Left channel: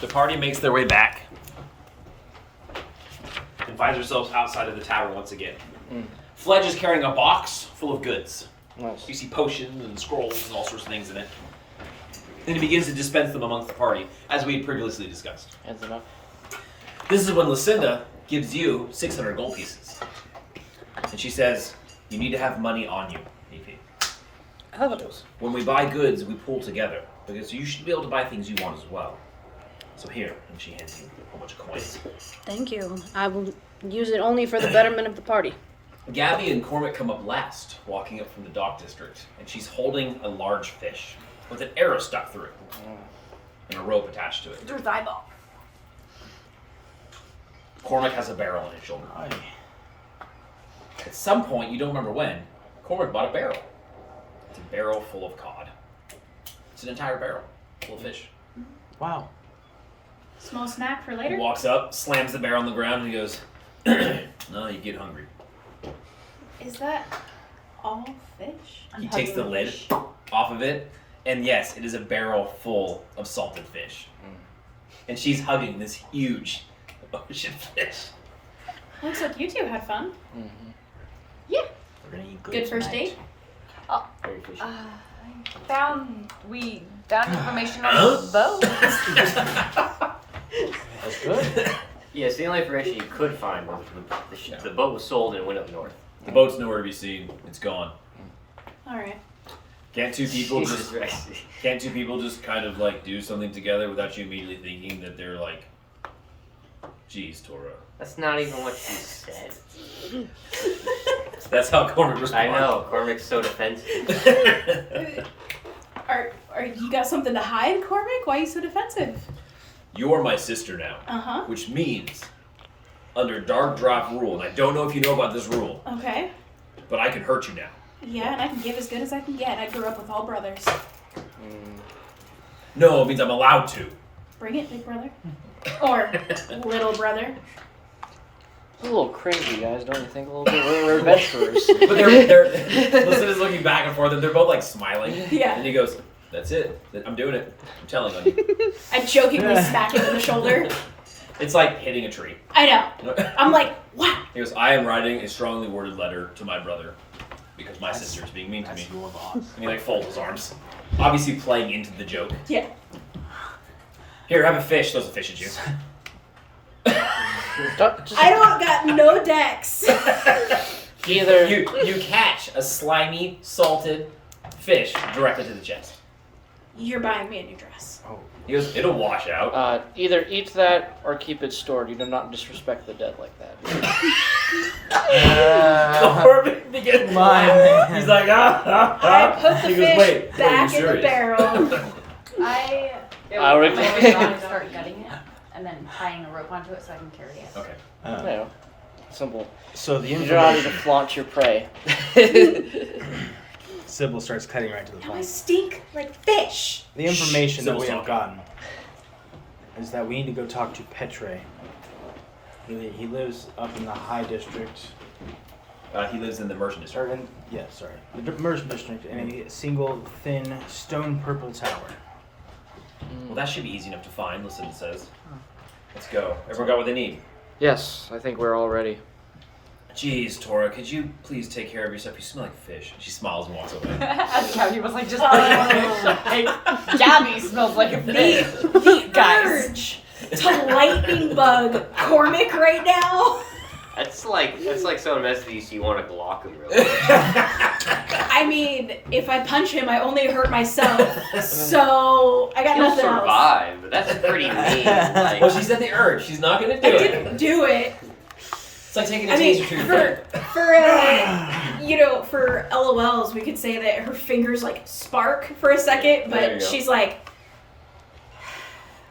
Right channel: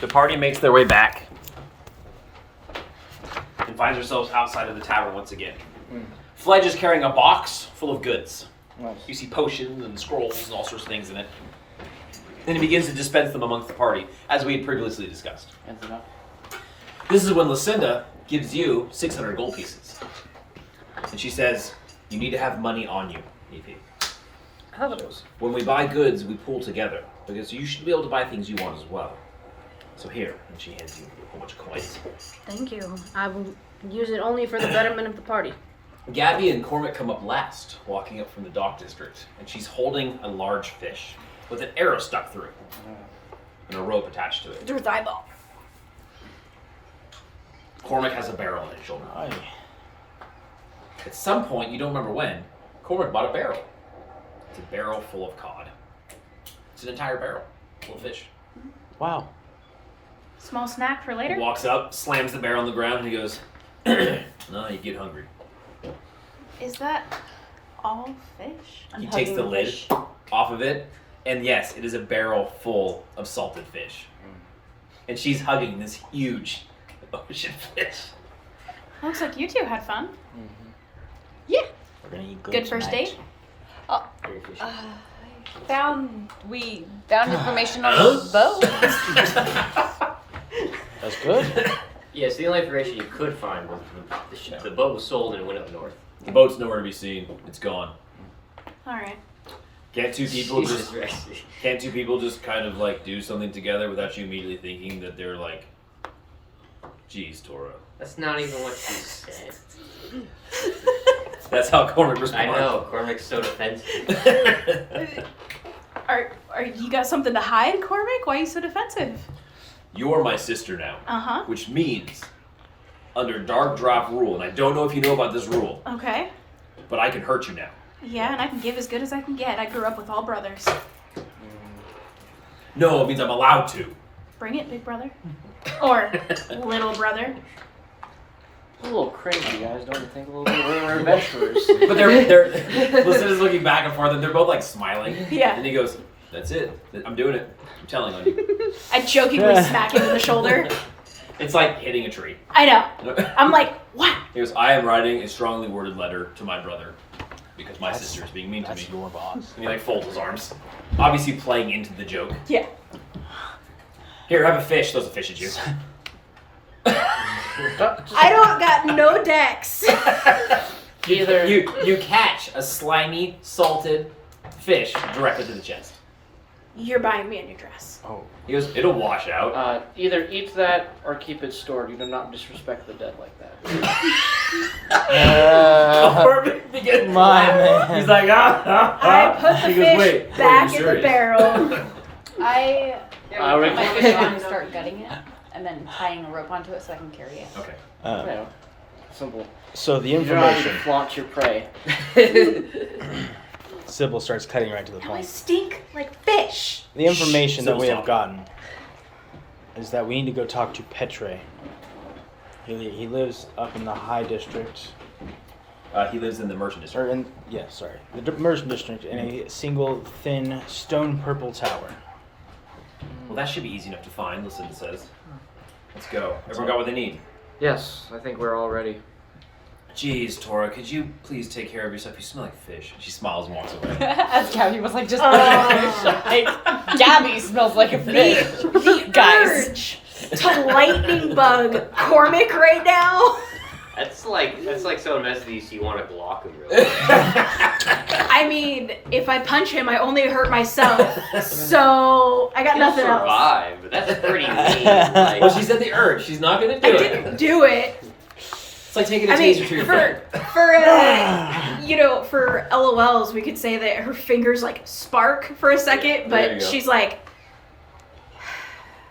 The party makes their way back and finds themselves outside of the tavern once again. Fledge is carrying a box full of goods. Nice. You see potions and scrolls and all sorts of things in it. And he begins to dispense them amongst the party, as we had previously discussed. Ends it up. This is when Lucinda gives you 600 gold pieces. And she says, you need to have money on you, EP. Oh. When we buy goods, we pool together, because you should be able to buy things you want as well. So here, and she hands you a whole bunch of coins. Thank you. I will use it only for the betterment of the party. Gabby and Cormac come up last, walking up from the dock district, and she's holding a large fish with an arrow stuck through it and a rope attached to it. Through its eyeball. Cormac has a barrel on his shoulder. Aye. At some point, you don't remember when, Cormac bought a barrel. It's a barrel full of cod. It's an entire barrel full of fish. Wow. Small snack for later? He walks up, slams the barrel on the ground, and he goes, no, you get hungry. Is that all fish? He takes the lid off of it, and yes, it is a barrel full of salted fish. And she's hugging this huge ocean fish. Looks like you two had fun. Yeah. We're gonna eat Good first tonight. date? Very fishy. Found information on the boat. That's good. Yes, the only information you could find was the boat was sold and it went up north. The boat's nowhere to be seen. It's gone. Alright. Can't two people Jesus just Christ. can't two people just kind of like do something together without you immediately thinking that they're like, geez, Tora. That's not even what she said. That's how Cormac I responds. know, Cormac's so defensive. Are you got something to hide, Cormac? Why are you so defensive? You're my sister now. Uh-huh. Which means, under Dark Drop rule, and I don't know if you know about this rule, Okay. but I can hurt you now. Yeah, and I can give as good as I can get. I grew up with all brothers. No, it means I'm allowed to. Bring it, big brother. Or little brother. A little crazy, guys. Don't you think a little bit? We're adventurers. But they're Lucinda's looking back and forth, and they're both like smiling. Yeah. And he goes, "That's it. I'm doing it. I'm telling on you." I jokingly smack him in the shoulder. It's like hitting a tree. I know. I'm like, what? He goes, "I am writing a strongly worded letter to my brother because my sister's being mean to me." That's your boss. And he like folds his arms, obviously playing into the joke. Yeah. Here, have a fish. Throws a fish at you. I don't got no decks. Either You catch a slimy, salted fish directly to the chest. You're buying me a new dress. He goes, "It'll wash out." either eat that or keep it stored. You do not disrespect the dead like that. Corbin begins to my laugh. man. He's like, I put the He goes, fish wait, back you in the serious? barrel. I would and start gutting it and then tying a rope onto it so I can carry it. Okay. Yeah. Simple. So the You're trying to information, flaunt your prey. Sybil starts cutting right to the Now I point. stink like fish. The information that Sybil's we have talking. gotten is that we need to go talk to Petre. He lives up in the High District, He lives in the Merchant District. or in the Merchant District, in a single thin stone purple tower. Well, that should be easy enough to find, Lucinda says. Let's go. Everyone got what they need. Yes, I think we're all ready. Jeez, Tora, could you please take care of yourself? You smell like fish. She smiles and walks away. As Gabby was like, just Oh. like, Gabby smells like a The, fish. the Guys. urge to lightning bug Cormac right now. That's like someone messes with you, so you want to block him really. I mean, if I punch him, I only hurt myself. So I got You'll nothing else. survive, but that's pretty mean. Like, Well, she said the urge. She's not going to I do didn't it. do it. It's like taking a I mean, taser to your for foot. for LOLs, we could say that her fingers like spark for a second, There you but go. she's like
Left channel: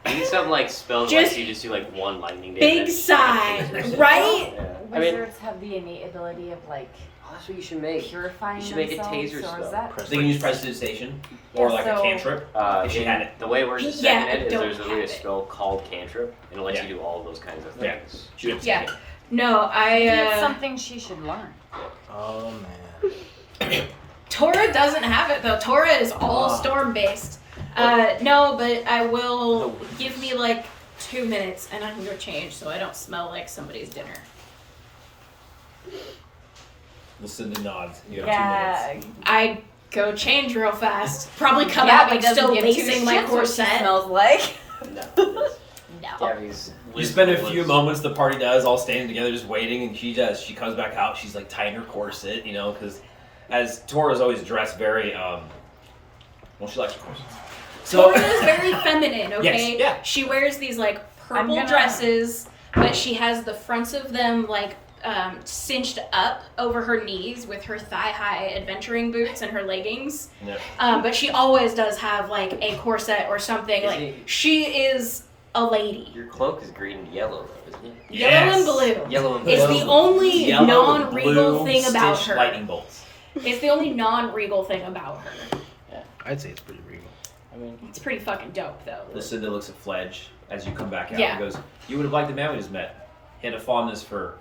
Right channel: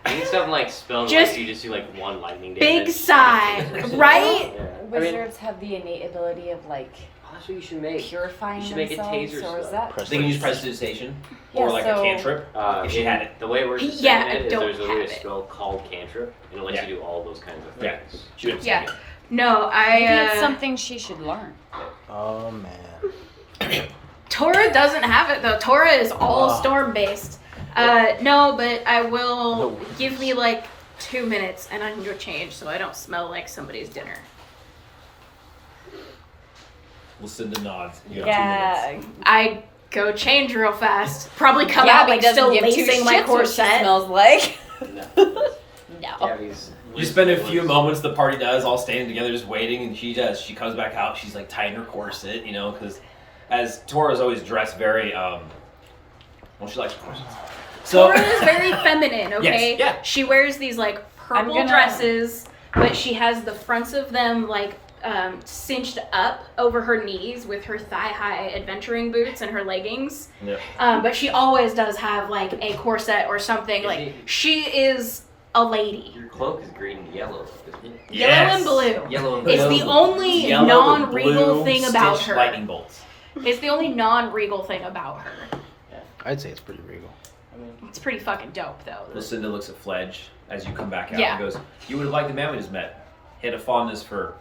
you need something like spells Just like you just do like one lightning big damage. sigh, right? Yeah. Wizards have the innate ability of like Oh, that's what you should make. purifying You should make a themselves, taser or is spell. that? They can use prestidigitation or Yeah, like a so- cantrip. If she in had it. The way we're just Yeah, saying I it is don't there's literally a have it. spell called cantrip, and it lets Yeah. you do all those kinds of Yeah. things. She would have Yeah. No, It's I something she should learn. Oh man. Tora doesn't have it though. Tora is all storm based. No, but I will give me like 2 minutes and I can go change so I don't smell like somebody's dinner. Lucinda nods. You have 2 minutes. I go change real fast. Probably come out Gabby like doesn't still give two lacing my shits what she corset. smells like. No. No. Gabby's You spend a few moments, the party does, all standing together just waiting, and she comes back out, she's like tying her corset, you know, because as Tora's always dressed very, well, she likes her corsets. So, Tora is very feminine, okay? Yes, yeah. She wears these like purple dresses, but she has the fronts of them like cinched up over her knees with her thigh-high adventuring boots and her leggings. Yeah. But she always does have like a corset or something. She is a lady. Your cloak is green and yellow, isn't it? Yellow and blue. Yellow and It's blue. the only Yellow non-regal blue thing about stitched her. lightning bolts. It's the only non-regal thing about her. I'd say it's pretty regal. I mean, It's pretty fucking dope, though. Lucinda looks at Fledge as you come back out Yeah. and goes, "You would have liked the man we just met. He had a fondness for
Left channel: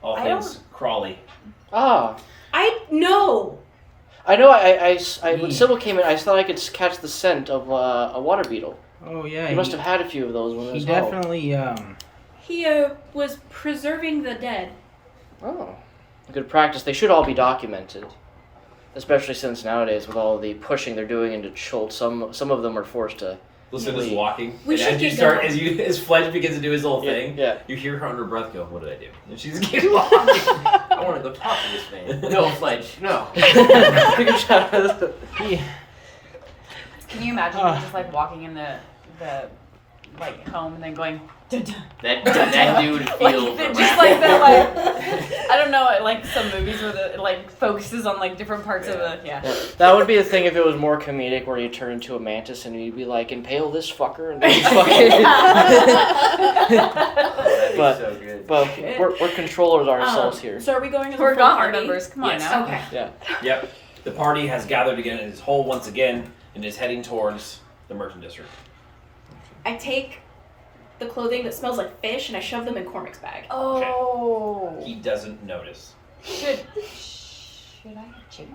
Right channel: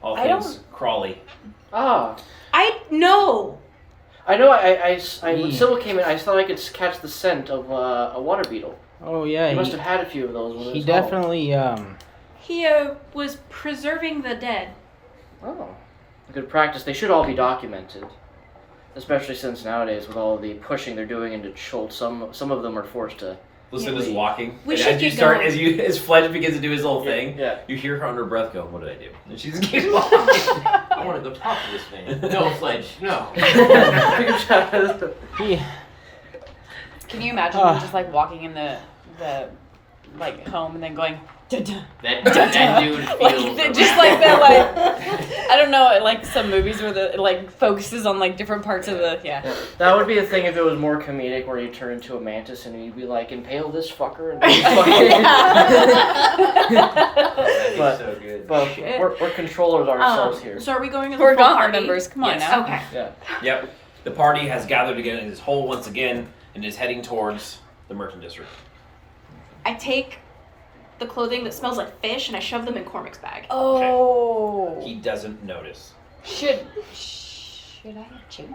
all I things Crawley." I know. I know. When Sybil came in, I thought I could catch the scent of a water beetle. Oh yeah, He must have had a few of those. When He it was home. definitely. He was preserving the dead. Oh, good practice. They should all be documented, especially since nowadays with all the pushing they're doing into Schultz, some of them are forced to. Lucinda's walking. We and should as you get start, going. as Fledge begins to do his little thing, Yeah. you hear her under her breath go, "What did I do?" And she just keeps walking. I want to go talk to this thing. No, Fledge, no. He. Can you imagine just like walking in the like home and then going That dude feels like just like that like I don't know, like some movies where the like focuses on like different parts of the That would be the thing if it was more comedic, where you turn into a mantis and you'd be like, impale this fucker and That's so good. But we're controllers ourselves here. So are we going as a We're full not party? members. Come on Yes. now. Okay. Yeah. Yep. The party has gathered again and is whole once again and is heading towards the Merchant District. I take the clothing that smells like fish and I shove them in Cormac's bag. Oh. He doesn't notice. Should I change?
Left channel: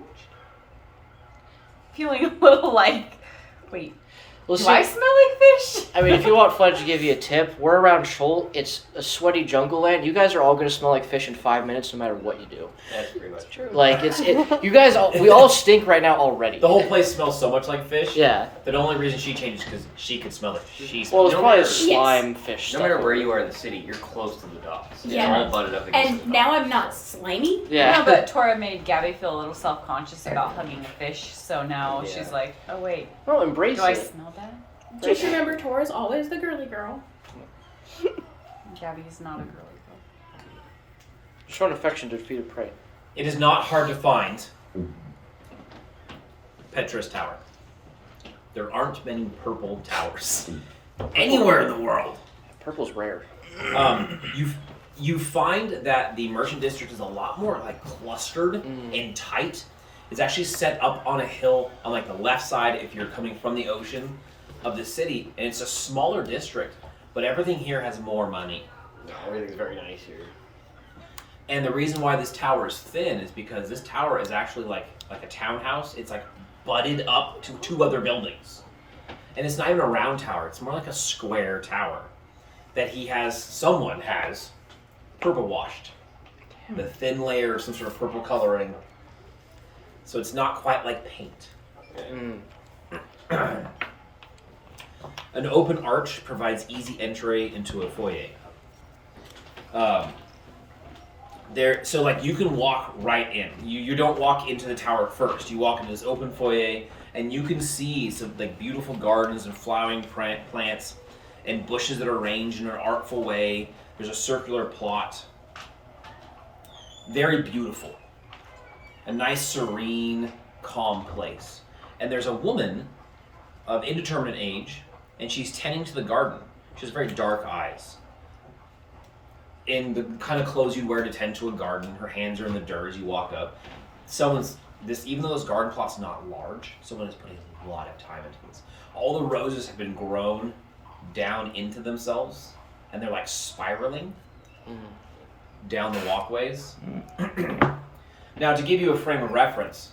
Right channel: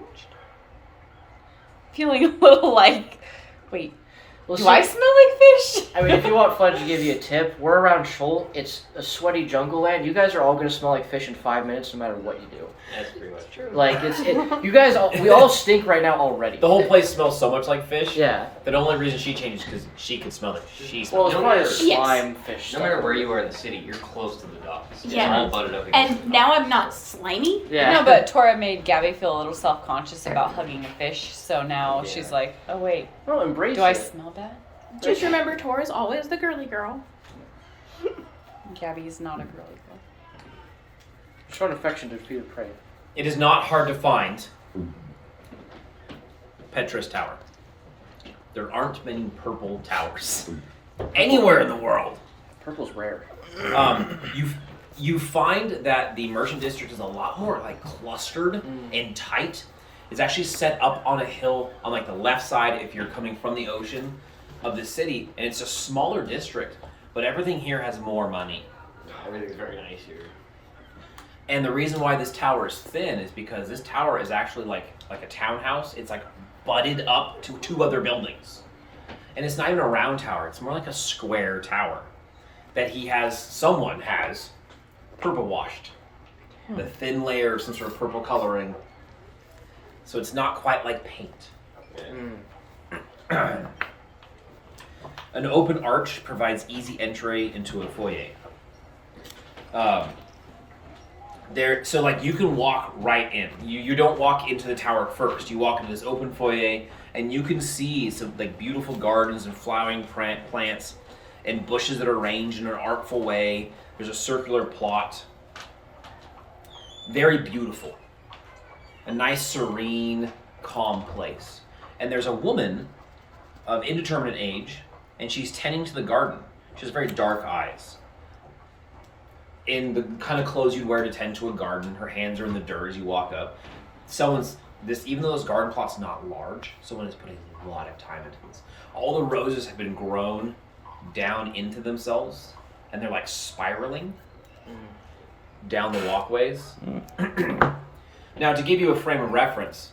Feeling a little like, wait, Well, do see, I smell like fish? I mean, if you want Fledge to give you a tip, we're around Shoal. It's a sweaty jungle land. You guys are all gonna smell like fish in 5 minutes, no matter what you do. That's pretty much true. Like you guys, we all stink right now already. The whole place smells so much like fish. Yeah. The only reason she changes is because she could smell it. She Well, smells it's No probably a matter- slime fish. No stuff. matter where you are in the city, you're close to the docks. Yeah. You're all butted up against And the now dock. I'm not slimy. Yeah. No, but Tora made Gabby feel a little self-conscious about hugging a fish, so now Yeah. she's like, oh wait, No, embrace do I it. smell that? Just remember, Tora's always the girly girl. Gabby's not a girly girl. Showing affection to defeated prey. It is not hard to find Petra's Tower. There aren't many purple towers anywhere in the world. Purple's rare. You find that the Merchant District is a lot more like clustered and tight. It's actually set up on a hill on like the left side if you're coming from the ocean of the city, and it's a smaller district, but everything here has more money. Yeah, everything's very nice here. And the reason why this tower is thin is because this tower is actually like a townhouse. It's like butted up to 2 other buildings. And it's not even a round tower, it's more like a square tower that someone has purple washed. The thin layer of some sort of purple coloring. So it's not quite like paint. An open arch provides easy entry into a foyer. So like you can walk right in. You don't walk into the tower first. You walk into this open foyer, and you can see some like beautiful gardens and flowering plants, and bushes that are arranged in an artful way. There's a circular plot. Very beautiful. A nice, serene, calm place. And there's a woman of indeterminate age, and she's tending to the garden. She has very dark eyes. In the kind of clothes you'd wear to tend to a garden, her hands are in the dirt as you walk up. Even though this garden plot's not large, someone is putting a lot of time into this. All the roses have been grown down into themselves, and they're like spiraling down the walkways. Now, to give you a frame of reference,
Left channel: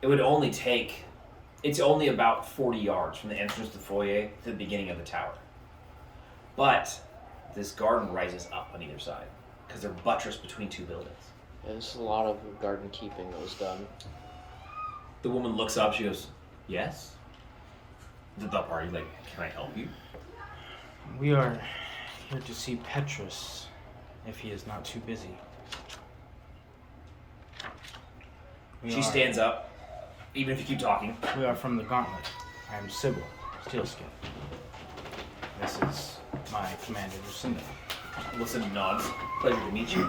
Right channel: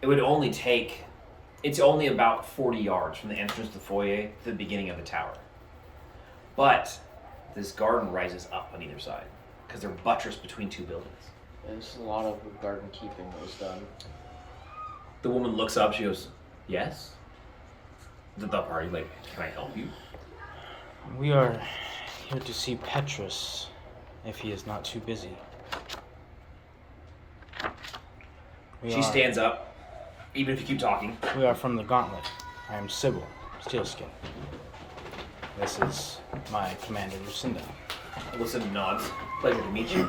it's only about 40 yards from the entrance to the foyer to the beginning of the tower. But this garden rises up on either side because they're buttressed between two buildings. There's a lot of garden keeping that was done. The woman looks up. She goes, "Yes." The party, like, "Can I help you?" We are here to see Petrus, if he is not too busy. She stands up, even if you keep talking. We are from the Gauntlet. I am Sybil, Steelskin. This is my commander, Lucinda. Lucinda nods. "Pleasure to meet you."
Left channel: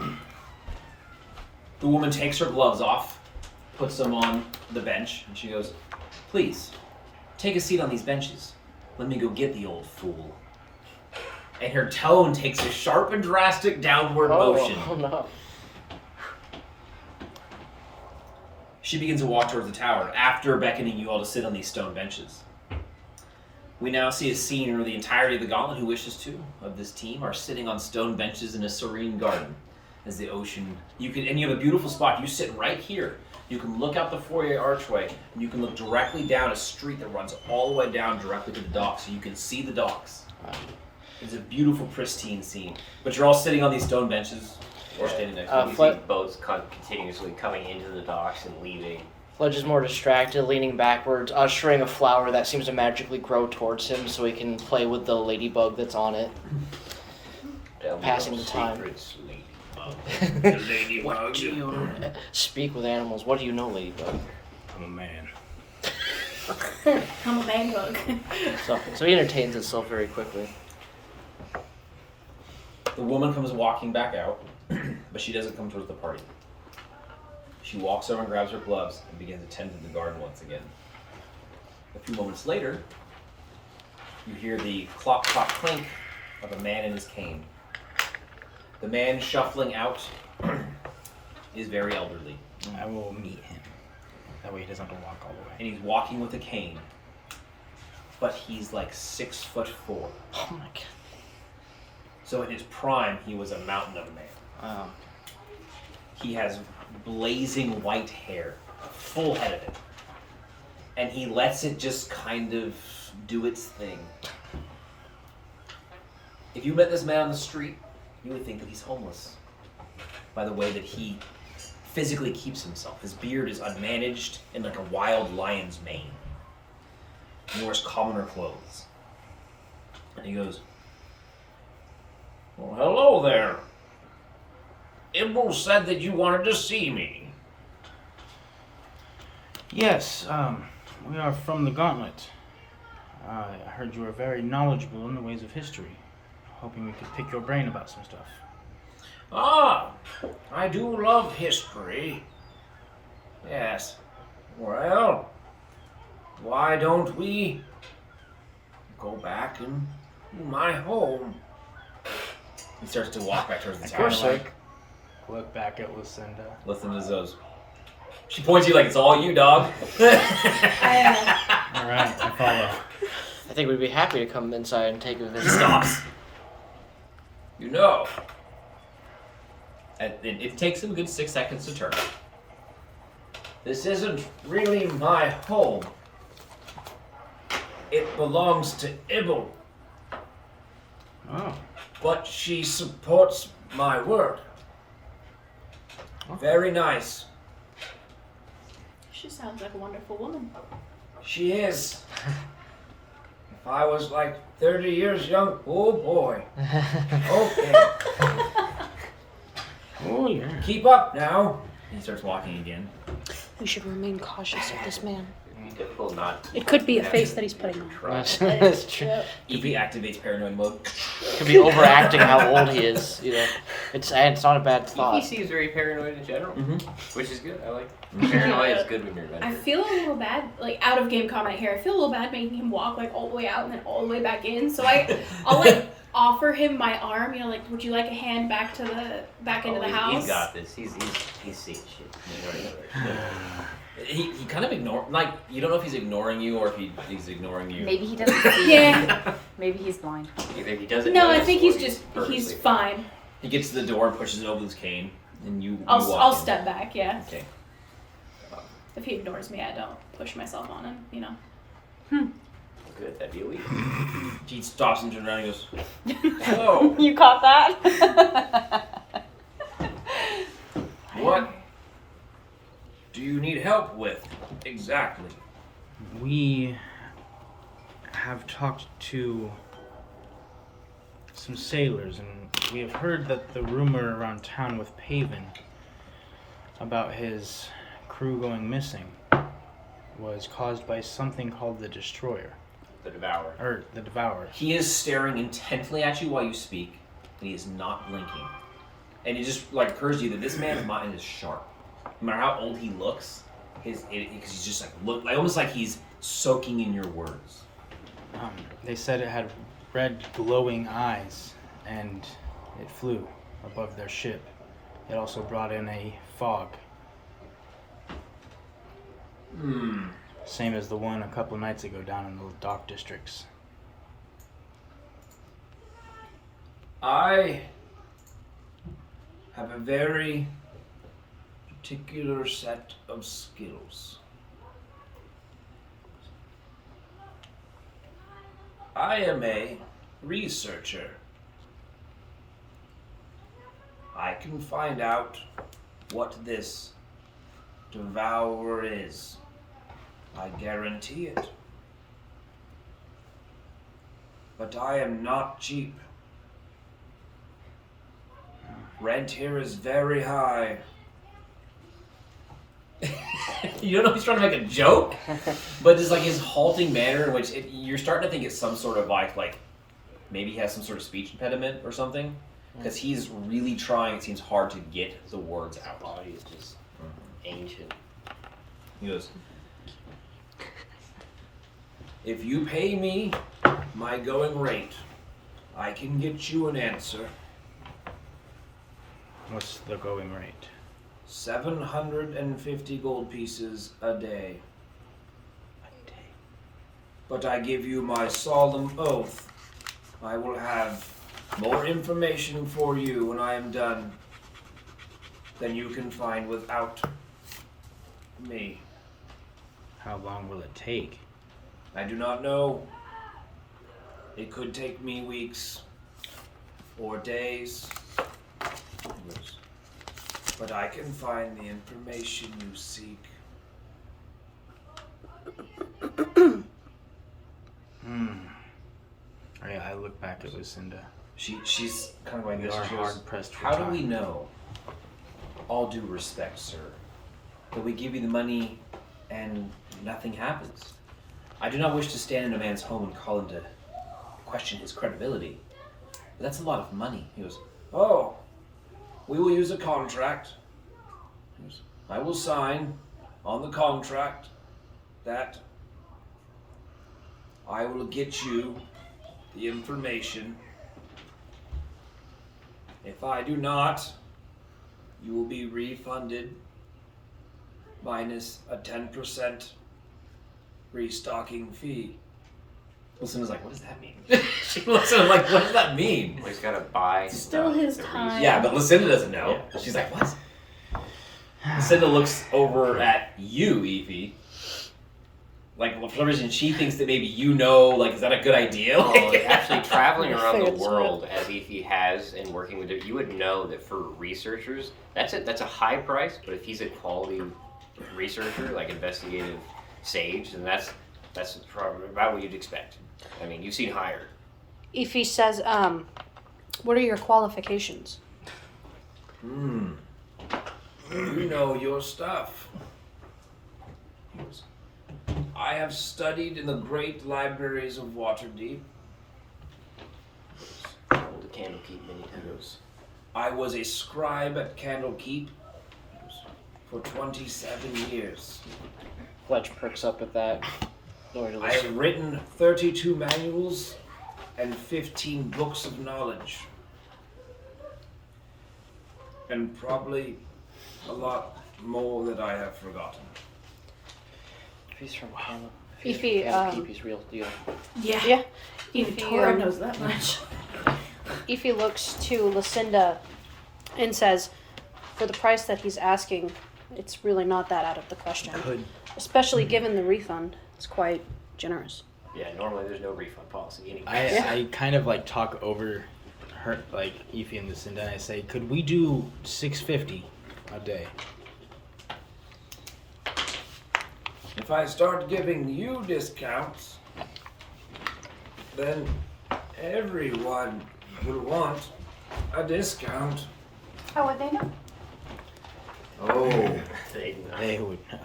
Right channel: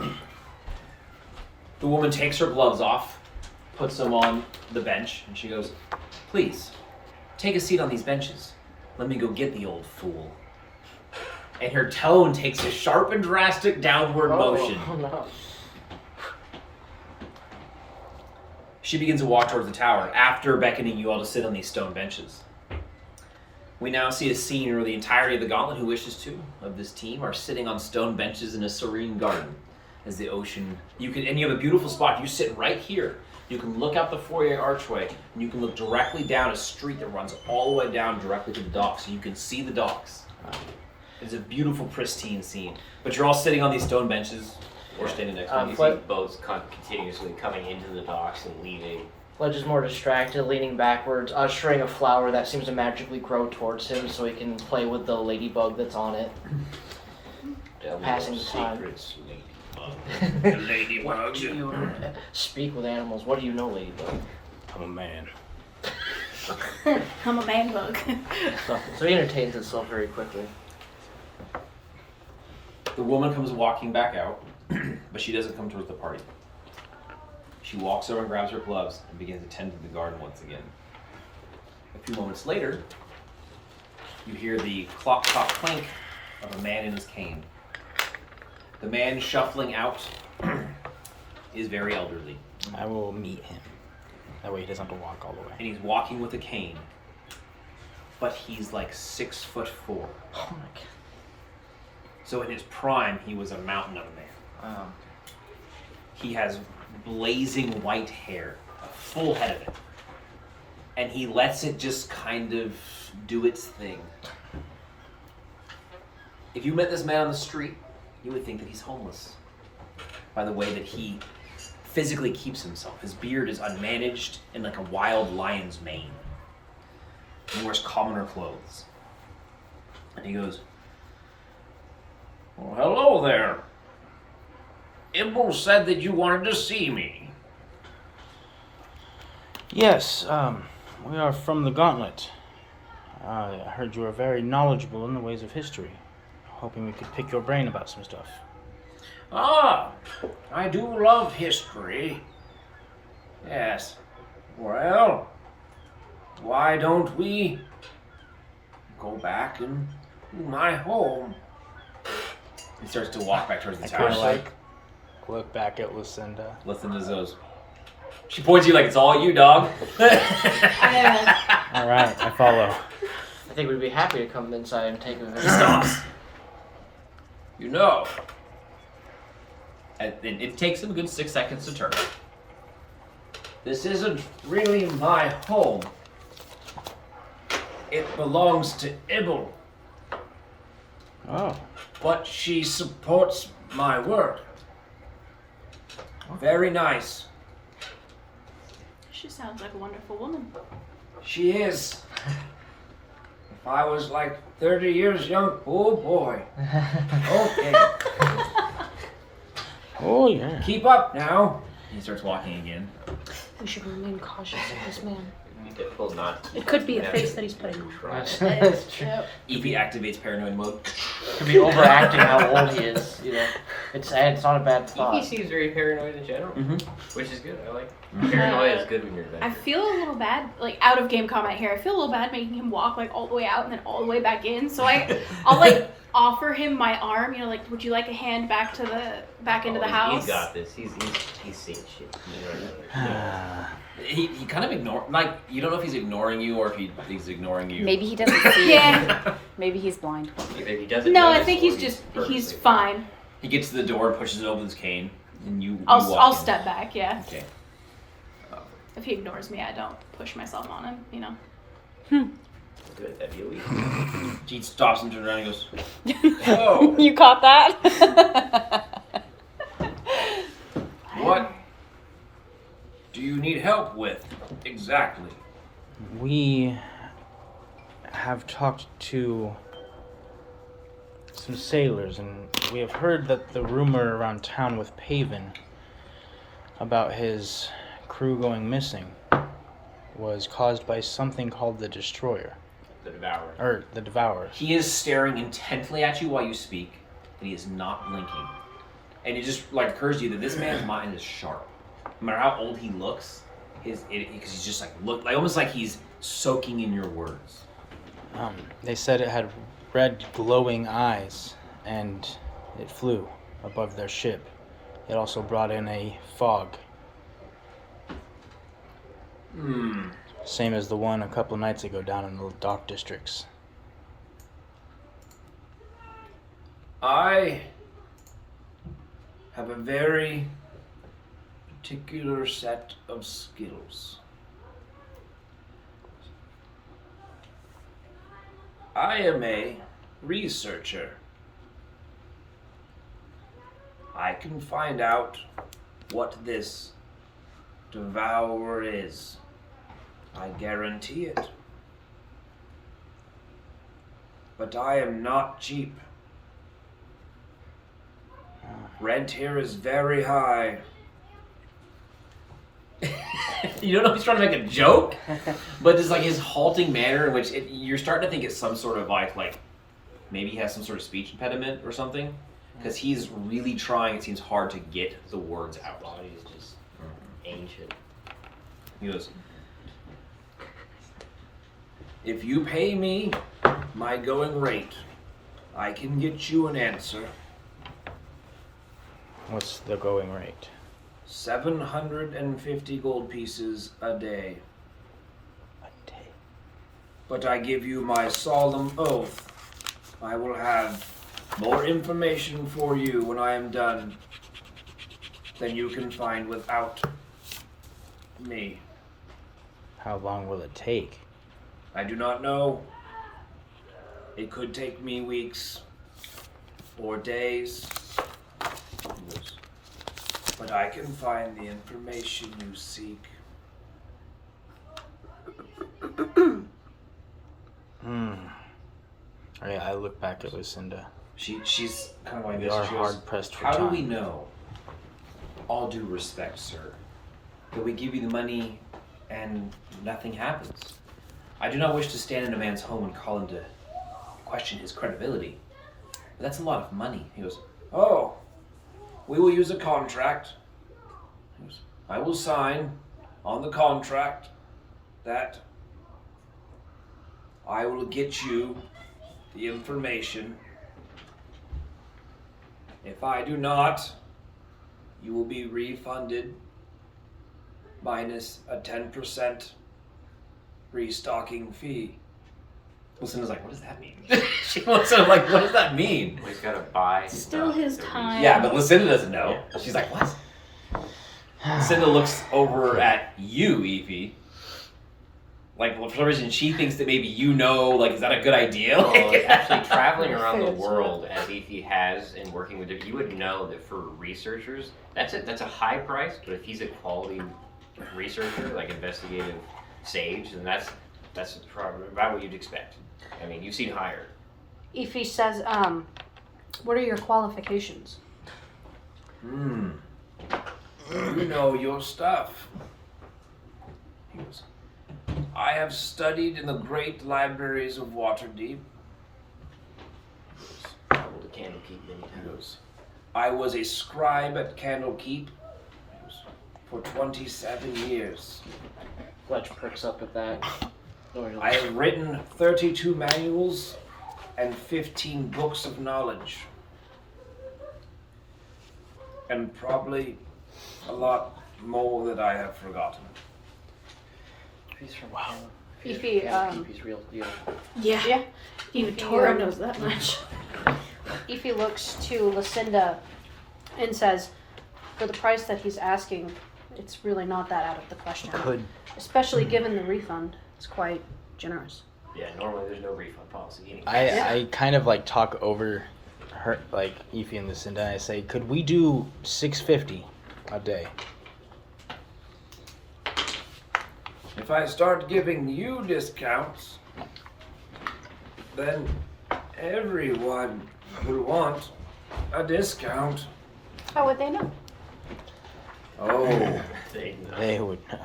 The woman takes her gloves off, puts them on the bench, and she goes, "Please, take a seat on these benches. Let me go get the old fool." And her tone takes a sharp and drastic downward motion. Oh, no. She begins to walk towards the tower after beckoning you all to sit on these stone benches. We now see a scene where the entirety of the gauntlet who wishes to of this team are sitting on stone benches in a serene garden as the ocean. You have a beautiful spot. You sit right here. You can look out the foyer archway and you can look directly down a street that runs all the way down directly to the docks, so you can see the docks. It's a beautiful, pristine scene. But you're all sitting on these stone benches or standing next to You them. see boats continuously coming into the docks and leaving. Fledge is more distracted, leaning backwards, ushering a flower that seems to magically grow towards him so he can play with the ladybug that's on it. Passing the time. The ladybug. You speak with animals. What do you know, ladybug? I'm a man. I'm a man bug. So he entertains himself very quickly. The woman comes walking back out, but she doesn't come towards the party. She walks over and grabs her gloves and begins to tend to the garden once again. A few moments later, you hear the clop, clop, clink of a man in his cane. The man shuffling out is very elderly, I will meet him. That way he doesn't have to walk all the way. and he's walking with a cane, but he's like 6'4". Oh my god. So in his prime, he was a mountain of a man. Oh. He has blazing white hair, a full head of it. And he lets it just kind of do its thing. If you met this man on the street, you would think that he's homeless by the way that he physically keeps himself. His beard is unmanaged in like a wild lion's mane. He wears commoner clothes. And he goes, "Well, hello there. Ibble said that you wanted to see me." Yes, we are from the Gauntlet. I heard you are very knowledgeable in the ways of history. Hoping we could pick your brain about some stuff. "Ah, I do love history. Yes. Well, why don't we go back and to my home?" He starts to walk back towards the tower. Look back at Lucinda. Listen to those. She points at you like it's all you, dog. Alright, I follow. I think we'd be happy to come inside and take a He visit. stops. You know. And it takes him a good 6 seconds to turn. "This isn't really my home. It belongs to Ibble, Oh, but she supports my work. Very nice. She sounds like a wonderful woman. She is. If I was like 30 years young, oh boy. Okay. oh yeah. Keep up now." He starts walking again. We should remain cautious of this man. Difficult not. It could be a face that he's putting on. That's true. Evie activates paranoid mode. Could be overacting how old he is. You know, it's not a bad He thought. seems very paranoid in general, which is good. I like Mhm. paranoid is good when you're I feel a little bad, like out of game comment here. I feel a little bad making him walk like all the way out and then all the way back in. So I'll like offer him my arm. You know, like, would you like a hand back to the into the house? He's got this. He's seen shit. He kind of like, you don't know if he's ignoring you or if he's ignoring you. Maybe he doesn't see. Yeah. Maybe he's blind. Like if he doesn't. No, I notice think or he's purposely- fine. He gets to the door and pushes it over with his cane, and you I'll walk in. step back. Yeah. Okay. If he ignores me, I don't push myself on him. You know. good. That'd be a week. Jeet stops and turns around and goes, "Whoa! You caught that? What do you need help with exactly?" We have talked to some sailors, and we have heard that the rumor around town with Paven about his crew going missing was caused by something called the Destroyer. The Devourer. Or the Devourer. He is staring intently at you while you speak, and he is not blinking. And it just like occurs to you that this man's mind is sharp. No matter how old he looks, because he's just like almost like he's soaking in your words. They said it had red glowing eyes, and it flew above their ship. It also brought in a fog. Same as the one a couple nights ago down in the dock districts. I have a very particular set of skills. I am a researcher. I can find out what this devourer is. I guarantee it. But I am not cheap. Rent here is very high. You don't know if he's trying to make a joke, but just like his halting manner in which you're starting to think it's some sort of like maybe he has some sort of speech impediment or something, because he's really trying. It seems hard to get the words out. Body is just ancient. He goes, "If you pay me my going rate, I can get you an answer. What's the going rate? 750 gold pieces a day. But I give you my solemn oath, I will have more information for you when I am done than you can find without me. How long will it take? I do not know. It could take me weeks or days. But I can find the information you seek." I look back at Lucinda. She's kind of going We this. are She goes, hard pressed for "How do time. we know, all due respect, sir, that we give you the money and nothing happens? I do not wish to stand in a man's home and call him to question his credibility. But that's a lot of money." He goes, "Oh, we will use a contract. He goes, I will sign on the contract that I will get you the information. If I do not, you will be refunded minus a 10% restocking fee." Lucinda's like, "What does that mean?" She looks at him like, "What does that mean?" He's gotta buy. Still his time. Yeah, but Lucinda doesn't know. She's like, "What?" Lucinda looks over at you, Evie. Like, for some reason, she thinks that maybe you know, like, is that a good idea? Well, actually, traveling around the Figured so. world as Efi has and working with it, you would know that for researchers, that's a high price. But if he's a quality researcher, like investigative sage, then that's probably about what you'd expect. I mean, you've seen higher. If he says, what are your qualifications? You know your stuff. He goes, I have studied in the great libraries of Waterdeep. Traveled to Candlekeep many He times. goes, I was a scribe at Candlekeep. He goes, for 27 years. Fletch perks up at that. I have written 32 manuals and 15 books of knowledge. And probably a lot more that I have forgotten. He's from If he, Candlekeep, he's real deal. Yeah. Yeah. Even Tora knows that much. If he looks to Lucinda and says, for the price that he's asking, it's really not that out of the question. Could Especially given the refund. It's quite generous. Yeah, normally there's no refund policy. Anyway. I kind of like talk over her, like Ify and Lucinda, and I say, could we do $650 a day? If I start giving you discounts, then everyone would want a discount. How would they know? Oh, They would know.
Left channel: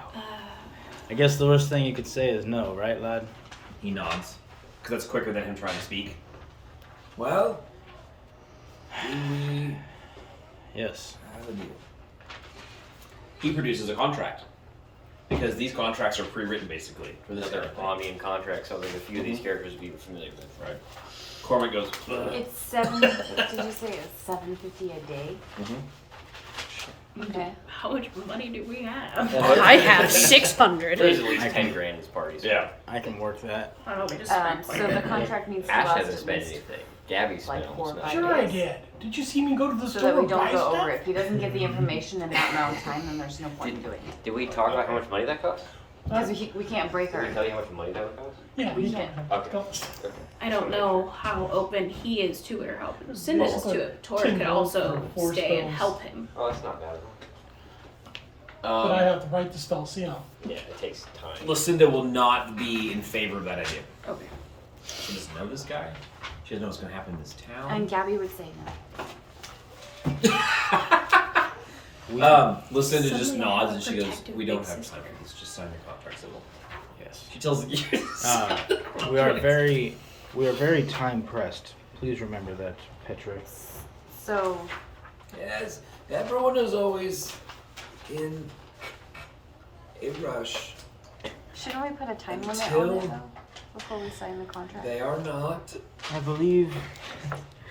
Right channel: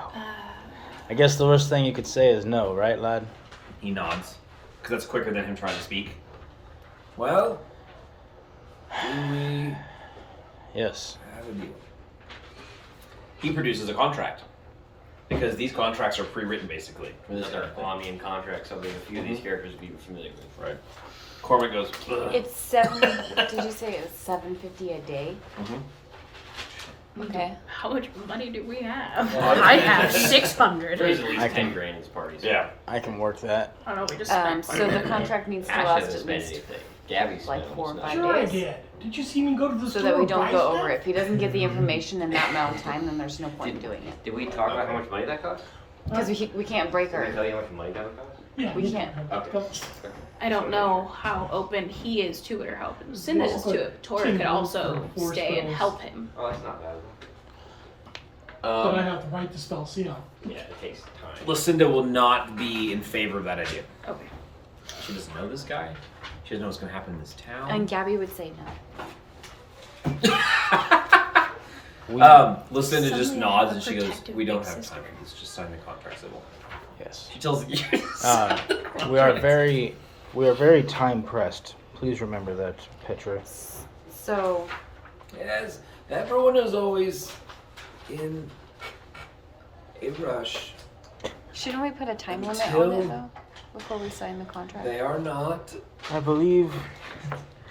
I guess the worst thing you could say is no, right, lad? He nods, because that's quicker than him trying to speak. well, do we Yes. have a deal? He produces a contract, because these contracts are pre-written basically for this Another era thing. Omnian contract, something a few of these characters would be familiar with. Right. Cormac goes, "Ugh." It's 7. Did you say it was $750 a day? Okay. How much money do we have? I have 600. There's at I least can- 10 grand in these parties. Yeah. I can work that. I don't know, we just spent quite So a the bit. contract needs to Ash last hasn't at spent least anything. Gabby spent like 4 or almost 5 nothing. Sure I days. did. Did you see me go to the So store that we and don't buy go stuff? over it. If he doesn't get the information in that amount of time, then there's no point in doing it. Did we talk about how much money that cost? Because we can't break Did I her. tell you how much money that would cost? Yeah, We we can't. can't. Okay. I don't know how open he is to it or how open Lucinda is to it. Tora could also Four stay and spells. help him. Oh, that's not bad. But I have to write the spell, see how. Yeah, it takes time. Lucinda will not be in favor of that idea. Okay. She doesn't know this guy. She doesn't know what's going to happen in this town. And Gabby would say no. Lucinda just Suddenly I nods have and a she goes, protective "We don't big have sister." time. Let's just sign the contract, Sybil." Yes. She tells you. We are very time pressed. Please remember that, Petra. So Yes, everyone is always in a rush. shouldn't we put a time limit Until- on it though? Before we sign the contract? They are not. I believe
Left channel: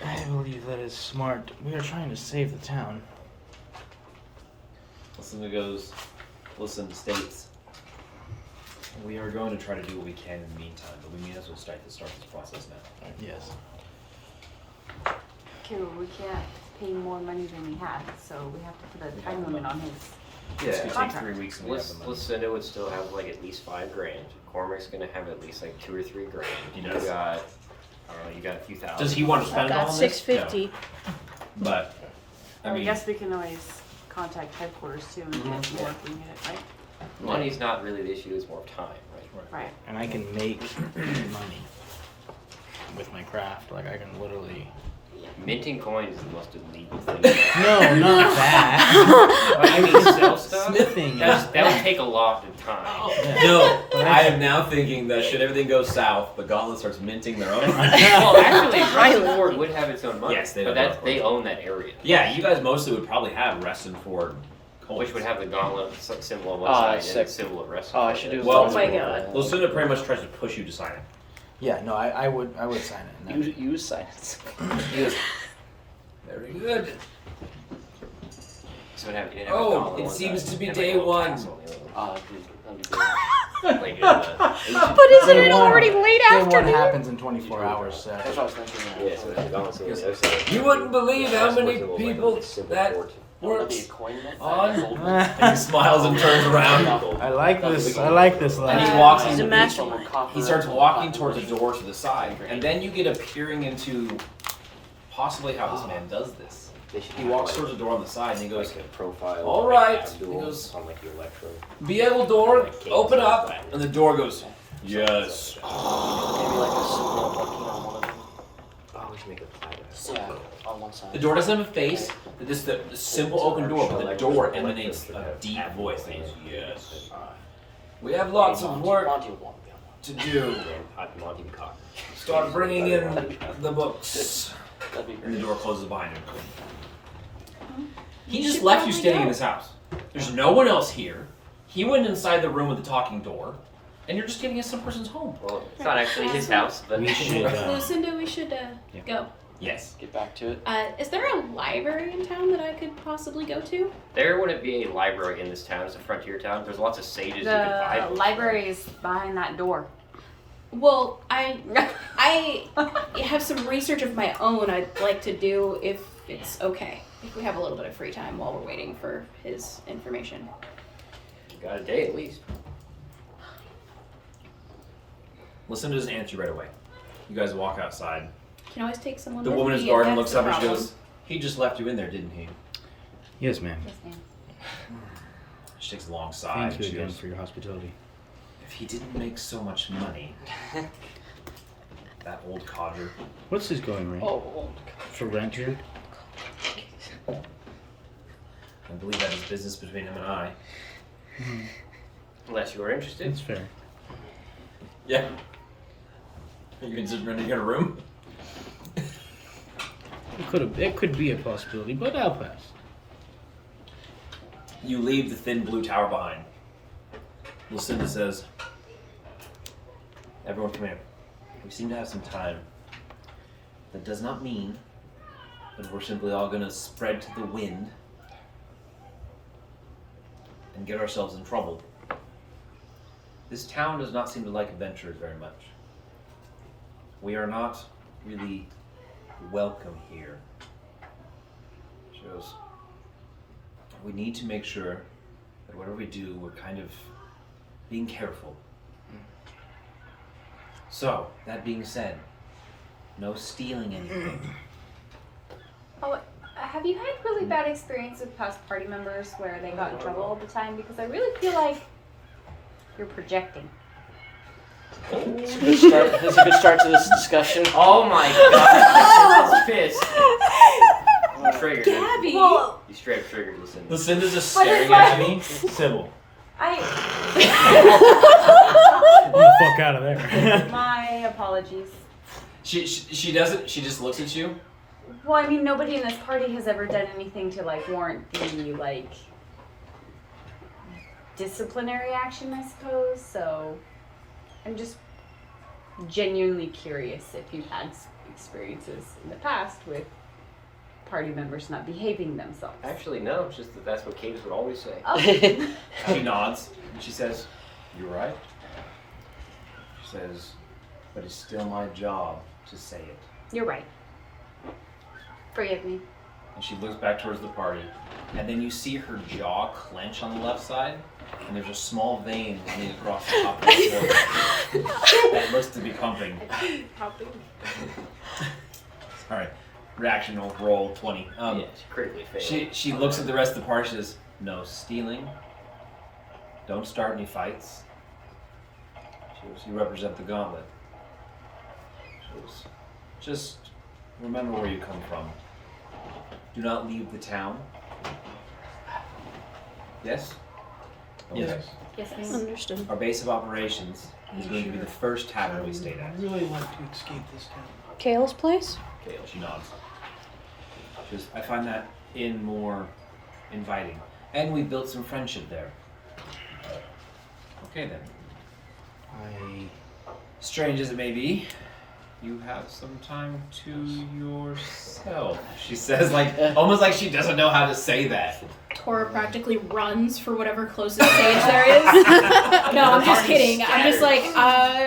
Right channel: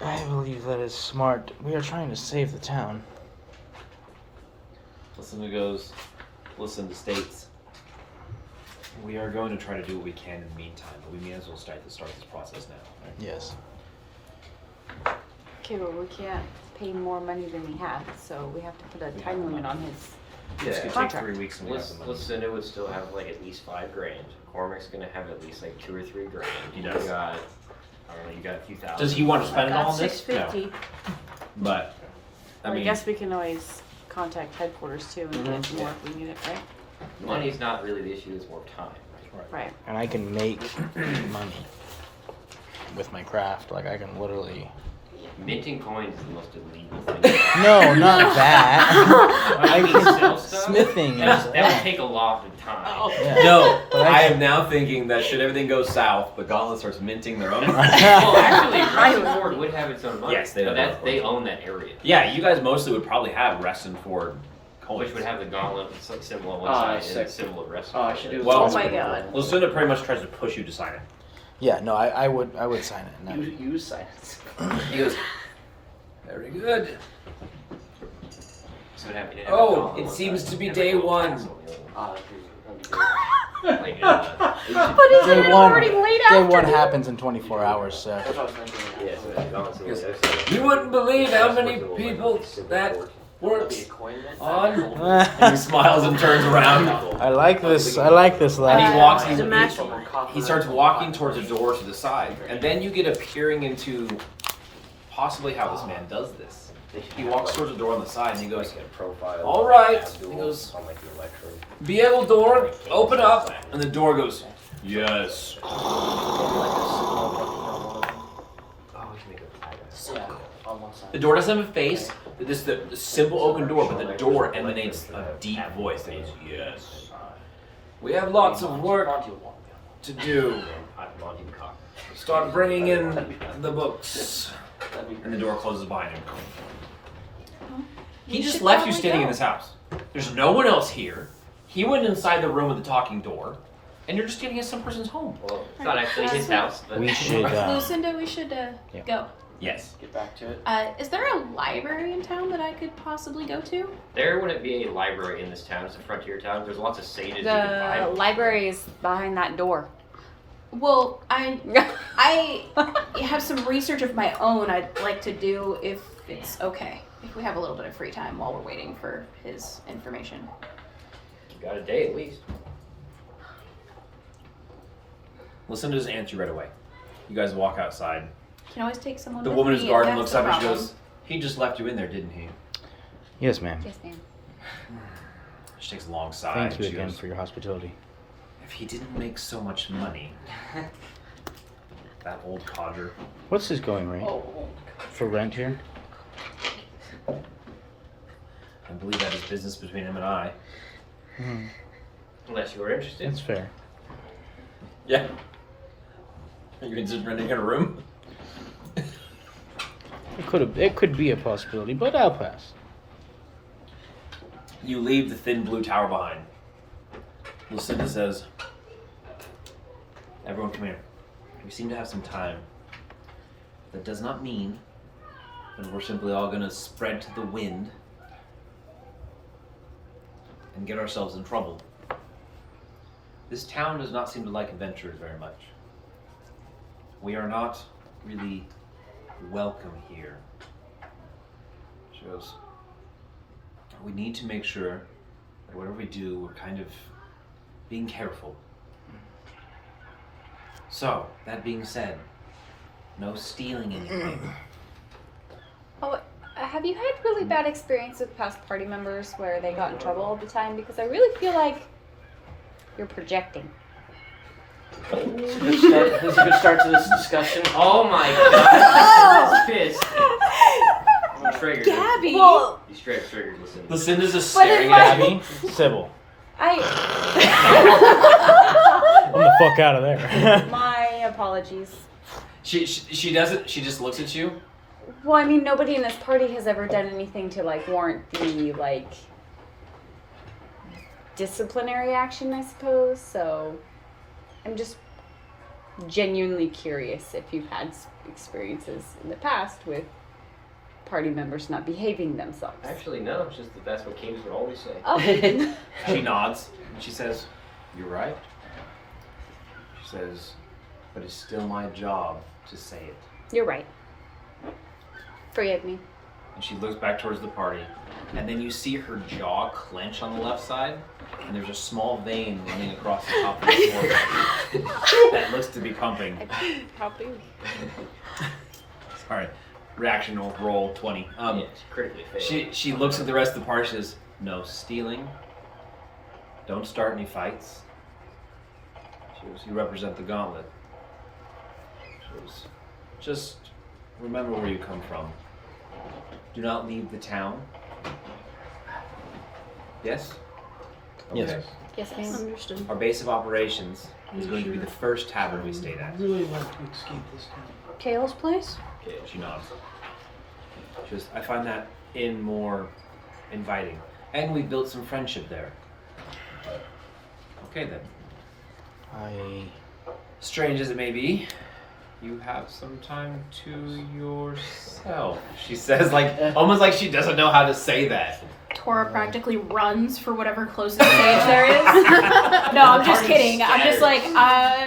that is smart. We are trying to save the town. Lucinda goes, Lucinda states, "We are going to try to do what we can in the meantime, but we may as well start this process now." Yes. Okay, well we can't pay more money than we have, so we have to put a We have time the limit money. on his. This could take Contract. 3 weeks and we have the money. Lucinda would still have like at least 5 grand. Cormac's gonna have at least like 2 or 3 grand. He does. You got a few thousand. Does he want to spend it all Got on this? 650. No. But, I mean, guess we can always contact headquarters too and Mhm. see if we need it, right? Money's not really the issue, it's more time, right? Right. And I can make money with my craft. Like I can literally. Minting coins is the most illegal thing. No, not that. I can sell stuff. Smithing. That would take a lot of time. Yeah. no, I am now thinking that should everything go south, the Gauntlet starts minting their own. Well, actually, Reston Ford would have its own money. Yes, they but have their own they coins. own that area. Yeah, you guys mostly would probably have Reston Ford coins. Which would have the gauntlet symbol on one Ah, side and sick. the symbol of Reston. Oh, I should do Well- Oh my god. Lucinda pretty much tries to push you to sign it. Yeah. No, I would sign it. No. Use silence. He goes, Very good. So it'd have- it'd have Oh, a gauntlet on it one seems side to be and a day little one. castle on the other one. Like, But isn't Day it one- already late Day one afternoon? happens in 24 hours, so. yeah, so the gauntlet's on the other side. You wouldn't believe how many people that works on. and he smiles and turns around. I like this. I like this And lad. he walks. He's a mastermind. He starts walking towards a door to the side, and then you get a peering into possibly how this man does this. He walks towards a door on the side, and he goes, Like a profile. All right. Abdul He goes, on like the electro. Be able door, open up. and the door goes, "Yes." Always make a platter. Yeah, on one side. The door doesn't have a face. This the simple open door, but the door emanates a deep voice that goes, "Yes." We have lots of work to do. Monty Cock. Start bringing in the books. And the door closes behind him. He We just should left you probably standing in go. this house. There's no one else here. He went inside the room with the talking door, and you're just getting into some person's home. Well, it's not actually his house, but We should. Lucinda, we should go. Yes. Get back to it. Is there a library in town that I could possibly go to? there wouldn't be a library in this town. It's a frontier town. There's lots of sages you can buy The books. library is behind that door. Well, I have some research of my own I'd like to do if it's okay. If we have a little bit of free time while we're waiting for his information. You got a day at least. Lucinda doesn't answer you right away. You guys walk outside. Can always take someone The with woman me who's if guarding that's looks the up and she problem. goes, "He just left you in there, didn't he?" Yes, ma'am. Yes, ma'am. She takes a long sigh. Thank you She again goes, for your hospitality. "If he didn't make so much money, that old codger." What's his going rate for rent here? I believe that is business between him and I. Unless you are interested. That's fair. Yeah. Are you just renting a room? It could be a possibility, but I'll pass. You leave the thin blue tower behind. Lucinda says, "Everyone come here. We seem to have some time. That does not mean that we're simply all going to spread to the wind and get ourselves in trouble. This town does not seem to like adventurers very much. We are not really welcome here." She goes, "We need to make sure that whatever we do, we're kind of being careful. So, that being said, no stealing anything." Oh, have you had really bad experience with past party members where they got in trouble all the time? Because I really feel like you're projecting. This is a good start to this discussion. Oh my god. She's pissed. You triggered. Gabby! You straight triggered Lucinda. Lucinda's just staring at me. Sybil. I. Get the fuck out of there. My apologies. She does it. She just looks at you. Well, I mean, nobody in this party has ever done anything to like warrant the like disciplinary action, I suppose. So I'm just genuinely curious if you've had experiences in the past with party members not behaving themselves. Actually, no. It's just that that's what kings would always say. Oh. She nods and she says, "You're right." She says, "But it's still my job to say it." You're right. Forgive me. And she looks back towards the party, and then you see her jaw clench on the left side, and there's a small vein running across the top of the forehead that looks to be pumping. Sorry, reaction roll 20. Yes, critically failed. She looks at the rest of the party. She says, "No stealing. Don't start any fights." She goes, "You represent the gauntlet." She goes, "Just remember where you come from. Do not leave the town." Yes? Yes. Yes, ma'am. Understood. Our base of operations is going to be the first tavern we stayed at. I'd really like to escape this town. Kale's place? She nods. She goes, "I find that inn more inviting. And we built some friendship there." Okay then. Strange as it may be, you have some time to yourself, she says, like almost like she doesn't know how to say that. Tora practically runs for whatever closest stage there is. No, I'm just kidding. I'm just like,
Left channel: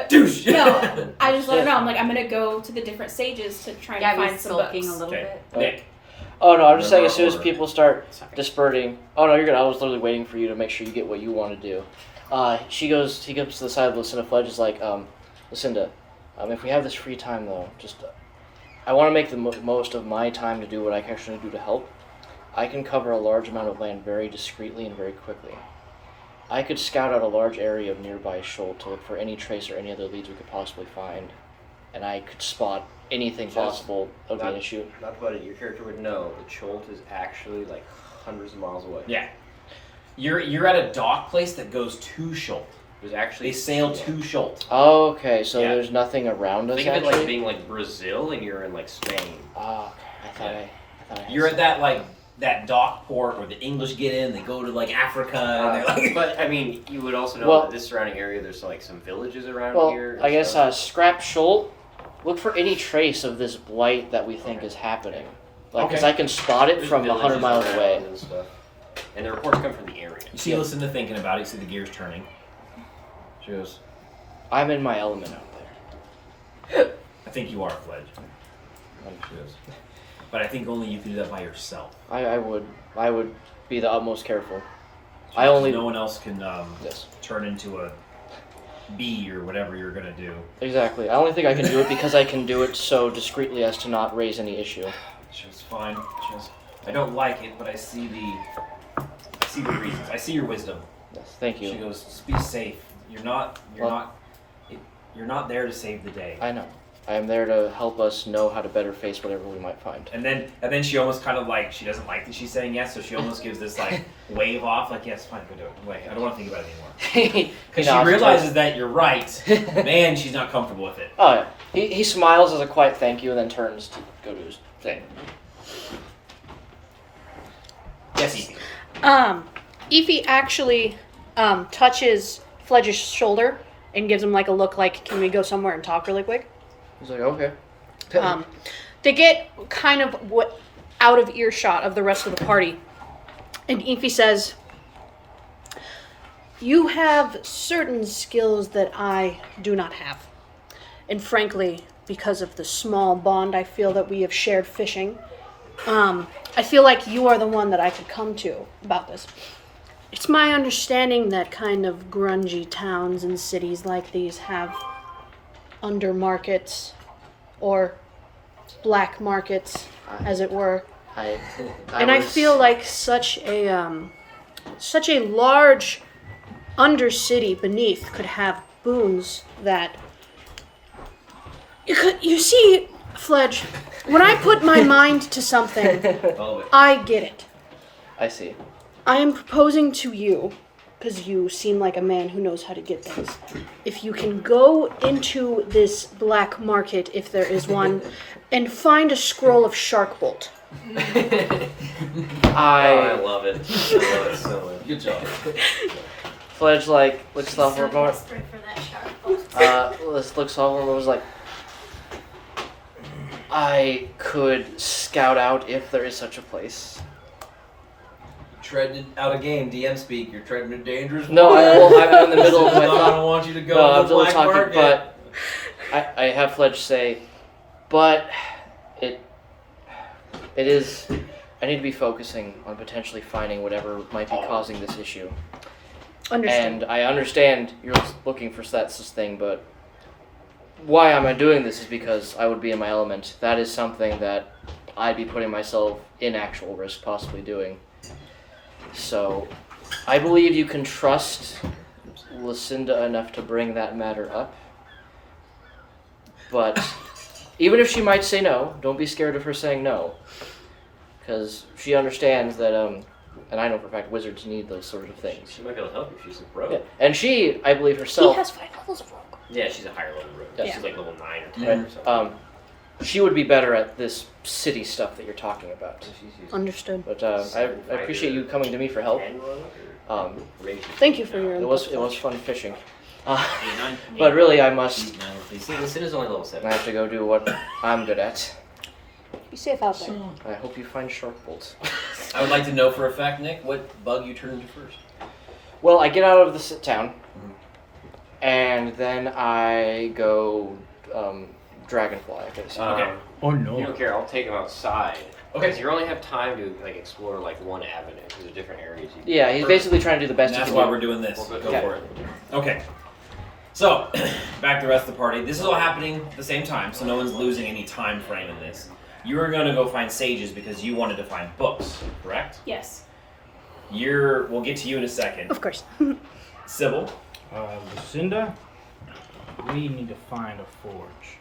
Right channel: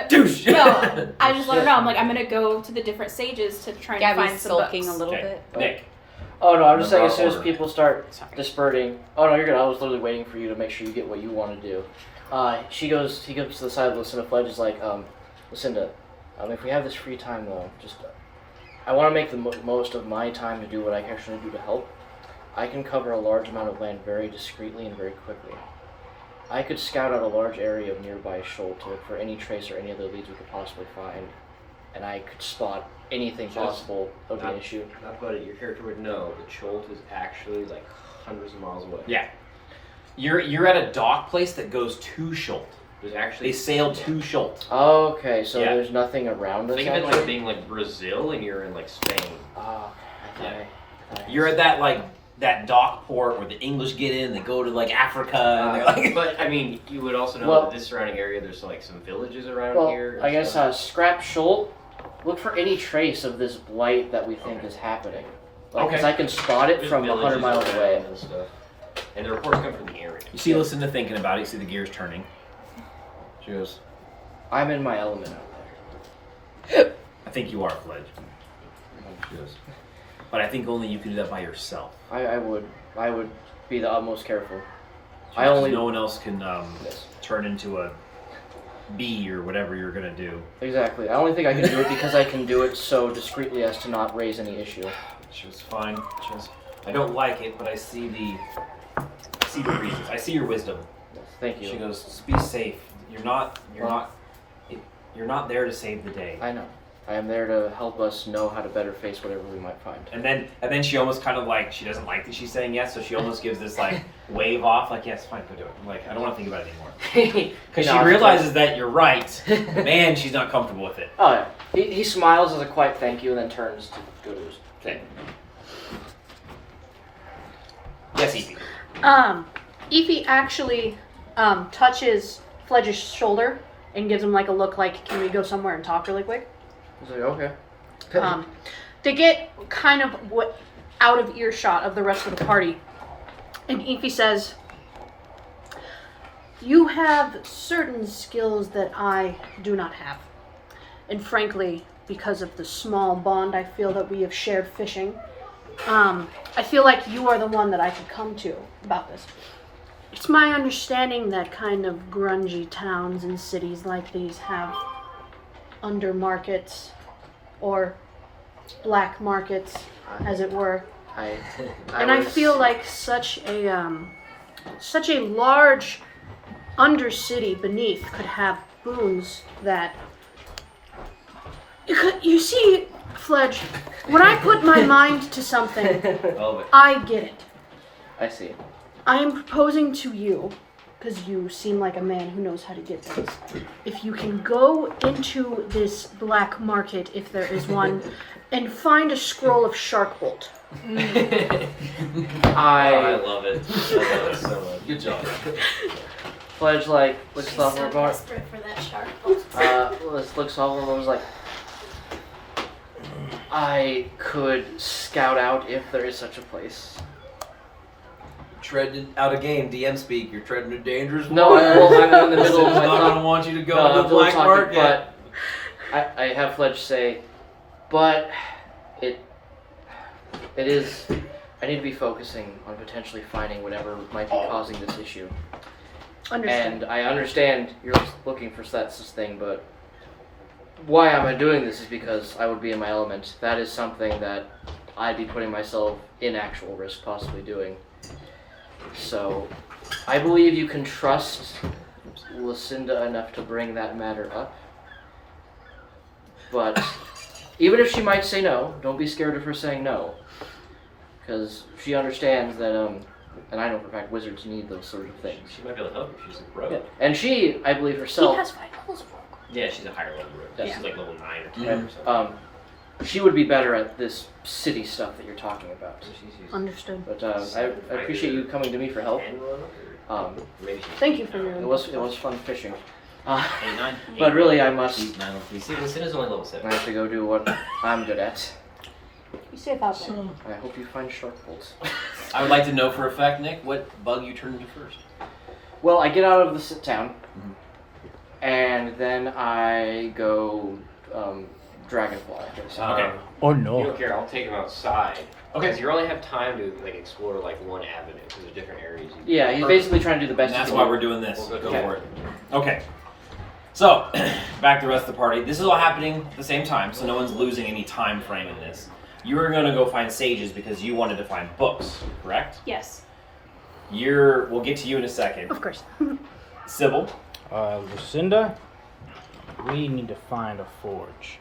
Douche. no, I just let her know. I'm like, I'm gonna go to the different stages to try and Gabby's find some books. sulking a little Okay, bit. Nick. Oh no, I'm just saying Remember as soon our as order. people start Sorry. dispersing. Oh no, you're good. I was literally waiting for you to make sure you get what you want to do. He goes to the side of Lucinda Fledge. Is like, Lucinda, if we have this free time though, just I want to make the most of my time to do what I can actually do to help. I can cover a large amount of land very discreetly and very quickly. I could scout out a large area of nearby shoal to look for any trace or any other leads we could possibly find, and I could spot anything Just possible that would be an issue. Not about it. Your character would know the Cholt is actually like hundreds of miles away. Yeah. You're at a dock place that goes to Schult. There's actually They sail to Schult. Oh, okay, so Yeah. there's nothing around us Think of it actually? like being like Brazil and you're in like Spain. Ah, Yeah. okay. You're at that dock port where the English get in, they go to like Africa, and they're like. But I mean, you would also know Well- that this surrounding area, there's like some villages around Well, here. and I guess stuff. scrap Schult. Look for any trace of this blight that we think is happening. Like, 'cause Okay. I can spot it There's from villages 100 miles around away. and stuff. And the reports come from the area. You see Lucinda thinking about it, you see the gears turning. She goes, I'm in my element out there. "I think you are, Fledge." She goes, "But I think only you can do that by yourself. I would be the utmost careful. She I goes, only No one else can Yes. turn into a be or whatever you're gonna do. Exactly. I only think I can do it because I can do it so discreetly as to not raise any issue. She was fine. She was, I don't like it, but I see the reasons. I see your wisdom. Thank you. She goes, just be safe. You're not there to save the day. I know. I'm there to help us know how to better face whatever we might find. And then she almost kind of like, she doesn't like that she's saying yes, so she almost gives this like wave off, like, yes, fine, go do it. Like, I don't want to think about it anymore. Because she realizes that you're right. Man, she's not comfortable with it. Oh yeah. He smiles as a quiet thank you and then turns to go to his thing. Yes, Evie. Ify actually touches Fledge's shoulder and gives him like a look like, can we go somewhere and talk really quick? He's like, okay. They get kind of out of earshot of the rest of the party. And Ify says, you have certain skills that I do not have. And frankly, because of the small bond I feel that we have shared fishing, I feel like you are the one that I could come to about this. It's my understanding that kind of grungy towns and cities like these have under markets or black markets, as it were. I feel like such a large undercity beneath could have boons that you see, Fledge, when I put my mind to something, I get it. I see. I am proposing to you, because you seem like a man who knows how to get things. If you can go into this black market, if there is one, and find a scroll of Sharkbolt. I love it. I love it so much. Good job. Fledge looks up so for desperate for that Sharkbolt. looks over and was like, I could scout out if there is such a place. Treading out a game, DM speak. You're treading a dangerous No, water. I will have it in the middle of my not thought. gonna want you to go to the black market. But I have Fledge say, but it is. I need to be focusing on potentially finding whatever might be causing this issue. Understand. And I understand you're looking for that thing, but why am I doing this is because I would be in my element. That is something that I'd be putting myself in actual risk, possibly doing. So, I believe you can trust Lucinda enough to bring that matter up. But even if she might say no, don't be scared of her saying no. Because she understands that, and I know for a fact wizards need those sort of things. She might be able to help if she's a rogue. Yeah. And she, I believe herself... He has 5 levels of rogue. Yeah, she's a higher level rogue. Yeah. She's like level 9 or 10 Yeah. or something. She would be better at this city stuff that you're talking about. Understood. But I appreciate you coming to me for help. Thank you for your It was fun fishing. 8, 9. But really, I must. See, Lucinda's only level 7. I have to go do what I'm good at. Be safe out there. I hope you find shark bolts. I would like to know for a fact, Nick, what bug you turn into first. Well, I get out of the town, and then I go dragonfly, I guess. Okay. Oh no. You don't care. I'll take him outside. Okay. Because you only have time to like explore like one avenue because there's different areas. Yeah, he's basically trying to do the best. And that's he why can. we're doing this. Well, Go okay. for it. Okay. So, back to the rest of the party. This is all happening at the same time, so no one's losing any time frame in this. You were going to go find sages because you wanted to find books, correct? Yes. We'll get to you in a second. Of course. Sybil? Lucinda, we need to find a forge.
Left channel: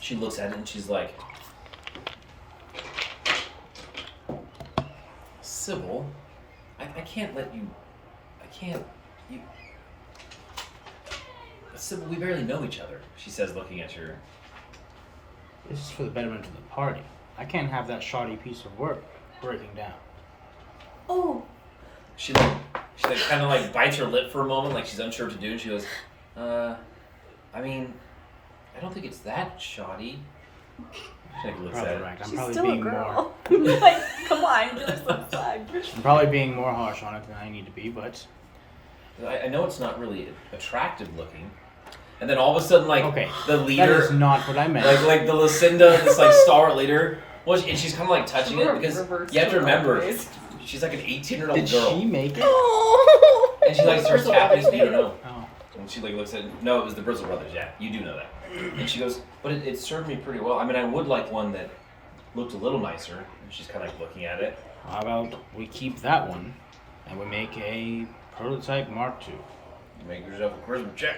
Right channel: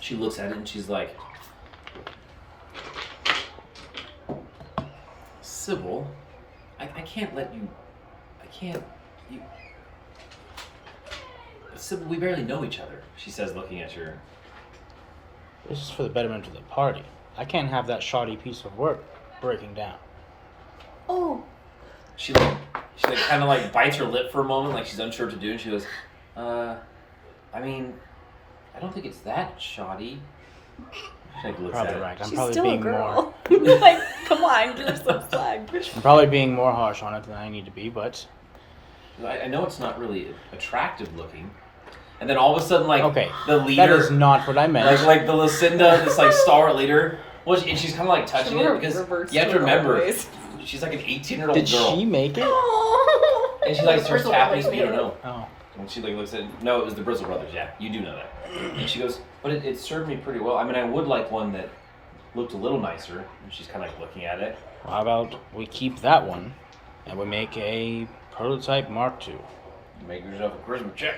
She looks at it and she's like, Sybil, I can't let you, Sybil, we barely know each other, she says, looking at her. This is for the betterment of the party. I can't have that shoddy piece of work breaking down. Oh. She kind of like bites her lip for a moment, like she's unsure what to do, and she goes, I mean, I don't think it's that shoddy. She like looks Probably at right. it. I'm probably being more. Like, come on, give her some slack. I'm probably being more harsh on it than I need to be, but I know it's not really attractive looking. And then all of a sudden, like, okay, the leader... that is not what I meant. Like the Lucinda, this, like, stalwart leader, well, and she's kind of, like, touching it, because you have to remember, she's, like, an 18-year-old Did girl. she make it? And she like starts Bristol tapping. Brothers You don't made know. Oh. And she like looks at. No, it was the Bristol Brothers. Yeah, you do know that. And she goes, but it served me pretty well. I mean, I would like one that looked a little nicer. And she's kind of like looking at it. How about we keep that one, and we make a prototype Mark II? Make yourself a charisma check.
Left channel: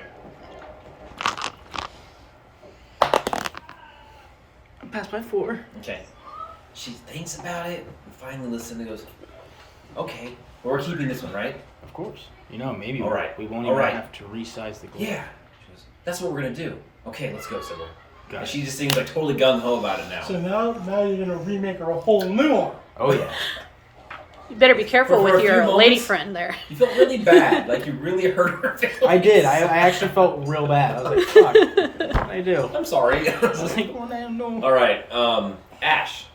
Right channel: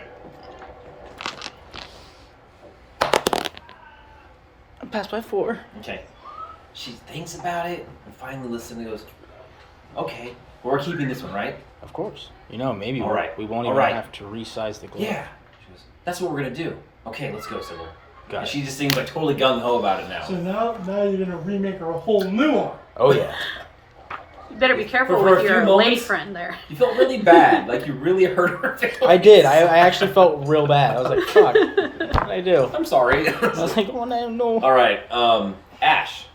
I passed by 4. Okay. She thinks about it and finally listens and goes, okay, well, we're keeping this one, right? Of course. You know, maybe All right. we won't All even right. have to resize the glove. Yeah. She goes, that's what we're going to do. Okay, let's go, Sybil. Got And it. she just seems like totally gung-ho about it now. So now you're gonna remake her a whole new one. Oh, yeah. You better be careful For a with few your moments- lady friend there. You felt really bad. Like you really hurt her feelings. I did. I actually felt real bad. I was like, fuck. What did I do? I'm sorry. I was like, oh, no. All right, Ash.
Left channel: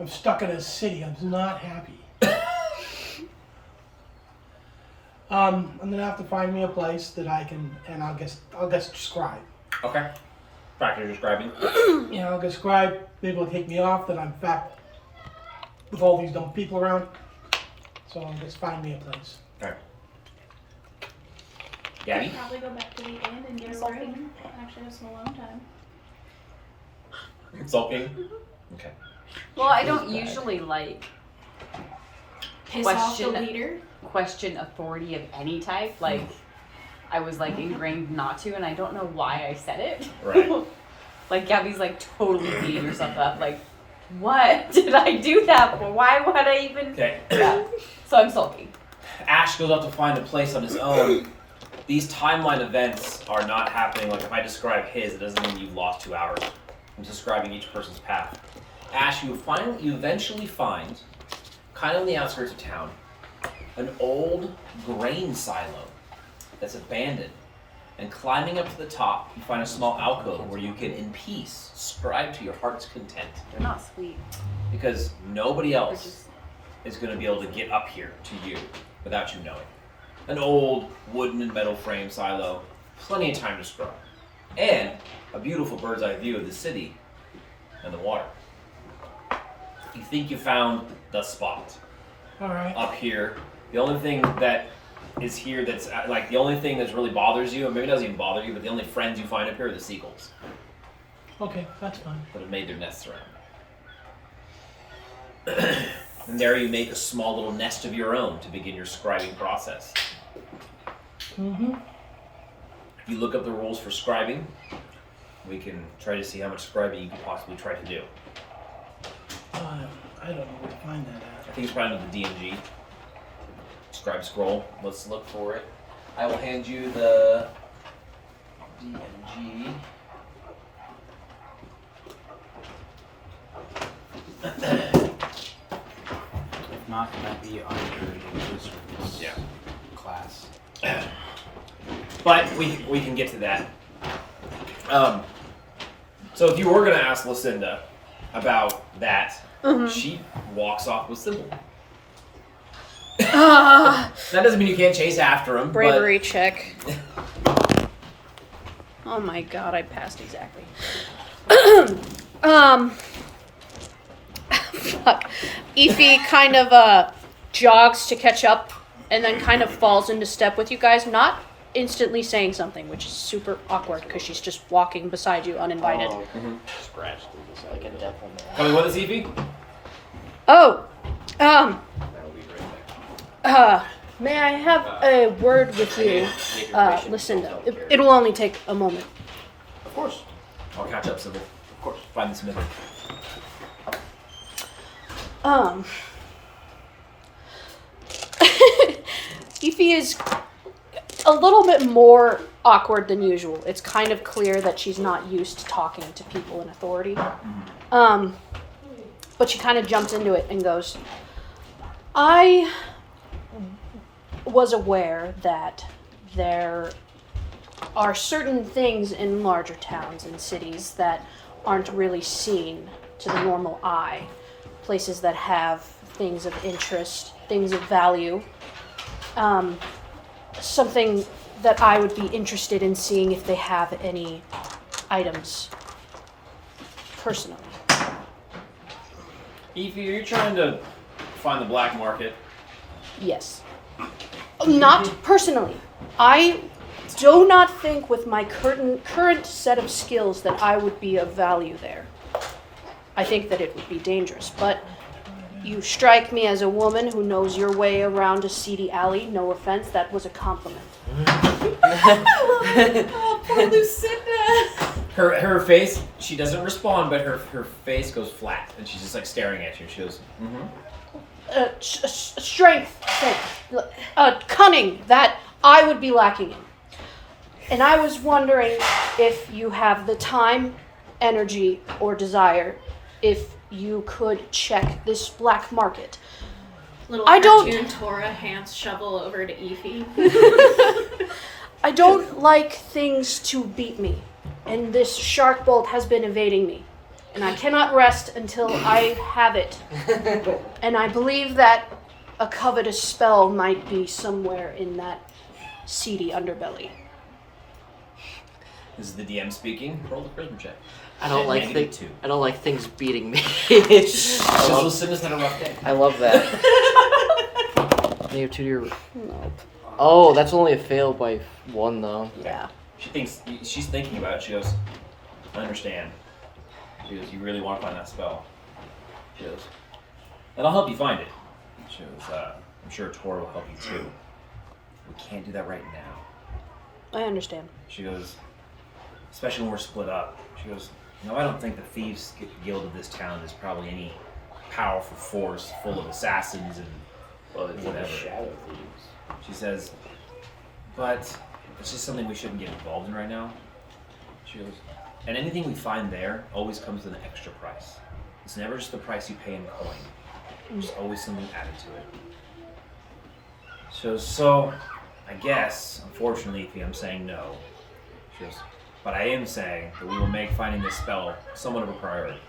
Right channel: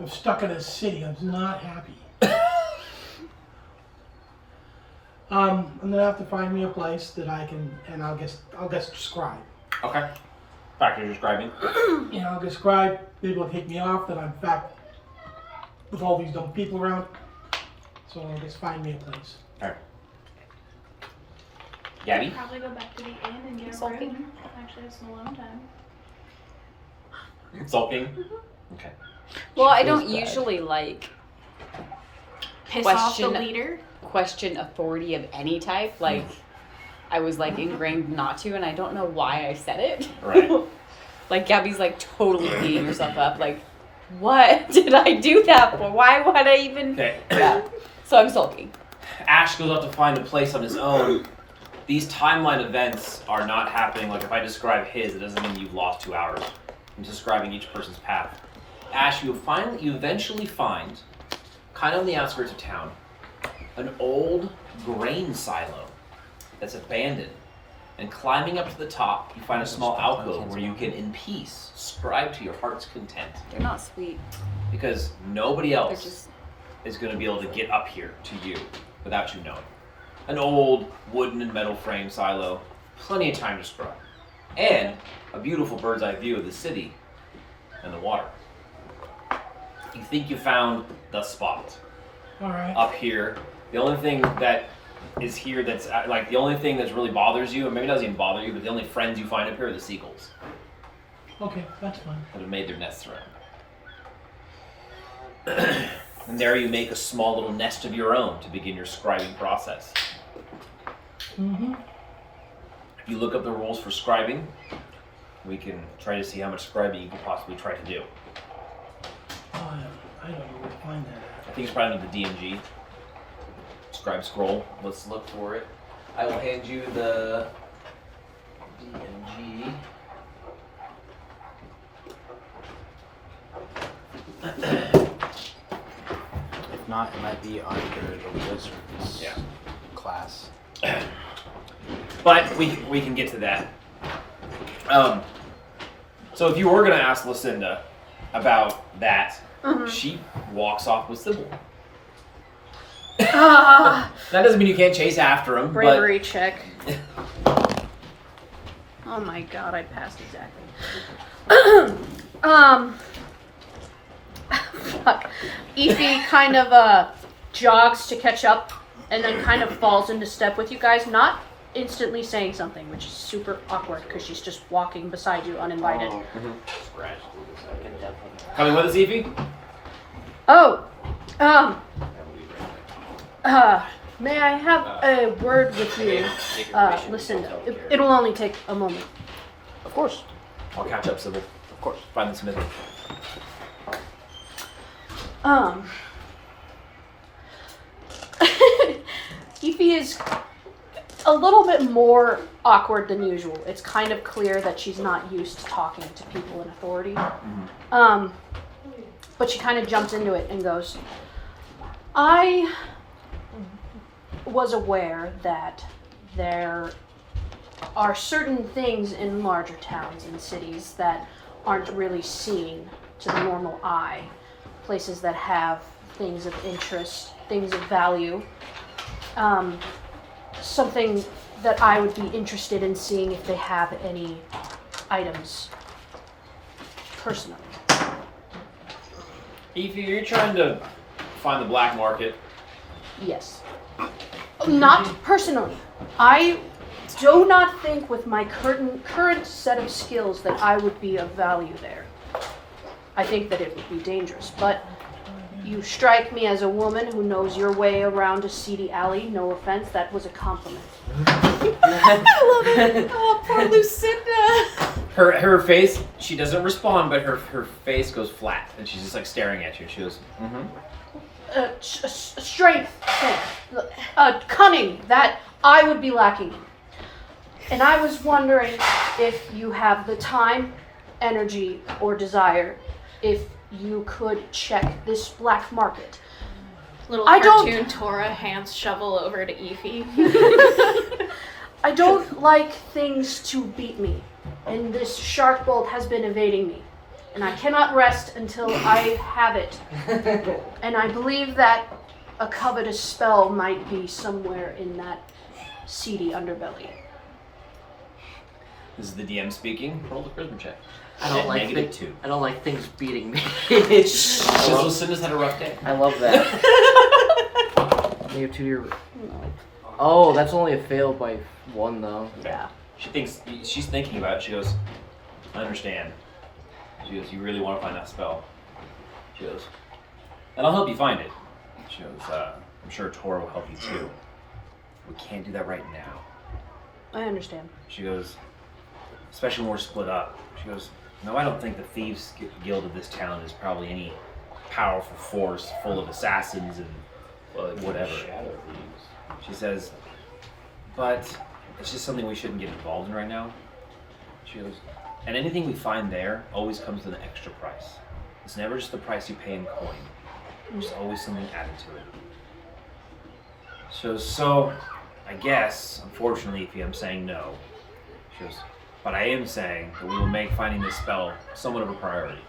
I'm stuck in a city. I'm not happy. I'm gonna have to find me a place that I can, and I'll get scribe. Okay. Practice describing. You know, I'll get scribe. Maybe it'll take me off that I'm back with all these dumb people around. So I'll just find me a place. Gabby? Probably go back to the inn and get a room. Actually have some alone time. Sulking? Okay. Well, I feels don't bad. usually like Piss off the Question- leader. question authority of any type. Like, I was like ingrained not to, and I don't know why I said it. Right. Like Gabby's like totally beating herself up. Like, what did I do that for? Why would I even? Okay. Yeah. So I'm sulking. Ash goes out to find a place on his own. These timeline events are not happening. Like if I describe his, it doesn't mean you've lost 2 hours. I'm describing each person's path. Ash, you eventually find, kind of on the outskirts of town, an old grain silo that's abandoned. And climbing up to the top, you find a small alcove where you can, in peace, scribe to your heart's content. They're not sweet. Because nobody They're else just. is going to be able to get up here to you without you knowing. An old wooden and metal frame silo, plenty of time to scribe, and a beautiful bird's eye view of the city and the water. You think you found the spot All right. up here. The only thing that is here that's like the only thing that's really bothers you, and maybe it doesn't even bother you, but the only friends you find up here are the seagulls Okay, that's fine. that have made their nests around. And there you make a small little nest of your own to begin your scribing process. Mm-hmm. If you look up the rules for scribing, we can try to see how much scribing you could possibly try to do. I don't know where to find that I think it's probably under the D&G. Scribe scroll. Let's look for it. I will hand you the D&G. If not, it might be under the wizard's Yeah. class. But we can get to that. So if you were going to ask Lucinda about that, she walks off with Sybil. That doesn't mean you can't chase after him, Bravery check. Oh my god, I passed exactly. Fuck. Ify kind of jogs to catch up and then kind of falls into step with you guys, not instantly saying something, which is super awkward because she's just walking beside you uninvited. Scratch. So I can definitely. Coming with us, Evie? Oh, I'll be right back. may I have a word with you? Make a relation Listen, with yourself there. it'll only take a moment. Of course. I'll catch up, Sybil. Of course. Find the smithy. Ify is a little bit more awkward than usual. It's kind of clear that she's not used to talking to people in authority. But she kind of jumps into it and goes, I was aware that there are certain things in larger towns and cities that aren't really seen to the normal eye. Places that have things of interest, things of value. Something that I would be interested in seeing if they have any items personally. Evie, you're trying to find the black market. Yes. Not personally. I do not think with my current set of skills that I would be of value there. I think that it would be dangerous, but you strike me as a woman who knows your way around a seedy alley. No offense, that was a compliment. Oh, poor Lucinda. Her face, she doesn't respond, but her face goes flat, and she's just like staring at you, and she goes, Strength, cunning, that I would be lacking in. And I was wondering if you have the time, energy, or desire, if you could check this black market. Little I cartoon don't- Tora hands shovel over to Efi. I don't like things to beat me, and this shark bolt has been evading me. And I cannot rest until I have it. And I believe that a covetous spell might be somewhere in that seedy underbelly. This is the DM speaking. Roll the charisma check. I don't like -2. I don't like things beating me. Because Lucinda's had a rough day. I love that. -2 to your. Oh, that's only a fail by 1 though. Yeah. She's thinking about it. She goes, I understand. She goes, you really want to find that spell? She goes, and I'll help you find it. She goes, I'm sure Tor will help you too. We can't do that right now. I understand. She goes, especially when we're split up. She goes, no, I don't think the Thieves Guild of this town is probably any powerful force full of assassins and whatever. Shadow thieves. She says, but it's just something we shouldn't get involved in right now. She goes, and anything we find there always comes with an extra price. It's never just the price you pay in coin. There's always something added to it. So I guess, unfortunately, if I'm saying no. She goes, but I am saying that we will make finding this spell somewhat of a priority.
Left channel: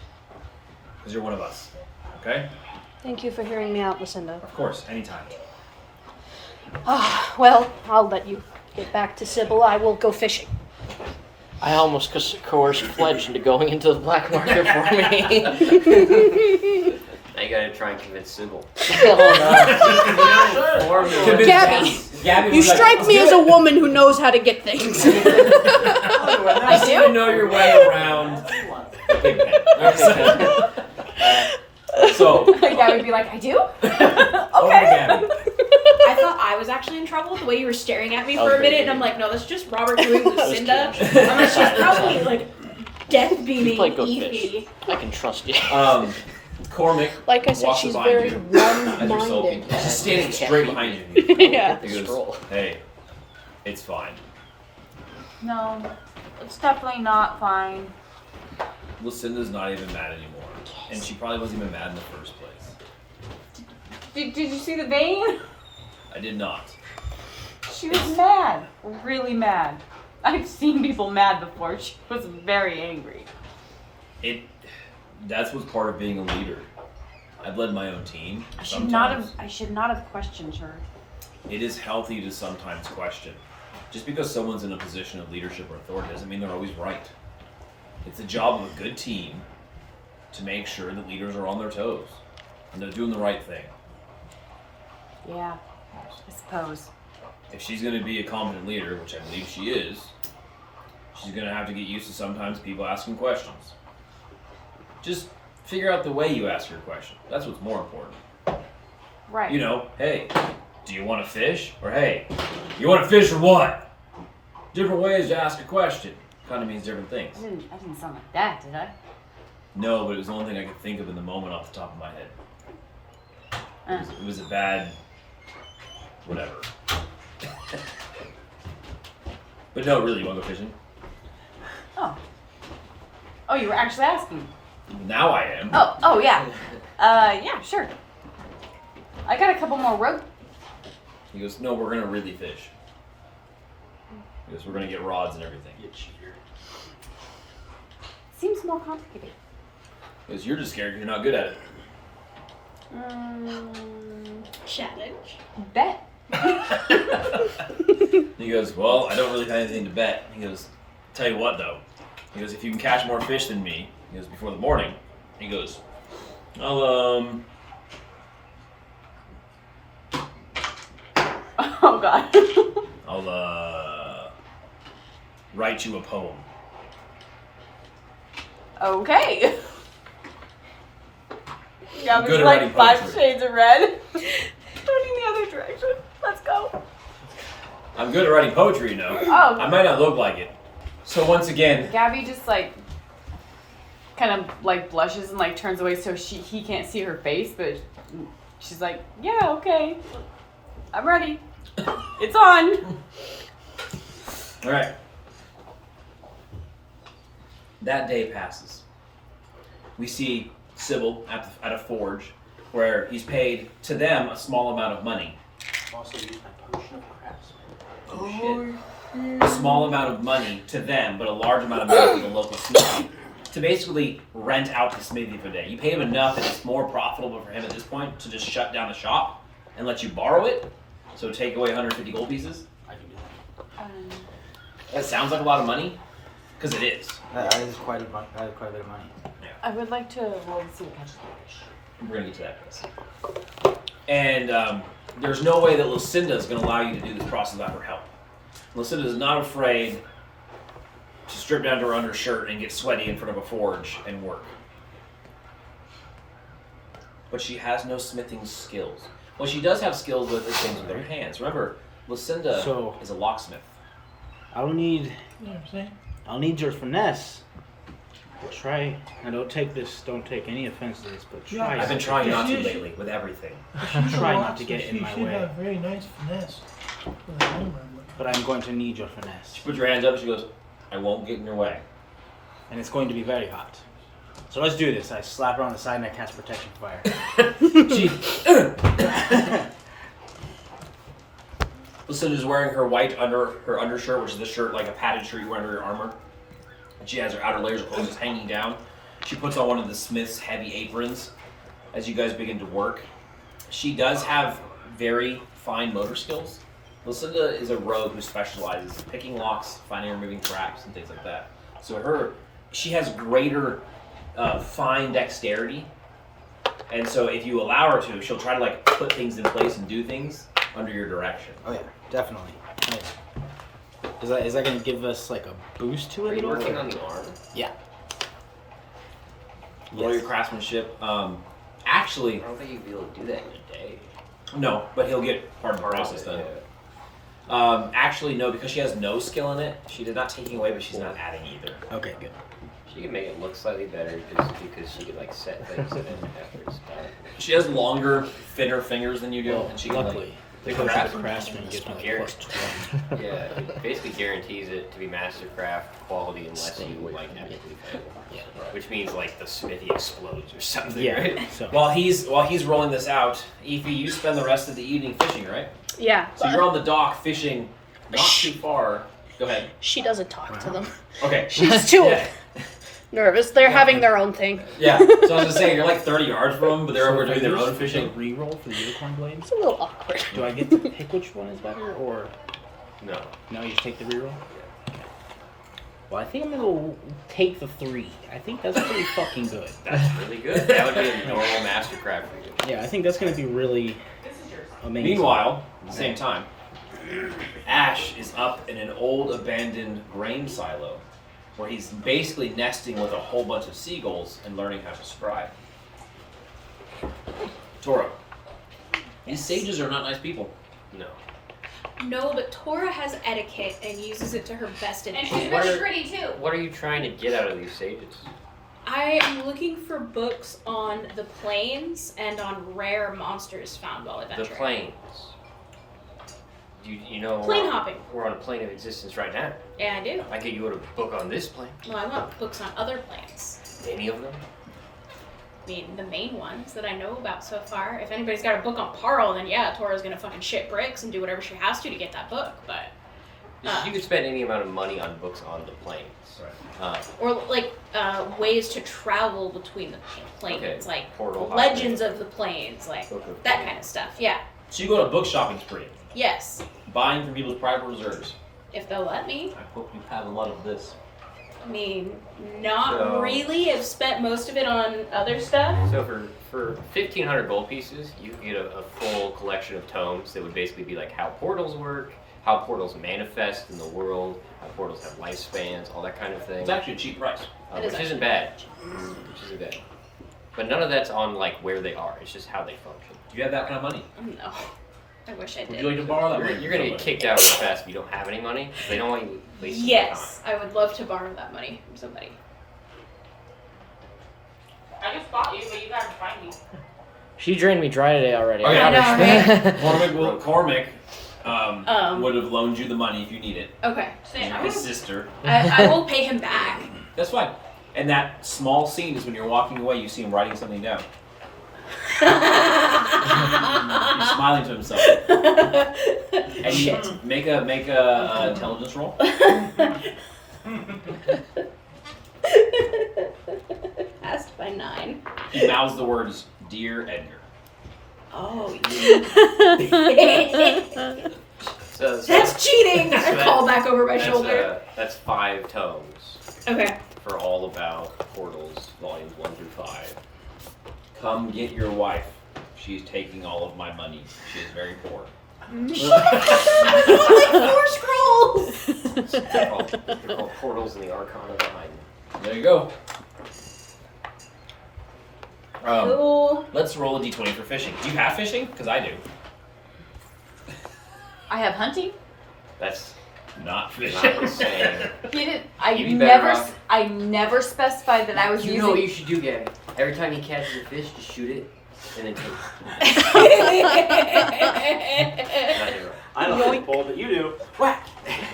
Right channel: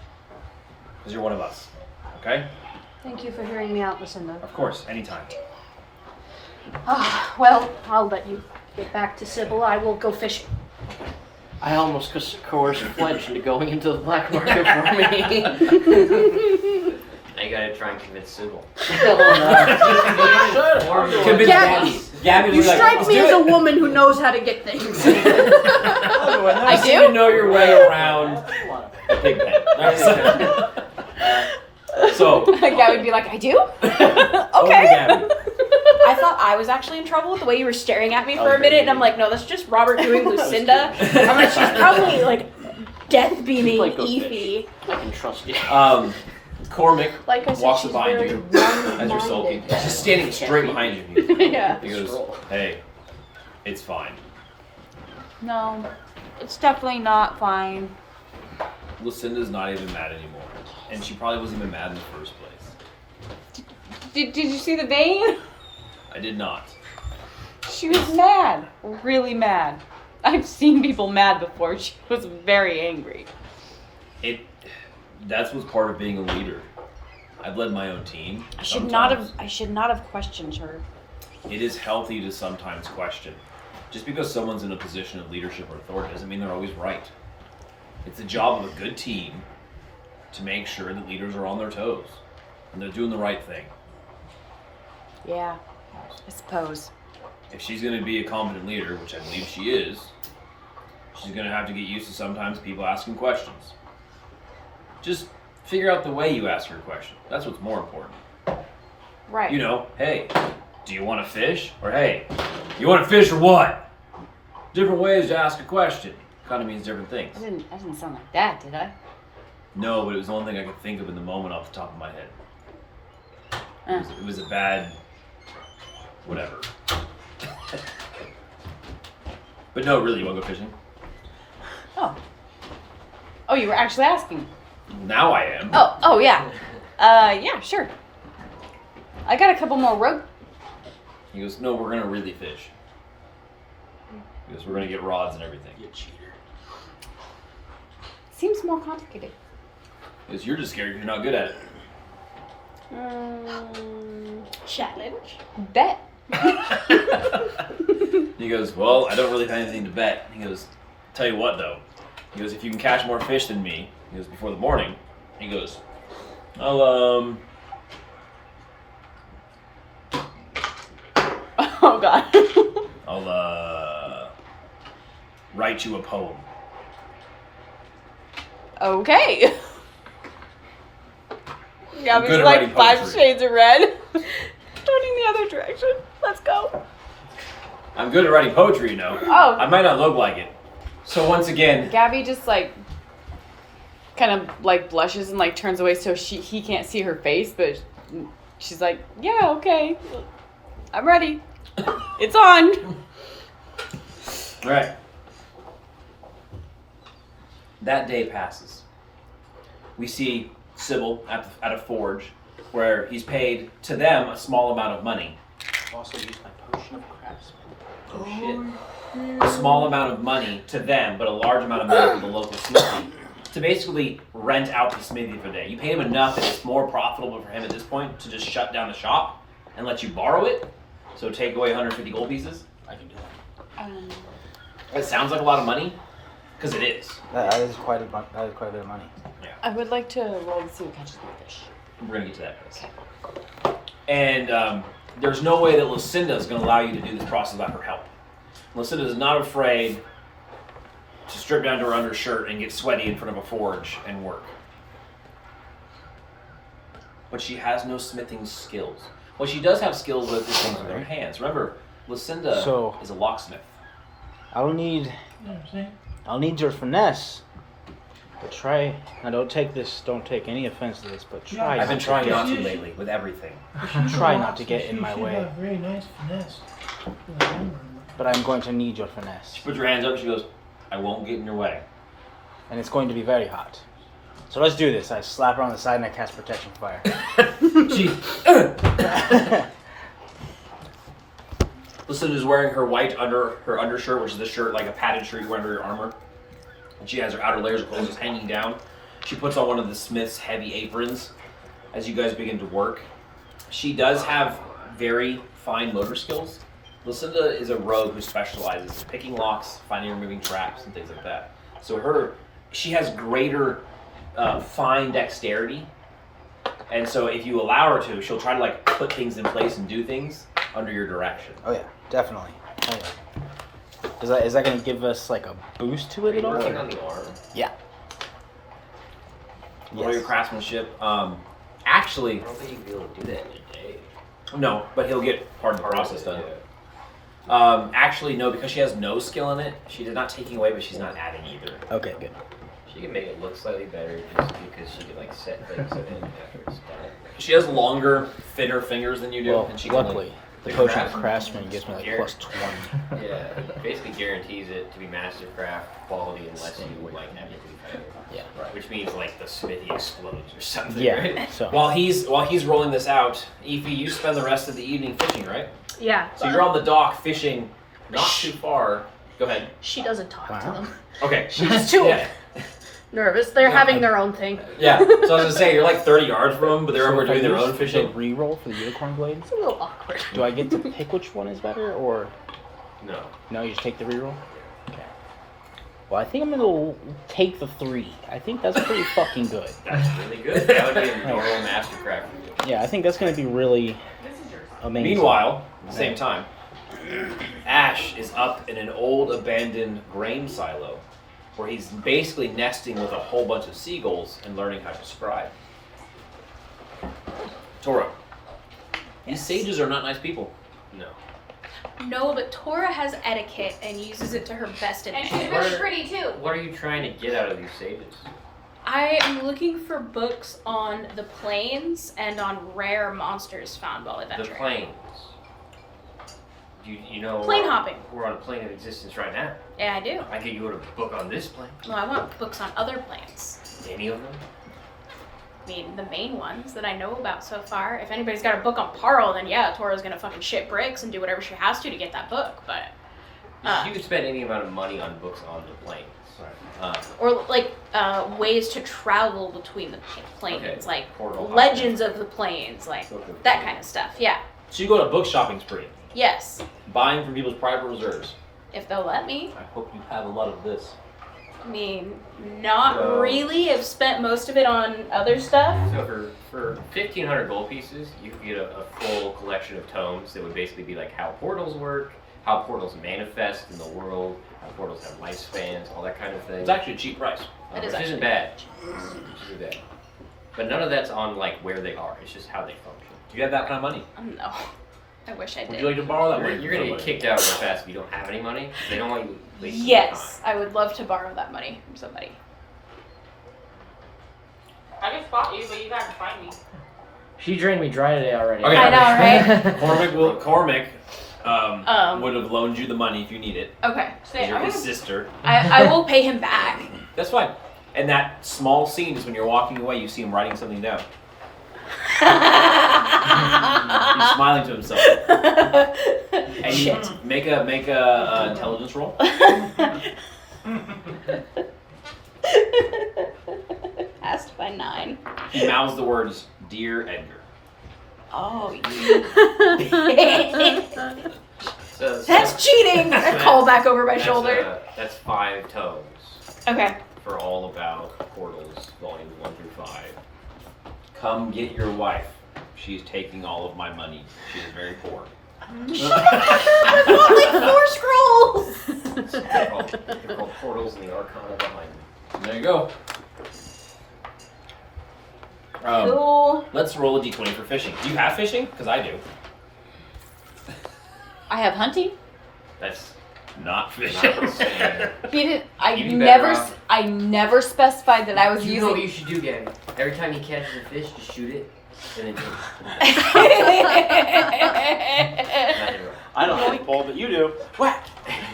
Because you're one of us. Okay? Thank you for hearing me out, Lucinda. Of course, anytime. Well, I'll let you get back to Sybil. I will go fishing. I almost coerced Fledge into going into the black market for me. Now you gotta try and convince Sybil. Gabby, Gabby you strike me as a woman who knows how to get things. I do? to know your way around Big Pen. So, Gabby would be like, I do? over to Gabby. I thought I was actually in trouble with the way you were staring at me for a minute, and I'm like, no, that's just Robert doing Lucinda. I'm like, she's probably like death beaming Play Go Efi. I can trust you. Cormac Like I said, walks she's behind very you as you're sulking. She's standing straight behind you. Yeah. He goes, hey, it's fine. No, it's definitely not fine. Lucinda's not even mad anymore. And she probably wasn't even mad in the first place. Did you see the vein? I did not. She was mad. Really mad. I've seen people mad before. She was very angry. That's what's part of being a leader. I've led my own team. I should not have questioned her. It is healthy to sometimes question. Just because someone's in a position of leadership or authority doesn't mean they're always right. It's the job of a good team to make sure that leaders are on their toes and they're doing the right thing. Yeah, I suppose. If she's going to be a competent leader, which I believe she is, she's going to have to get used to sometimes people asking questions. Just figure out the way you ask your question. That's what's more important. Right. You know, hey, do you want to fish? Or hey, you want to fish or what? Different ways to ask a question. Kind of means different things. I didn't sound like that, did I? No, but it was the only thing I could think of in the moment off the top of my head. It was a bad... whatever. But no, really, you want to go fishing? Oh, you were actually asking. Now I am. Oh yeah. Yeah, sure. I got a couple more rope. He goes, no, we're going to really fish. He goes, we're going to get rods and everything. You cheater. Seems more complicated. He goes, you're just scared because you're not good at it. Challenge. Bet. He goes, well, I don't really have anything to bet. He goes, tell you what though. He goes, if you can catch more fish than me, he goes, before the morning, he goes, I'll, God. I'll write you a poem. Okay. I'm good at writing Five poetry. Shades of Red. Turning the other direction. Let's go. I'm good at writing poetry, you know. Oh. I might not look like it. So once again, Gabby just like kind of like blushes and like turns away so he can't see her face, but she's like, yeah, okay, I'm ready. It's on. all right. That day passes. We see Sybil at a forge where he's paid to them a small amount of money. Also use my potion of craftsman. Oh shit. A small amount of money to them, but a large amount of money to the local smithy to basically rent out the smithy for a day. You pay him enough that it's more profitable for him at this point to just shut down the shop and let you borrow it. So take away 150 gold pieces. I can do that. That sounds like a lot of money, because it is. Yeah, that is quite a bit of money. I would like to roll and see who catches the fish. I'm bringing you to that place. And there's no way that Lucinda is going to allow you to do this process without her help. Lucinda is not afraid to strip down to her undershirt and get sweaty in front of a forge and work. But she has no smithing skills. What she does have skills with is things with her hands. Remember, Lucinda is a locksmith. I'll need You know what I'm saying? I'll need your finesse. But try. Now, don't take any offense to this, but try. I've been trying not to Yes, lately with everything. Try not to get in my She way. have very nice finesse. For the hammer. But I'm going to need your finesse. She puts her hands up. She goes, "I won't get in your way." And it's going to be very hot. So let's do this. I slap her on the side and I cast protection fire. Lucinda's wearing her white her undershirt, which is the shirt like a padded shirt you wear under your armor. And she has her outer layers of clothes just hanging down. She puts on one of the smith's heavy aprons as you guys begin to work. She does have very fine motor skills. Lucinda is a rogue who specializes in picking locks, finding and removing traps, and things like that. So she has greater fine dexterity. And so if you allow her to, she'll try to like put things in place and do things under your direction. Oh yeah, definitely. Oh yeah. Is that going to give us like a boost to it at all? Working on the arm. Yeah. Roll your craftsmanship. Actually, I don't think you'd be able to do that in a day. no, but he'll get part of the process done. Actually, no, because she has no skill in it. She did not taking away, but she's not adding either. Okay, good. She can make it look slightly better just because she could like set things in it after it's done. She has longer, thinner fingers than you do, Well, and she can luckily, the make potion of craftsman. craftsman gives me like Here. plus 20. Yeah, it basically guarantees it to be mastercraft quality unless you like epically fail. Yeah. Right. Which means like the smithy explodes or something. Yeah. Right? So While he's rolling this out, Ify, you spend the rest of the evening fishing, right? Yeah. So you're on the dock fishing, not too far. Go ahead. She doesn't talk to them. Okay. She's too Yeah. nervous. They're having their own thing. Yeah. So I was gonna say you're like 30 yards from them, but they're over if I doing their use own fishing. the reroll for the unicorn blade. It's a little awkward. Do I get to pick which one is better, or No. no? You just take the reroll. Okay. Well, I think I'm gonna take the 3. I think that's pretty fucking good. That's really good. That would be a normal mastercraft for you. Yeah, I think that's gonna be really amazing. Meanwhile, at the same time, Ash is up in an old abandoned grain silo where he's basically nesting with a whole bunch of seagulls and learning how to scribe. Tora, these sages are not nice people. No. No, but Tora has etiquette and uses it to her best And advantage. she's really pretty too. What are you trying to get out of these sages? I am looking for books on the plains and on rare monsters found while The adventuring. plains. You know Plane hopping. We're on a plane of existence right now. Yeah, I do. I give you a book on this plane. Well, I want books on other planes. Any of them? I mean, the main ones that I know about so far. If anybody's got a book on Parl, then yeah, Tora's gonna fucking shit bricks and do whatever she has to get that book. But You can spend any amount of money on books on the planes. Right. or like ways to travel between the planes, Okay. like Portal legends of the planes, like that kind of stuff. Yeah. So you go on a book shopping spree, Yes. buying from people's private reserves. If they'll let me. I hope you have a lot of this. I mean, not So- really. I've spent most of it on other stuff. So for 1,500 gold pieces, you can get a full collection of tomes that would basically be like how portals work, how portals manifest in the world, how portals have lifespans, all that kind of thing. It's actually a cheap price. It is Which isn't actually- bad. Which isn't bad. But none of that's on like where they are. It's just how they function. Do you have that kind of money? No. I wish I did. Would you like to borrow that money? You're gonna get kicked out real fast if you don't have any money. They don't want you wasting Yes, I would love to borrow that money from somebody. I just fought you, but you gotta find me. She drained me dry today already. Okay. I know, right? Cormac would have loaned you the money if you need it. Okay. 'Cause you're his sister. I will pay him back. That's fine. And that small scene is when you're walking away, you see him writing something down. He's smiling to himself. And you make a intelligence roll. Passed by 9. He mouths the words, "Dear Edgar." Oh, you. So That's cheating! I call back over my shoulder. That's 5 tomes Okay. for all about portals, volumes 1 through 5. Come get your wife. She's taking all of my money. She is very poor. Shut up! I got like 4 scrolls! They're called portals and the arcana behind them. There you go. Cool. Let's roll a d20 for fishing. Do you have fishing? Because I do. I have hunting. That's not fishing. Not the same. He didn't. You'd be better never. off. I never specified that I was You know what using. you should do, Gary? Every time he catches a fish, just shoot it, and then I don't have a pole, but you do.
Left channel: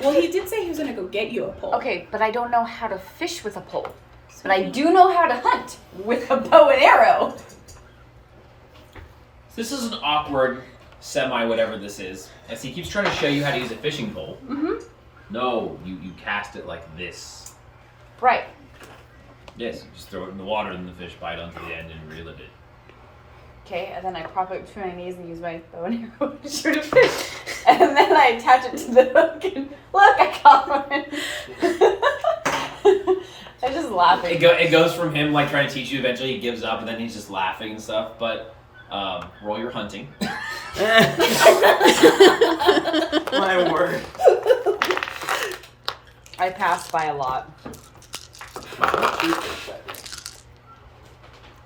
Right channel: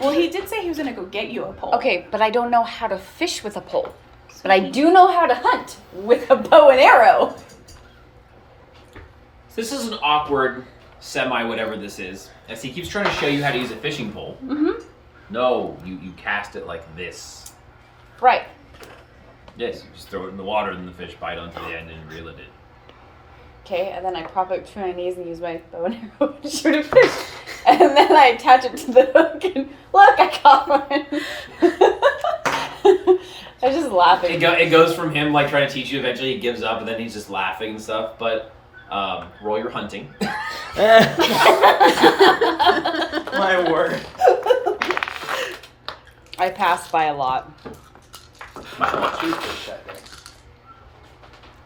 Well, he did say he was gonna go get you a pole. Okay, but I don't know how to fish with a pole. But I do know how to hunt with a bow and arrow. This is an awkward semi-whatever this is, as he keeps trying to show you how to use a fishing pole. Mm-hmm. No, you cast it like this. Right. Yes, you just throw it in the water and the fish bite onto the end and you reel it in. Okay, and then I prop it between my knees and use my bow and arrow to shoot a fish. And then I attach it to the hook and look, I caught one. I just laughing. It goes from him like trying to teach you, eventually he gives up and then he's just laughing and stuff, but roll your hunting. My word. I passed by a lot.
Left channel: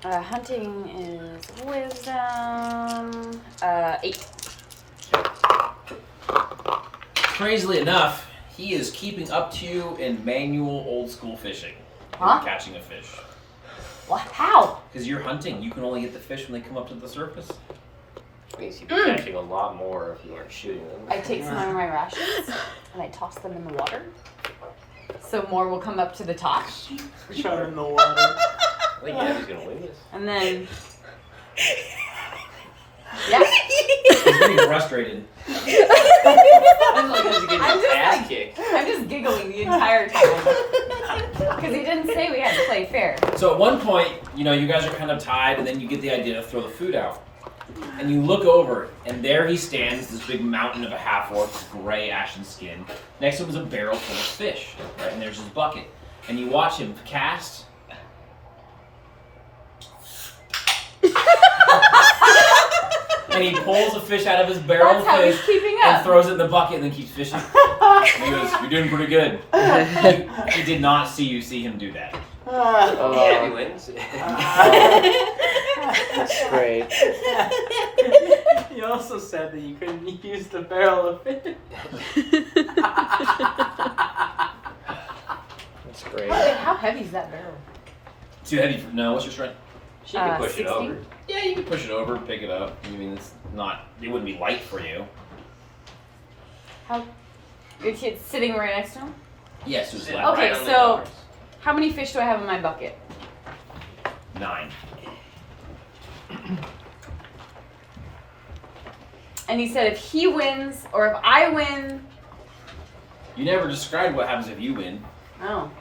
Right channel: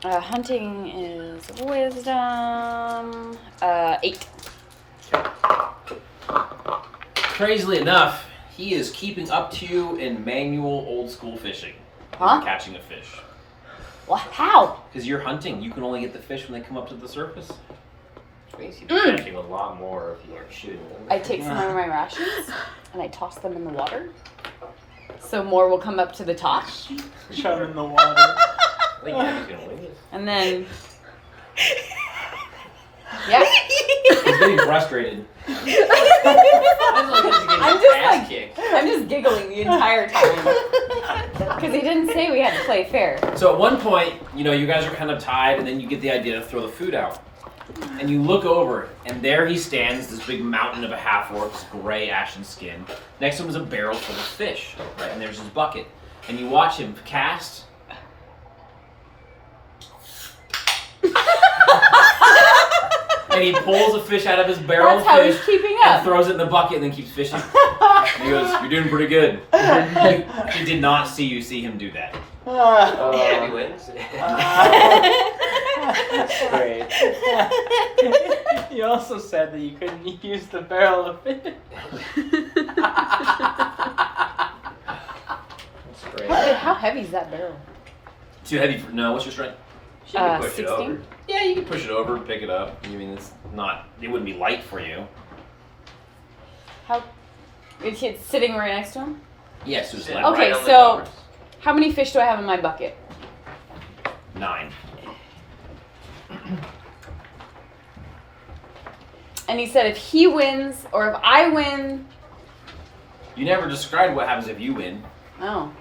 Hunting is wisdom. 8. Crazily enough, he is keeping up to you in manual old school fishing. Huh? Catching a fish. What? How? Because you're hunting, you can only get the fish when they come up to the surface. means you'd be catching a lot more if you weren't shooting them. I take some of my rations and I toss them in the water. So more will come up to the top. Shove it in the water. I think Gabby's gonna win this. And then. Yeah. He's getting frustrated. I'm just giggling the entire time. Because he didn't say we had to play fair. So at one point, you know, you guys are kind of tied, and then you get the idea to throw the food out. And you look over, and there he stands, this big mountain of a half-orc, this gray ashen skin. Next to him is a barrel full of fish, right? And there's his bucket. And you watch him cast. And he pulls a fish out of his barrel That's how of he's fish keeping up. and throws it in the bucket and then keeps fishing. And he goes, "You're doing pretty good." He did not see you see him do that. Gabby wins. That's great. You also said that you couldn't use the barrel of fish. That's great. Wait, how heavy is that barrel? Too heavy for no. What's your strength? She can push it 16. over. Yeah, you can push it over, pick it up. I mean, it's not. It wouldn't be light for you. It's sitting right next to him? Yes, there's Sit left. Okay, right on the so- doors. How many fish do I have in my bucket? 9. And he said if he wins or if I win. You never described what happens if you win. Oh.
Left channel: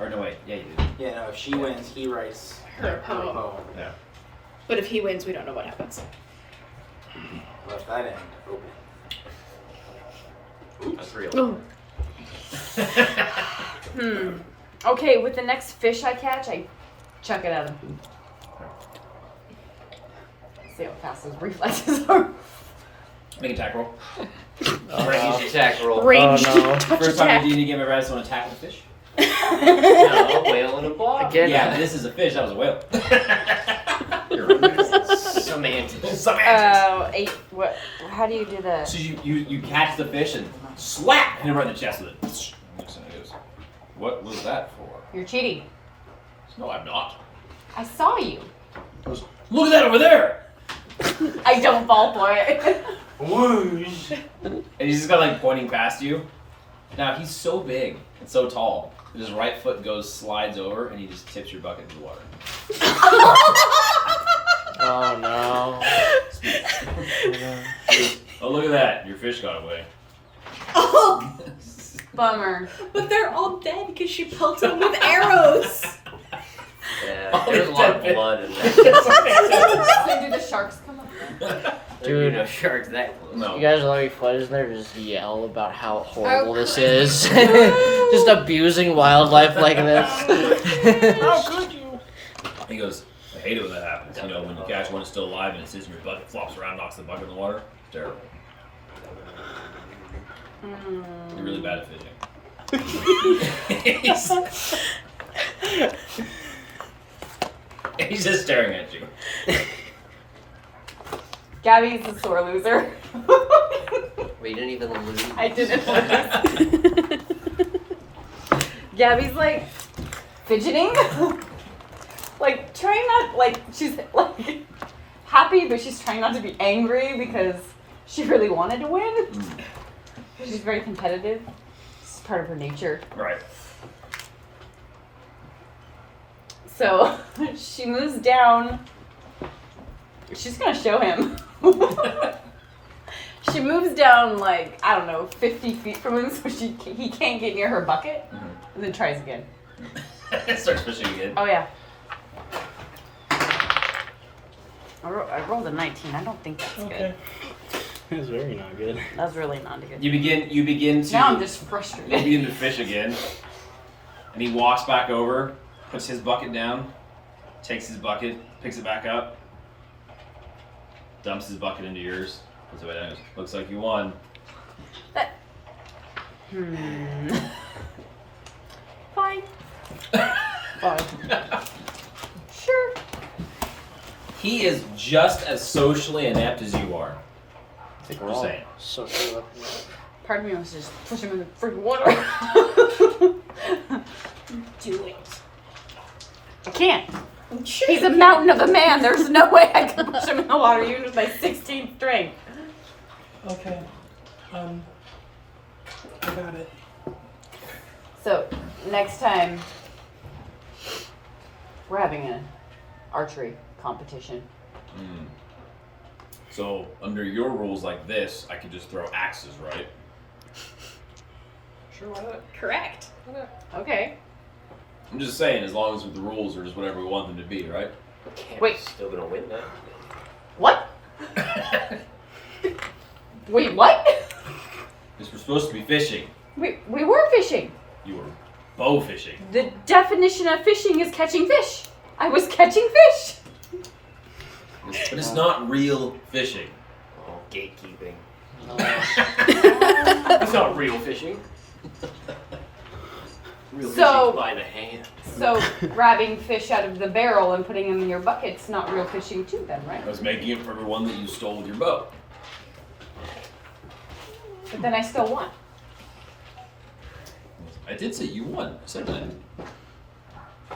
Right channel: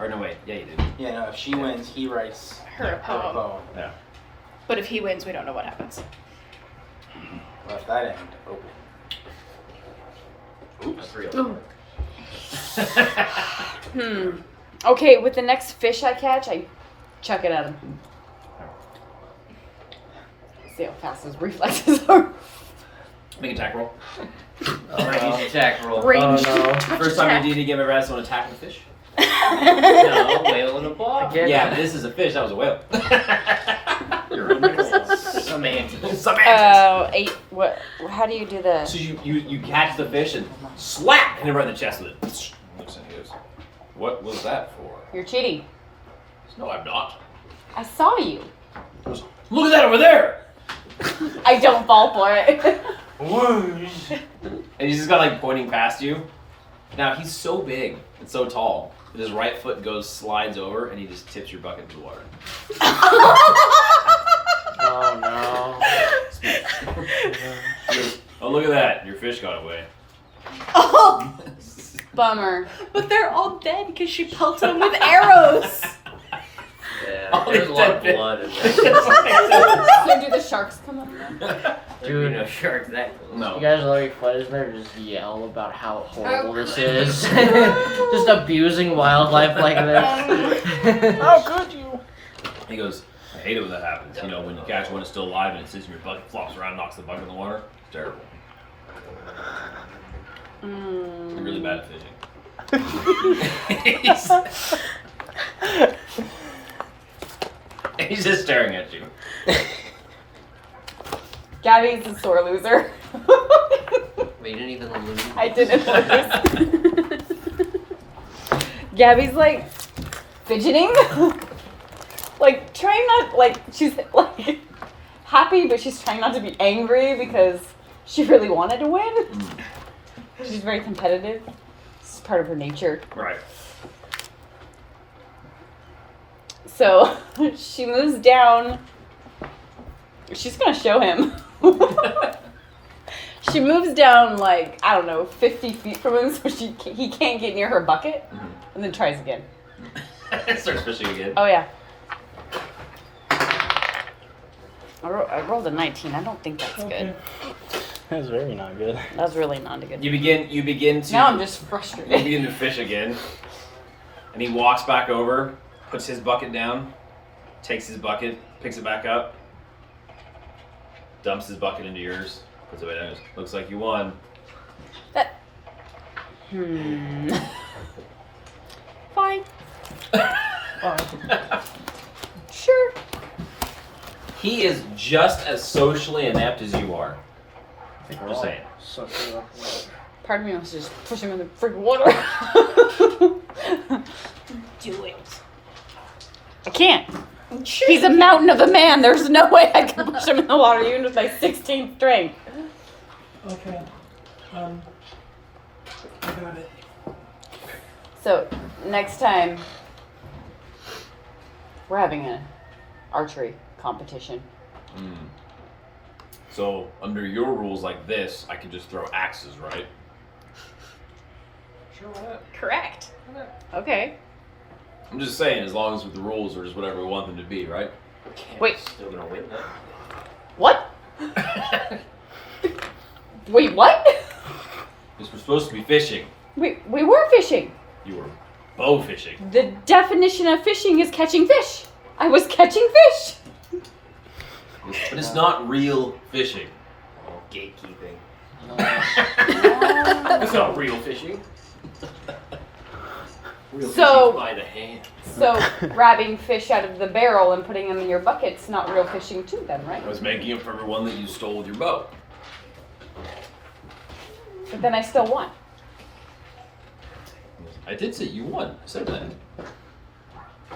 Or no, wait. Yeah, you did. Yeah, no, if she wins, he writes Her poem. Yeah. But if he wins, we don't know what happens. Left that end open. Oops. 3 alarm. Okay, with the next fish I catch, I chuck it at him. See how fast his reflexes are. Make an attack roll. I'm gonna use the attack roll. Range. First time in a D&D game ever had someone attack the fish? No, whale in a ball. Yeah, but this is a fish. That was a whale. You're right. Semantics. 8. What? How do you do the? So you catch the fish and slap, and then right in the chest with it. Looks and he goes, "What was that for?" You're cheating. No, I'm not. I saw you. He goes, "Look at that over there!" I don't fall for it. Whoosh. And he's just kind of like pointing past you. Now he's so big and so tall that his right foot slides over, and he just tips your bucket into the water. Oh no. He goes, "Oh, look at that! Your fish got away." Oh, Bummer. but they're all dead because she pelted them with arrows. Yeah, there's a lot of blood in there. So do the sharks come up? Dude, no sharks that close. No. You guys are like fighters there just yell about how horrible this is. Just abusing wildlife like this. How could you? He goes, "I hate it when that happens. You know, when you catch one that's still alive and it sits in your bucket, flops around, knocks the bucket in the water. It's terrible. You're really bad at fishing." He's just staring at you. Gabby's a sore loser. Wait, you didn't even lose. I didn't notice. Gabby's like fidgeting. Like trying not, like she's like happy, but she's trying not to be angry because she really wanted to win. She's very competitive. It's part of her nature. Right. So she moves down. She's gonna show him. She moves down like, I don't know, 50 feet from him so he can't get near her bucket, and then tries again. Starts fishing again. Oh yeah. I rolled a 19. I don't think that's good. That's very not good. That's really not good. You begin to. Now I'm just frustrated. You begin to fish again, and he walks back over, puts his bucket down, takes his bucket, picks it back up, dumps his bucket into yours, puts it back down. Goes, "Looks like you won." Fine. Sure. He is just as socially inept as you are. Just saying. So Part of me wants to just push him in the freaking water. Do it. I can't. He's a mountain of a man. There's no way I can push him in the water, even with my 16th strength. Okay. I got it. So, next time, we're having an archery competition. So, under your rules like this, I could just throw axes, right? Sure, what? Correct. Okay. I'm just saying, as long as with the rules are just whatever we want them to be, right? Wait. Still gonna win that? What? Wait, what? Because we're supposed to be fishing. We were fishing. You were bow fishing. The definition of fishing is catching fish. I was catching fish. But it's not real fishing. Oh, gatekeeping. It's not real fishing. Real So- fishing by the hand. So, grabbing fish out of the barrel and putting them in your bucket's not real fishing too then, right? I was making it for everyone that you stole with your bow. But then I still won. I did say you won. I said that.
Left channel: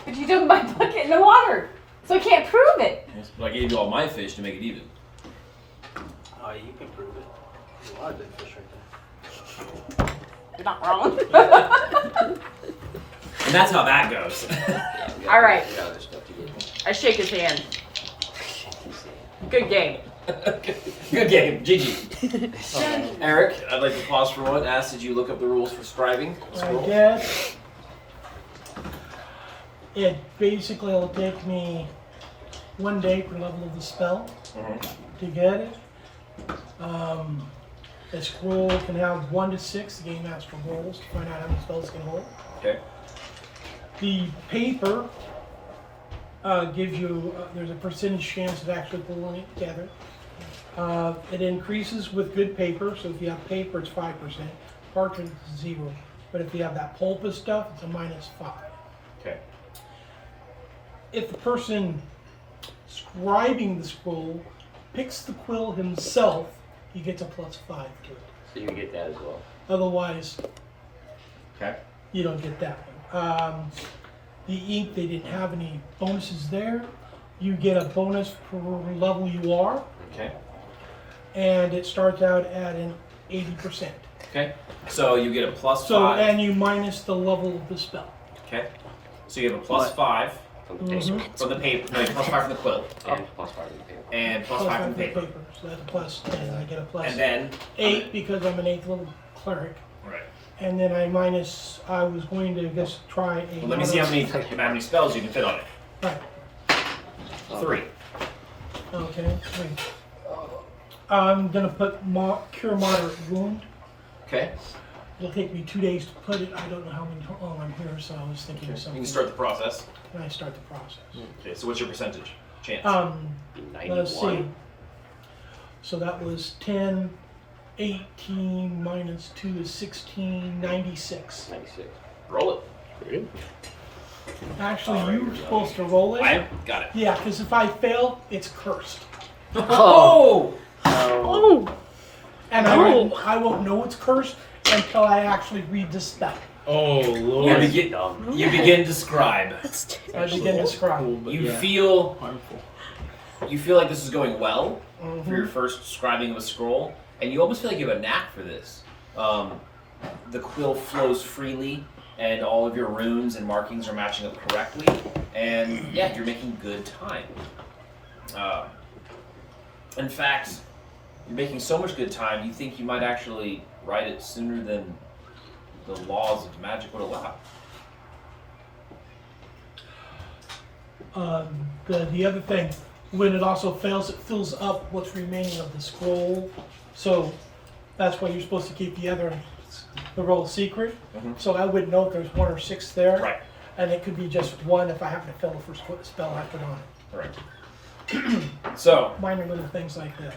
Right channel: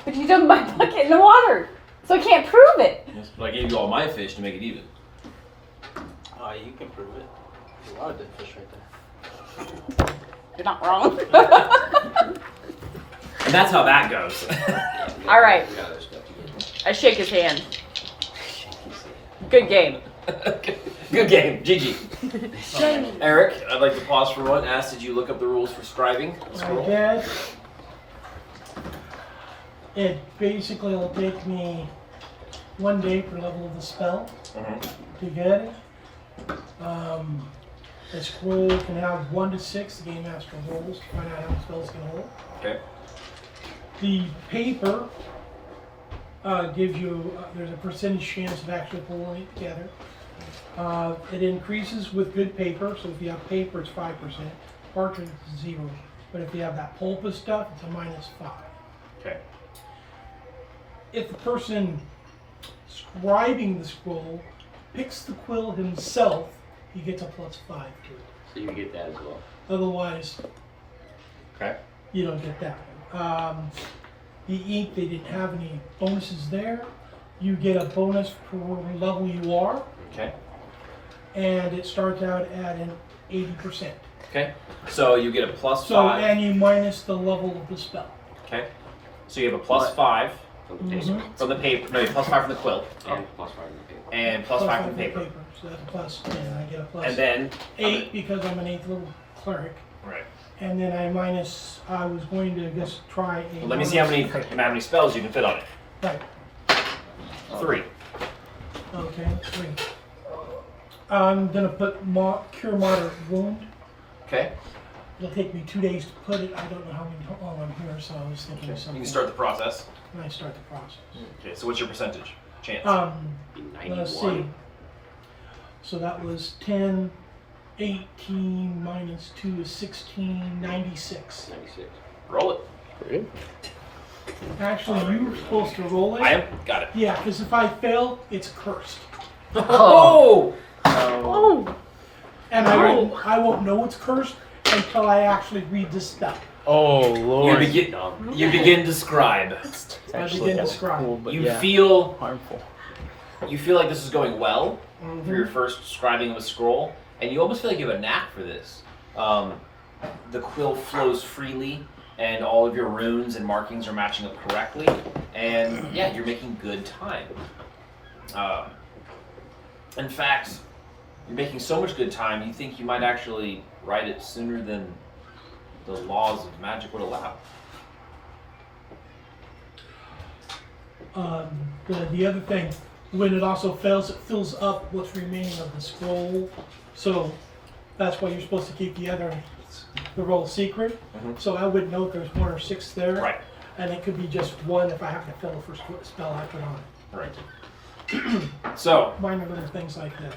But you dumped my bucket in the water, so I can't prove it. Yes, but I gave you all my fish to make it even. Oh, you can prove it. There's a lot of dead fish right You're not wrong. And that's how that goes. All right. We got other stuff to get. I shake his hand. Good game. Good game. GG. Eric, I'd like to pause for one. Ask, did you look up the rules for scribing? I did. It basically will take me 1 day per level of the spell. Mm-hmm. To get it. A scroll can have 1 to 6. The game master rolls to find out how many spells it can hold. Okay. The paper gives you, there's a percentage chance of actually pulling it together. It increases with good paper, so if you have paper, it's 5%. Parchment is 0. But if you have that pulpy stuff, it's a -5. Okay. If the person scribing the scroll picks the quill himself, he gets a +5 to it. So you get that as well. Otherwise, Okay. you don't get that one. The ink, they didn't have any bonuses there. You get a bonus per level you are, Okay. and it starts out at an 80%. Okay. So you get a +5. So, and you minus the level of the spell. Okay. So you have a +5 From the paper. from the paper. No, you have +5 from the quill. And +5 from the paper. And +5 from the paper. So that's a +10. I get a And then 8 because I'm an 8th level cleric. Right. And then I was going to just try a. Well, let me see how many spells you can fit on it. Right. 3. Okay, 3. I'm gonna put cure moderate wound. Okay. It'll take me 2 days to put it. I don't know how many. Oh, I'm here, so I was thinking of You something. can start the process. And I start the process. Okay. So what's your percentage chance? Let's see. 91. So that was 10, 18 minus 2 is 16, 96. 96. Roll it. Actually, you were supposed to roll it. I am. Got it. Yeah, because if I fail, it's cursed. Oh. And I won't know it's cursed until I actually read the spell. Oh Lord. You begin to scribe. I begin to scribe. Cool, but You yeah, feel harmful. like this is going well for your first scribing of a scroll, and you almost feel like you have a knack for this. The quill flows freely, and all of your runes and markings are matching up correctly, and yeah, you're making good time. In fact, you're making so much good time, you think you might actually write it sooner than the laws of magic would allow. The other thing, when it also fails, it fills up what's remaining of the scroll. So that's why you're supposed to keep the roll secret. So I wouldn't know if there's 1 or 6 there. Right. And it could be just 1 if I have to fill the first spell I put on. Right. So Minor little things like that.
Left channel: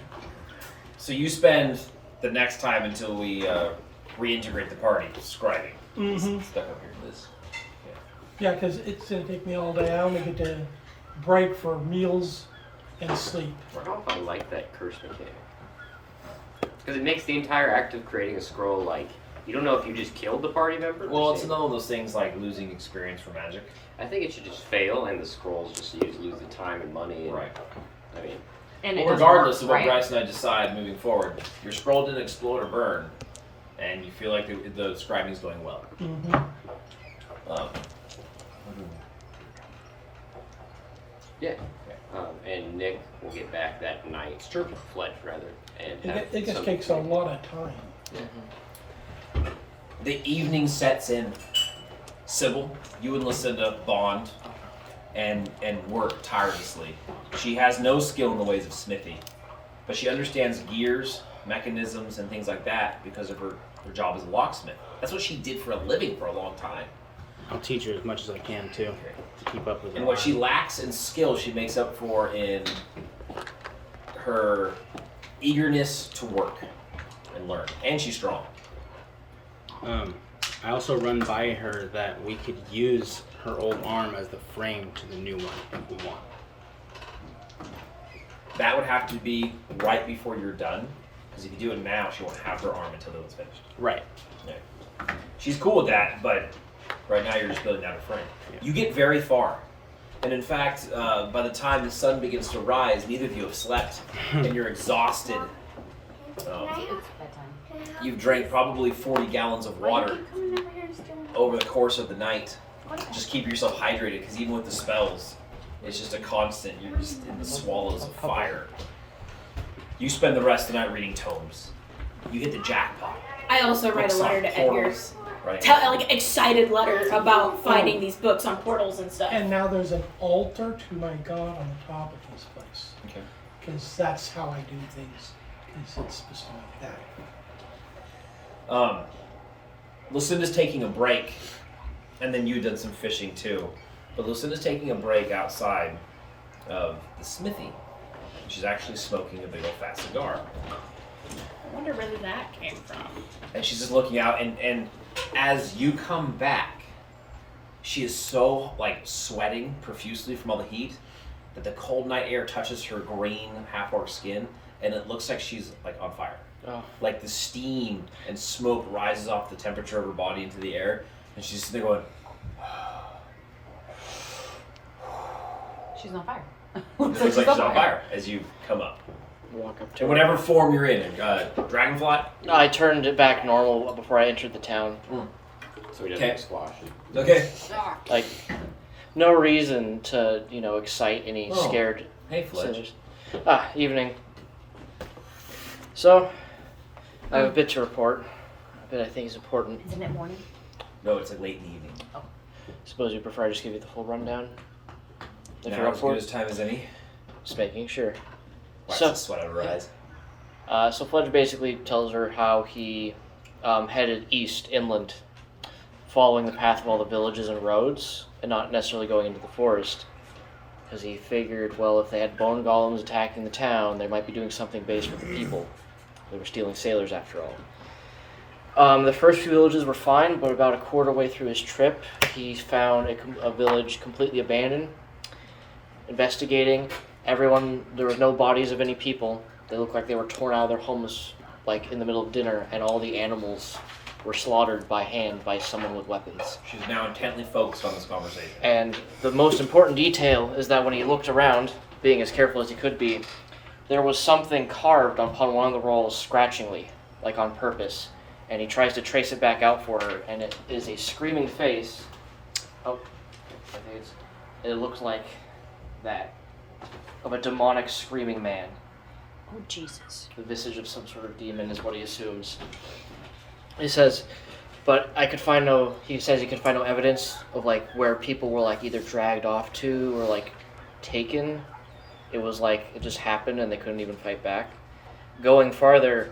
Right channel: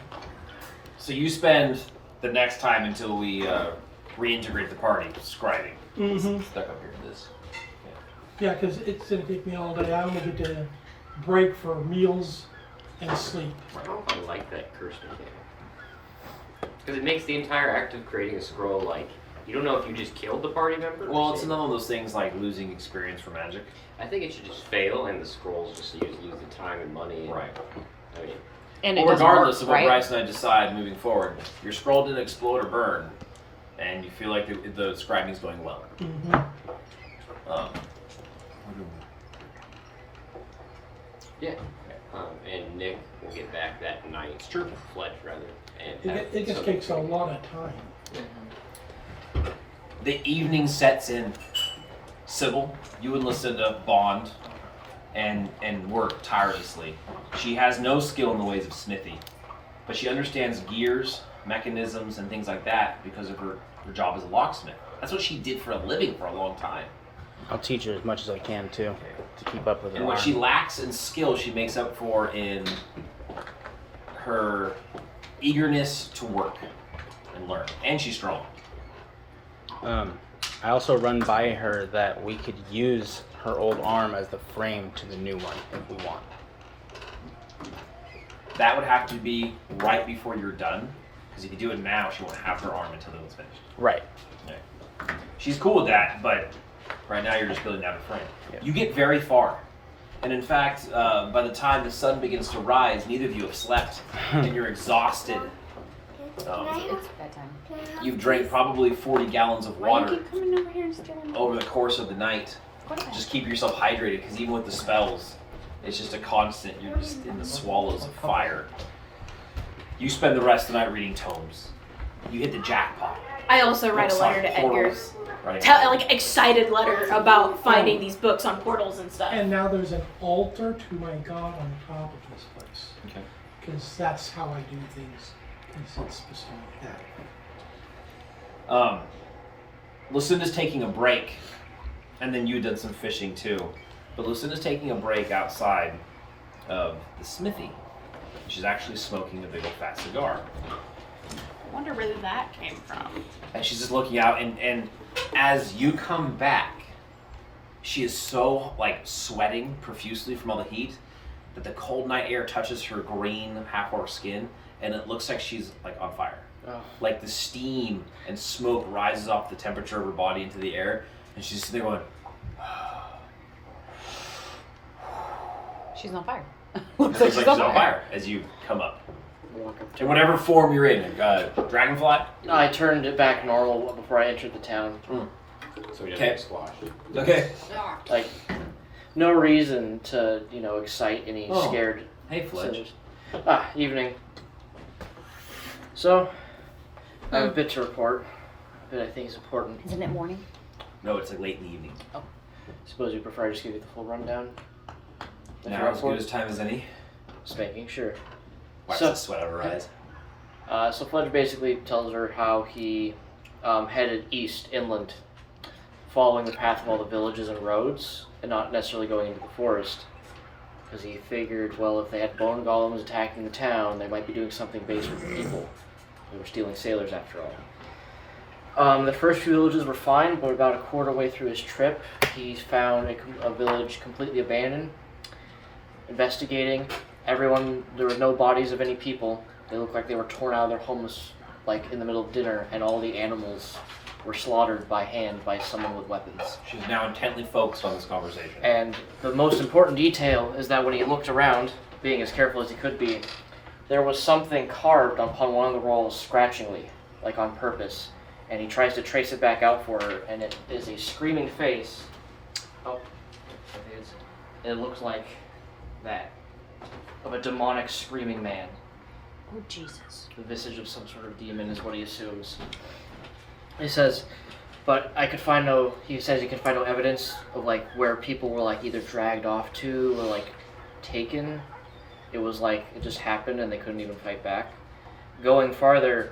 So you spend the next time until we reintegrate the party scribing. Stuck up here. This. Yeah, because it's going to take me all day. I only get to break for meals and sleep. I don't know if I like that curse mechanic. Because it makes the entire act of creating a scroll like, you don't know if you just killed the party member. Well, it's another one of those things like losing experience for magic. I think it should just fail and the scrolls just you lose the time and money. And, Right. I mean, And Well, it doesn't regardless work, of what right? Bryce and I decide moving forward, your scroll didn't explode or burn, and you feel like the scribing is going well. yeah. And Nick will get back that night. It's true. Fletch, rather. And have It just something takes a to- lot of time. The evening sets in. Sybil, you and Lucinda bond and work tirelessly. She has no skill in the ways of smithy, but she understands gears, mechanisms, and things like that because of her job as a locksmith. That's what she did for a living for a long time. I'll teach her as much as I can too, to keep up with it. And what she lacks in skill, she makes up for in her eagerness to work and learn. And she's strong. I also run by her that we could use her old arm as the frame to the new one if we want. That would have to be right before you're done, because if you do it now, she won't have her arm until it's finished. Right. Yeah. She's cool with that, but right now you're just building out a frame. Yeah. You get very far. And in fact, by the time the sun begins to rise, neither of you have slept, and you're exhausted. It's bedtime. You've drank probably 40 gallons of water over the course of the night. Just keep yourself hydrated, because even with the spells, it's just a constant. You're just in the swallows of fire. You spend the rest of the night reading tomes. You hit the jackpot. I also write a Books letter on to portals. Edgar's. Right. Like excited letter about finding these books on portals and stuff. And now there's an altar to my god on the top of this place. Okay. Because that's how I do things. Because it's just like that. Lucinda's taking a break, and then you've done some fishing too. But Lucinda's taking a break outside of the smithy. She's actually smoking a big old fat cigar. I wonder where that came from. And she's just looking out, and as you come back, she is so like sweating profusely from all the heat that the cold night air touches her green half-orc skin, and it looks like she's like on fire. Oh. Like the steam and smoke rises off the temperature of her body into the air, and she's sitting there going. She's on fire. It looks like she's on fire as you come up. Walk up to In her. whatever form you're in, dragonfly. I turned it back normal before I entered the town. So he doesn't Okay. squash it. Okay. Like, no reason to, excite any scared Hey, Fletch. citizens. Evening. So, I have a bit to report. A bit I think is important. Isn't it morning? No, it's like late in the evening. Suppose you prefer I just give you the full rundown? If Now you're up as for good it? as time as any. Just making sure. Wipes So- the sweat out of her eyes. So Fletcher basically tells her how he headed east inland, following the path of all the villages and roads, and not necessarily going into the forest, because he figured, well, if they had bone golems attacking the town, they might be doing something based with the people. They were stealing sailors after all. The first few villages were fine, but about a quarter way through his trip, he found a village completely abandoned. Investigating, there were no bodies of any people. They looked like they were torn out of their homes, like in the middle of dinner, and all the animals were slaughtered by hand by someone with weapons. She's now intently focused on this conversation. And the most important detail is that when he looked around, being as careful as he could be, there was something carved upon one of the walls scratchingly, like on purpose. And he tries to trace it back out for her, and it is a screaming face. Oh, I think it looks like that. Of a demonic screaming man. Oh, Jesus. The visage of some sort of demon is what he assumes. He says, but he says he could find no evidence of like where people were like either dragged off to or like taken. It was like it just happened and they couldn't even fight back. Going farther,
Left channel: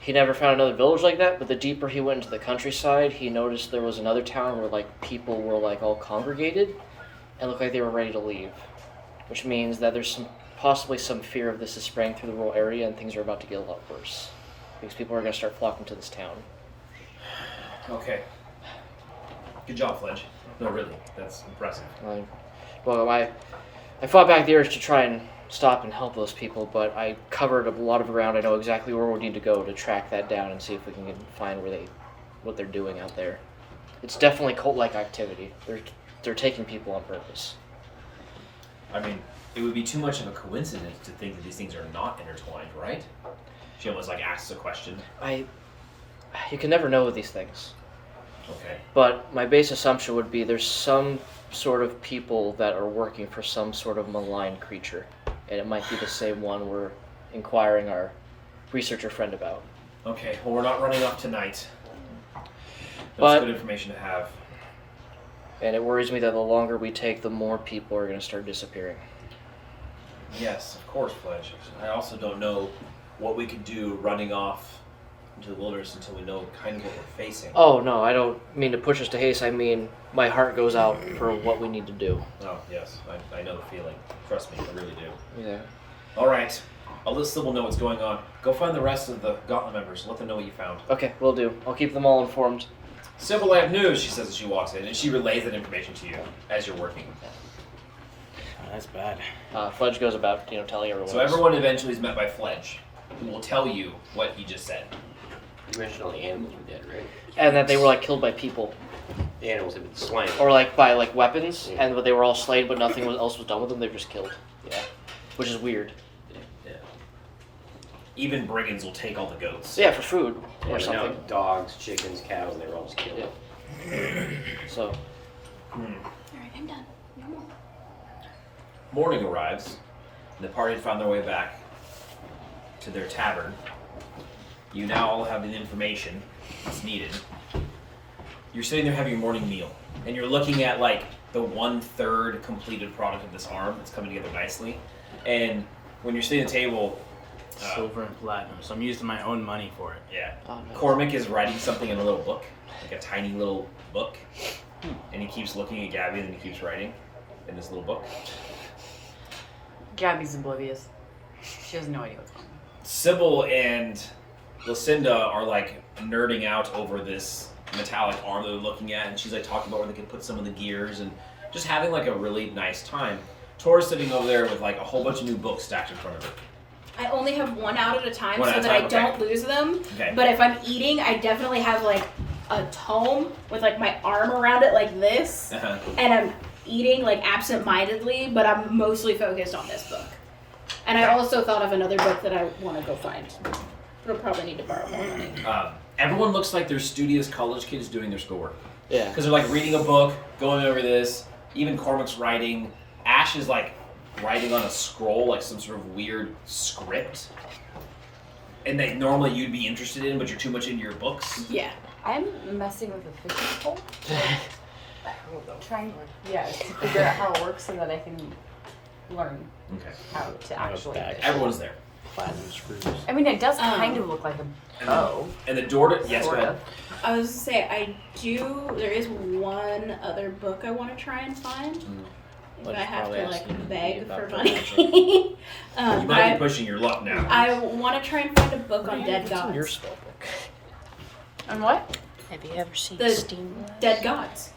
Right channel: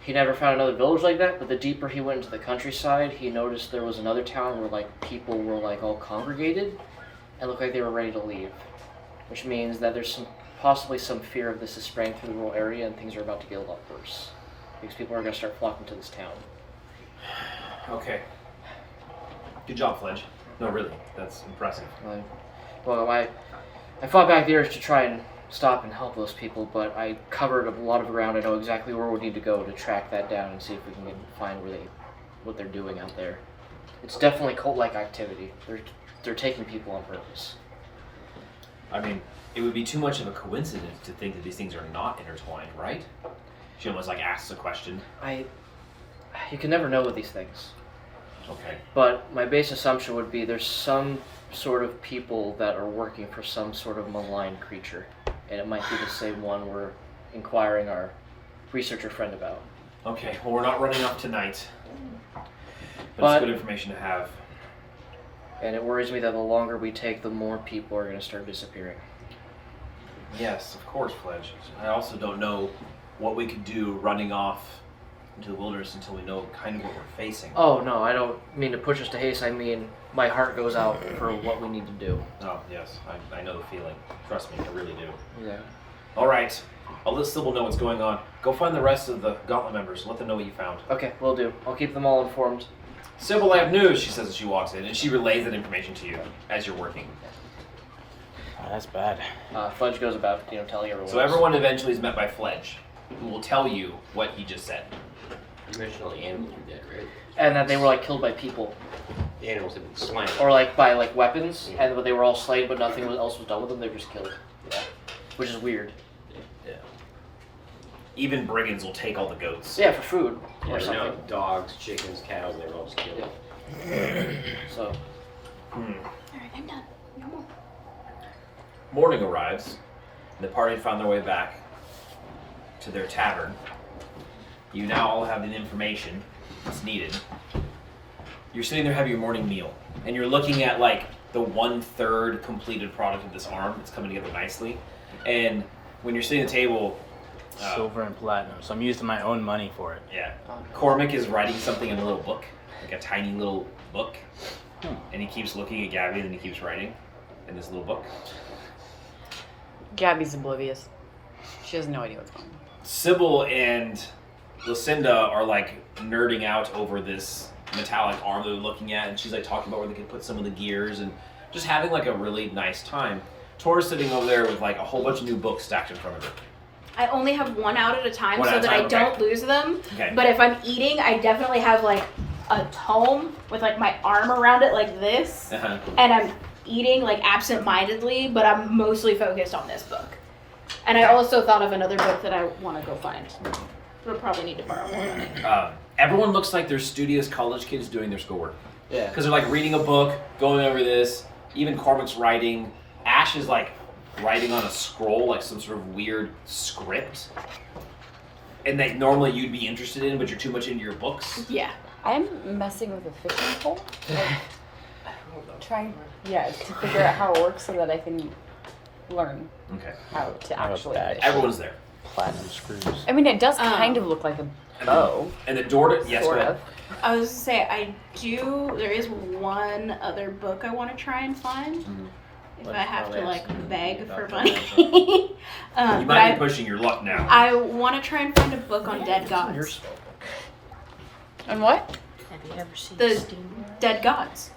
he never found another village like that, but the deeper he went into the countryside, he noticed there was another town where like people were like all congregated and looked like they were ready to leave. Which means that there's possibly some fear of this is spreading through the rural area and things are about to get a lot worse. Because people are going to start flocking to this town. Okay. Good job, Fledge. No, really, that's impressive. I fought back the urge to try and stop and help those people, but I covered a lot of ground. I know exactly where we need to go to track that down and see if we can find what they're doing out there. It's definitely cult-like activity. They're taking people on purpose. I mean, it would be too much of a coincidence to think that these things are not intertwined, right? She almost like asks a question. You can never know with these things. Okay. But my base assumption would be there's some sort of people that are working for some sort of malign creature. And it might be the same one we're inquiring our researcher friend about. Okay, well, we're not running off tonight. But it's good information to have. And it worries me that the longer we take, the more people are going to start disappearing. Yes, of course, Fledge. I also don't know what we could do running off into the wilderness until we know kind of what we're facing. Oh, no, I don't mean to push us to haste. I mean, my heart goes out for what we need to do. Oh, yes. I know the feeling. Trust me, I really do. Yeah. All right. I'll let Sybil know what's going on. Go find the rest of the gauntlet members. Let them know what you found. Okay, will do. I'll keep them all informed. Sybil, I have news, she says as she walks in, and she relays that information to you as you're working. Oh, that's bad. Fledge goes about, telling everyone. So everyone eventually is met by Fledge, who will tell you what he just said. You mentioned all the animals were dead, right? And that they were like killed by people. The animals have been slain. Or like by like weapons, and but they were all slain, but nothing else was done with them. They were just killed. Yeah, which is weird. Yeah. Even brigands will take all the goats. Yeah, for food Yeah, or but now something. dogs, chickens, cows, and they're all just killed. So. Alright, I'm done. Come on. Morning arrives, and the party had found their way back to their tavern. You now all have the information that's needed. You're sitting there having your morning meal, and you're looking at like the 1/3 completed product of this arm that's coming together nicely. And when you're sitting at the table, silver and platinum, so I'm using my own money for it. Yeah. Cormac is writing something in a little book, like a tiny little book, and he keeps looking at Gabby, and then he keeps writing in this little book. Gabby's oblivious. She has no idea what's going on. Sybil and Lucinda are like nerding out over this metallic arm they're looking at, and she's like talking about where they could put some of the gears and just having like a really nice time. Tor's sitting over there with like a whole bunch of new books stacked in front of her. I only have one out at a time One so at a that time, I okay. don't lose them. Okay. But if I'm eating, I definitely have like a tome with like my arm around it like this, Uh-huh. and I'm eating like absent-mindedly, but I'm mostly focused on this book. And I also thought of another book that I want to go find. But I'll probably need to borrow more money. Everyone looks like they're studious college kids doing their schoolwork. Yeah. Because they're like reading a book, going over this. Even Cormac's writing. Ash is like writing on a scroll, like some sort of weird script. And that normally you'd be interested in, but you're too much into your books. Yeah. I'm messing with a fishing pole. Trying, to figure out how it works so that I can learn Okay. how to actually fish. Everyone's there. Platinum screws. I mean, it does kind of look like a bow. And the door to... Yes, go Sort ahead. of. I was gonna say, there is one other book I want to try and find. If I have to like beg for money. You But might be pushing your luck now. I want to try and find a book on dead gods. On what? Have you ever seen The Steam? dead gods.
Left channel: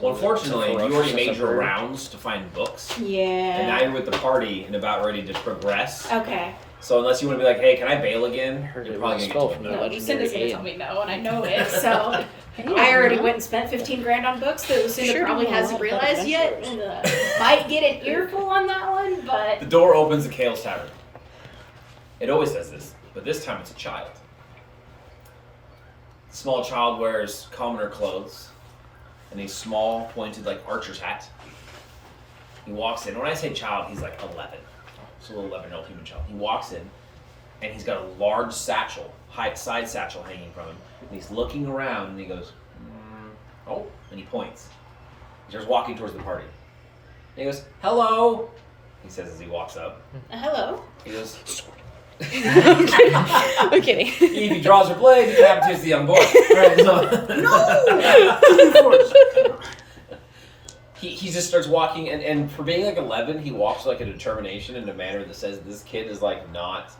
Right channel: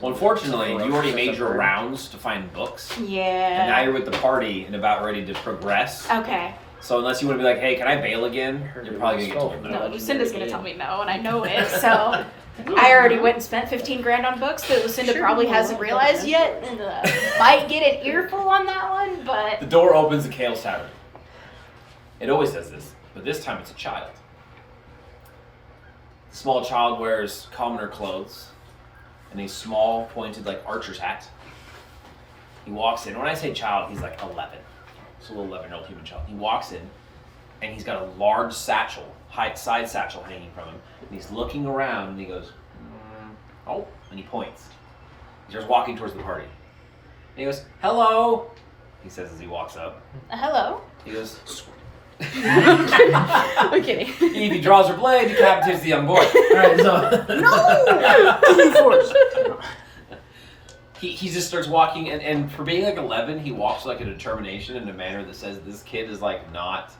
Well, unfortunately, you already made your rounds to find books. And now Yeah. you're with the party and about ready to progress. Okay. So unless you want to be like, hey, can I bail again? You're probably going to get told no. No, Lucinda's gonna tell me no, and I know it. So I already went and spent $15,000 on books that Lucinda probably hasn't realized yet. And, might get an earful on that one, but The door opens to Kale's Tavern. It always does this, but this time it's a child. The small child wears commoner clothes and a small, pointed, like, archer's hat. He walks in. When I say child, he's like 11. It's a little 11-year-old human child. He walks in, and he's got a large satchel, side satchel hanging from him. And he's looking around, and he goes, oh, and he points. He starts walking towards the party. And he goes, hello, he says as he walks up. hello. He goes, I'm kidding. if he draws her blade, he decapitates the young boy. All right, so he just starts walking, and for being like 11, he walks like a determination in a manner that says this kid is like not.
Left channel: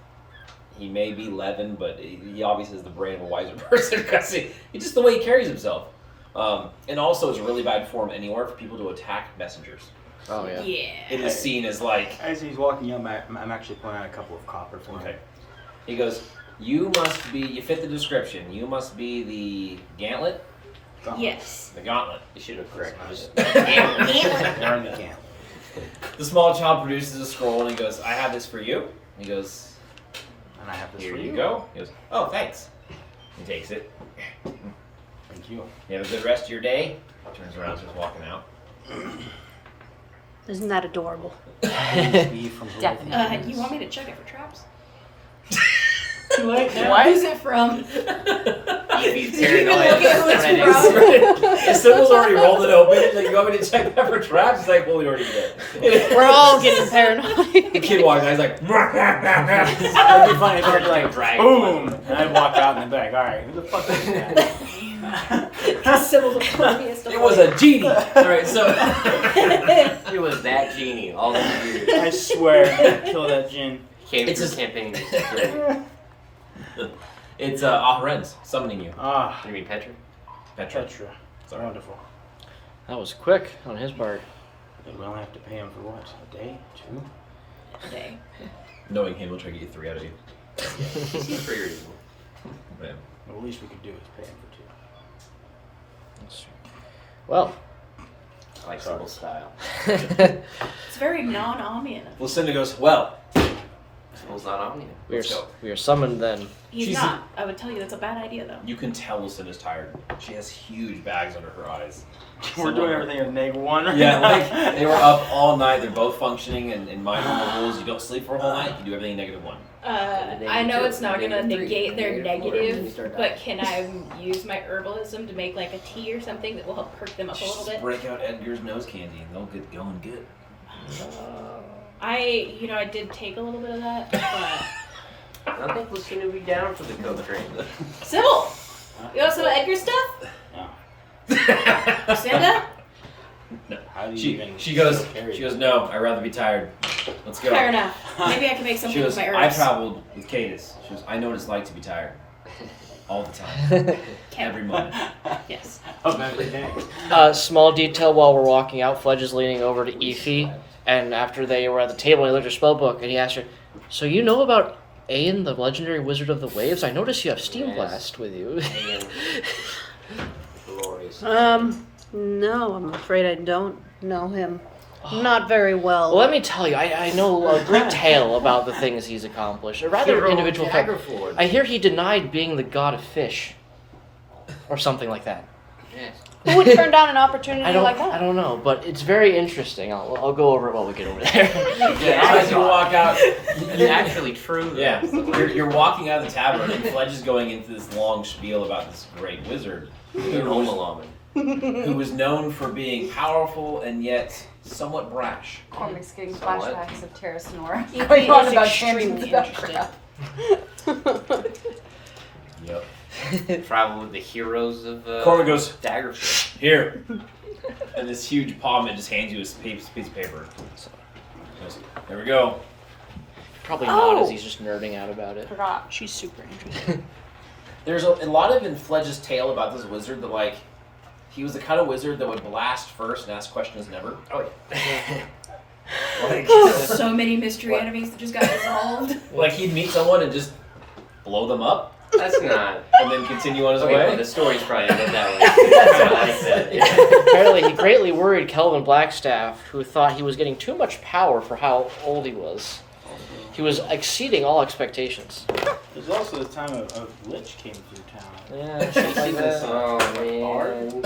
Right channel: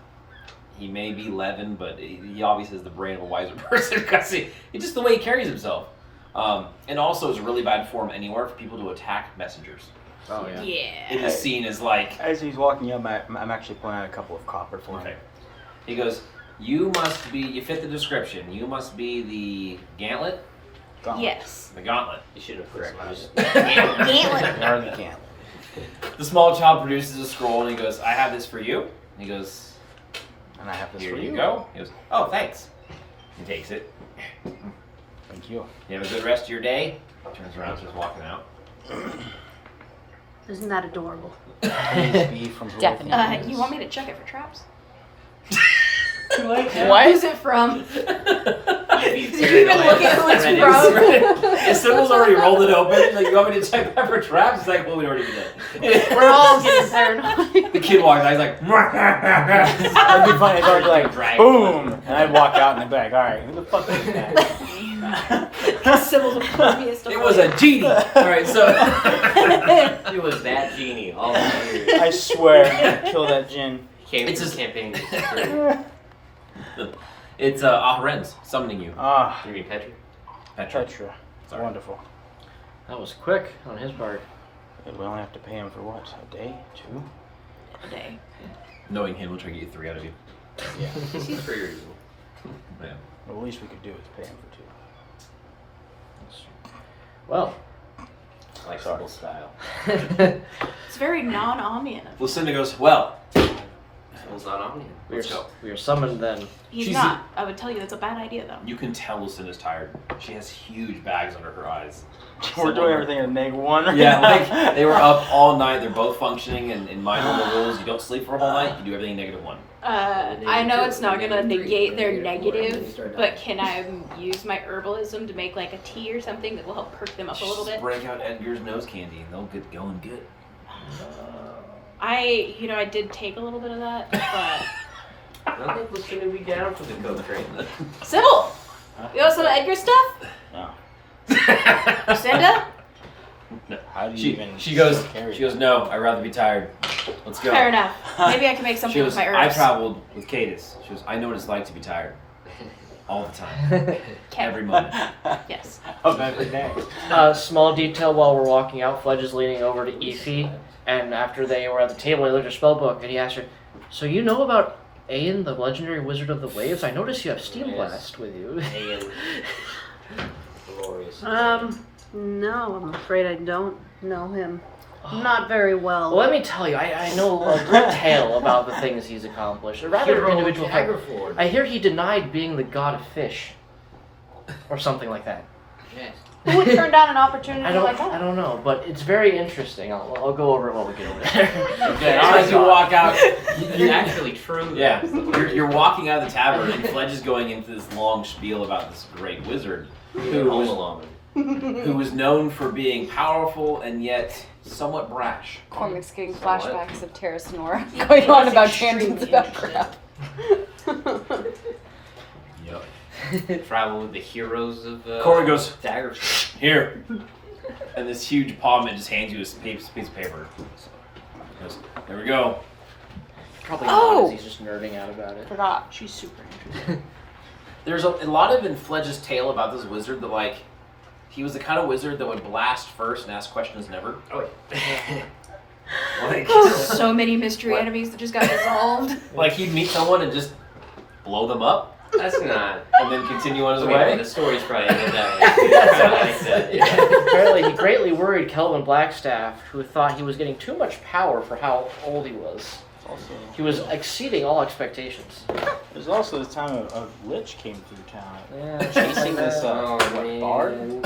He may be 11, but he obviously has the brain of a wiser person because it's just the way he carries himself. And also, it's really bad form anywhere for people to attack messengers. Oh yeah. Yeah. It is seen as like. As he's walking up, I'm actually pointing out a couple of copper for him. Okay. He goes, you must be, you fit the description, you must be the gauntlet? Yes. The gauntlet. You should have corrected it. Gauntlet. Learn you can. The small child produces a scroll and he goes, I have this for you. And he goes, And I have this here for you go. He goes, oh, thanks. He takes it. Thank you. You have a good rest of your day. Turns around, starts walking out. Isn't that adorable? Be from who Definitely. You want me to check it for traps? Too late now. Who's it from? Did you even look at who it's from? And Sybil's already rolled it open. Like, you want me to check that for traps? He's like, well, we already did. We're all getting paranoid. The kid walks out. He's like, It'd be funny if I was like, boom, and I'd walk out and they'd be like, all right, who the fuck is that? Sybil's impervious to it was a genie. All right, so It was that genie all the years. I swear, kill that gin. Came It's from a- camping. it's Ahren's summoning you. Ah, You mean Petra? Petra. Petra. Sorry. Wonderful. That was quick on his part. And we only have to pay him for what? A day? 2? Day. Knowing him, we'll try to get you 3 out of you. Seems pretty reasonable. Yeah. Well, the least we could do is pay him for 2. Well, I like Sybil's style. It's very non-Amian. Lucinda goes, well, Sybil's not on you. let's go. we are summoned then. He's She's not. I would tell you that's a bad idea, though. You can tell Lucinda's tired. She has huge bags under her eyes. We're doing everything in -1 right Yeah, now. like they were up all night. They're both functioning in my normal rules. You don't sleep for a whole night. You do everything -1. I know it's not gonna negate their negative, but can I use my herbalism to make like a tea or something that will help perk them up a little Just bit? break out Edgar's nose candy and they'll get going good. I did take a little bit of that, but I don't think we're going to be down for the co-train. Sybil, you want some of Edgar's stuff? No. Lucinda? How do you even She goes, carry no, I'd rather be tired. Let's go. Fair enough. Maybe I can make She something goes, with my I herbs. traveled with Cadis. She goes, I know what it's like to be tired. All the time. Every moment. Yes. of every day? Small detail while we're walking out, Fledge is leaning over to Effie, and after they were at the table, he looked at her spell book and he asked her, "So you know about Aeon, the legendary wizard of the waves? I noticed you have Steam Yes. Blast with you." Aeon. Glorious. No, I'm afraid I don't know him. Not very well. Well, let me tell you, I know a good tale about the things he's accomplished. A rather Hero individual thing. Daggerford. I hear he denied being the god of fish, or something like that. Yes. Who would turn down an opportunity I like that? don't know, but it's very interesting. I'll go over it when we get over there. Yeah, as you walk out, It's actually true. yeah, you're walking out of the tavern, and Fledge is going into this long spiel about this great wizard who was known for being powerful and yet somewhat brash. Cormac's getting Somewhat. flashbacks of Terra Sonora He going on was about extremely tangents about interesting. crap. Yep. Travel with the heroes of Cormac goes, Daggerford. here. And this huge palm just hands you a piece of paper. He goes, there we go. Probably not, as he's just nerding out about it. Forgot. She's super interesting. There's a lot of in Fledge's tale about this wizard that, like, he was the kind of wizard that would blast first and ask questions never. Oh, Like, So many mystery What? enemies that just got dissolved. like he'd meet someone and just blow them up that's not. and then continue on his Okay, well, way. the story's probably not that way. That's I what like I said. that. Apparently, he greatly worried Kelvin Blackstaff, who thought he was getting too much power for how old he was. He was exceeding all expectations. There's also the time of Lich came through town. Yeah, chasing this Oh, man.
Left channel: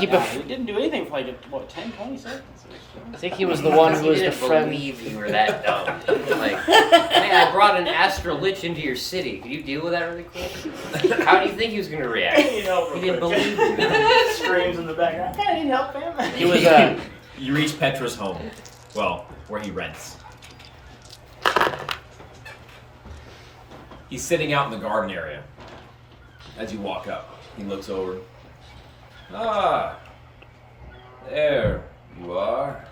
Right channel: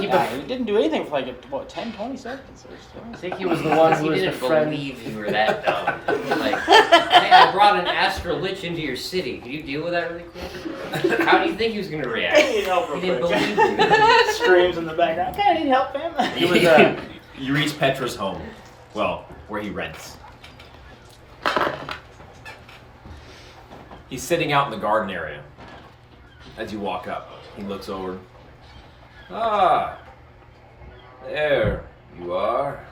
He, He didn't do anything for like, what, 10, 20 seconds? I think he was the one who was He the didn't friend. believe you were that dumb. Like, yeah, I brought an astral lich into your city. Could you deal with that really quick? How do you think he was going to react? He didn't believe you. Screams in the background. I didn't help him. He was you reach Petra's home. Well, where he rents. He's sitting out in the garden area. As you walk up, he looks over. Ah, there you are.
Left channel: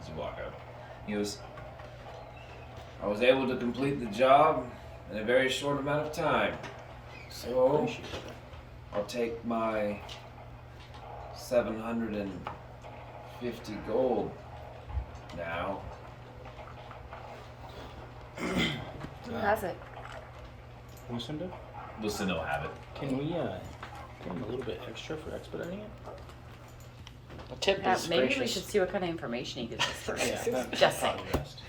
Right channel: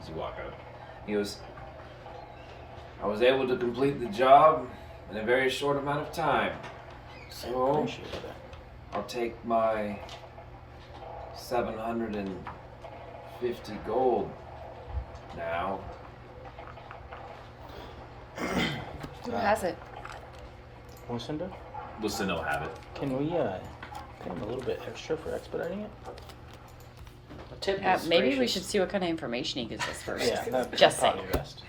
As you walk up, he goes, I was able to complete the job in a very short amount of time. So, I'll take my 750 gold now. Who has it? Lucinda, Lucinda will have it. can we pay him a little bit extra for expediting it? Tip Yeah, is maybe we gracious. should see what kind of information he gives us first. Yeah, that's Just probably saying. best.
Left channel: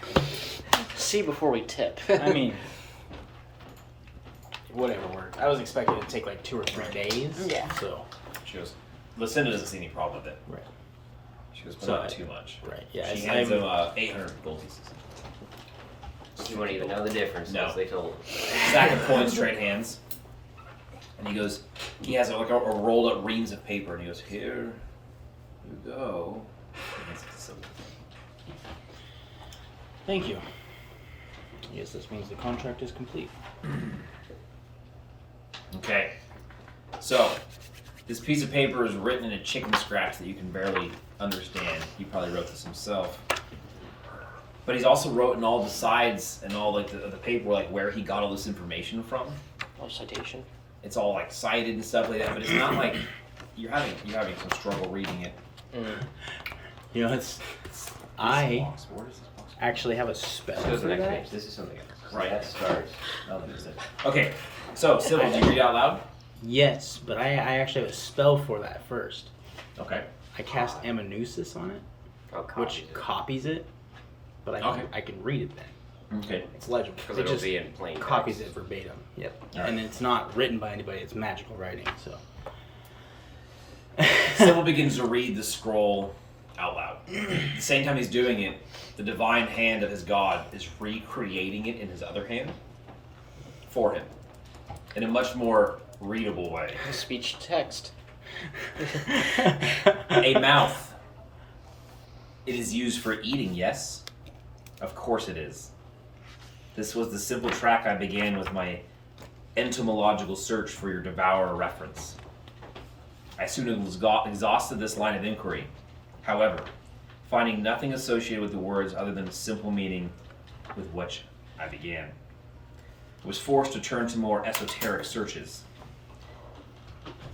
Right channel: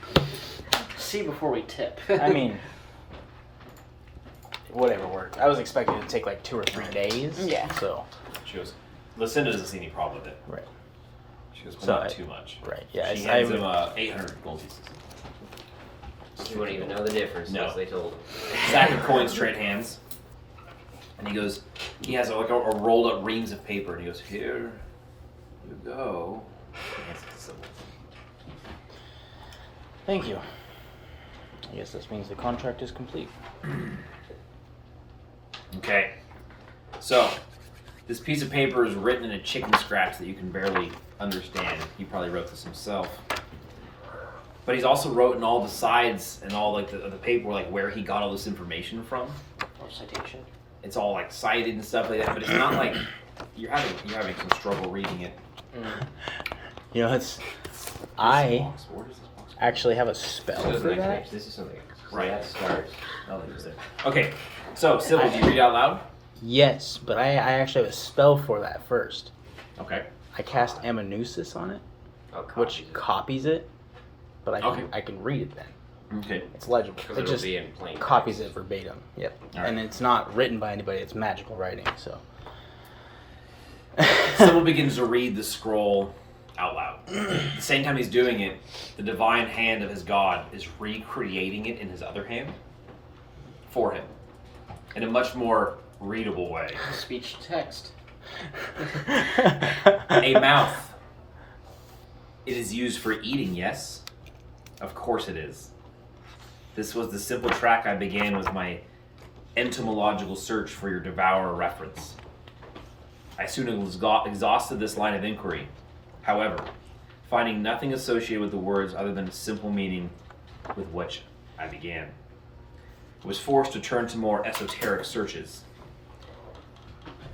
See before we tip. I mean, whatever worked. I was expecting it to take like 2 or 3 days. Yeah. So. She goes, Lucinda doesn't see any problem with it. Right. She goes, but So not I- too much. Right. Yeah. She I- hands him 800 gold pieces. You wouldn't even know the difference No. unless they told him. Stack of coins trade hands. And he goes, he has a rolled up reams of paper, and he goes, here you go. He hands it to Sybil. Thank you. I guess this means the contract is complete. Okay. So, this piece of paper is written in a chicken scratch that you can barely understand. He probably wrote this himself. But he's also wrote in all the sides and all like the paper like where he got all this information from. No citation. It's all like cited and stuff like that, but it's not like you're having some struggle reading it. You know, I Box, where does this box go? actually have a spell This is for the next that. page. This is something else. Right. That starts. No, that is it. Okay, so Sybil, do you read out loud? Yes, but I actually have a spell for that first. Okay. I cast Amanuensis on it, Oh, which copies it, but Okay. I can read it then. Okay. It's legible. Because It it'll just be in plain copies text. it verbatim. Yep. Alright. And it's not written by anybody. It's magical writing. So. Sybil begins to read the scroll out loud. At the same time he's doing it, the divine hand of his god is recreating it in his other hand for him in a much more readable way. Speech to text. A mouth. It is used for eating, yes, Of course it is. This was the simple track I began with my entomological search for your devourer reference. I soon exhausted this line of inquiry. However, finding nothing associated with the words other than a simple meaning with which I began, I was forced to turn to more esoteric searches.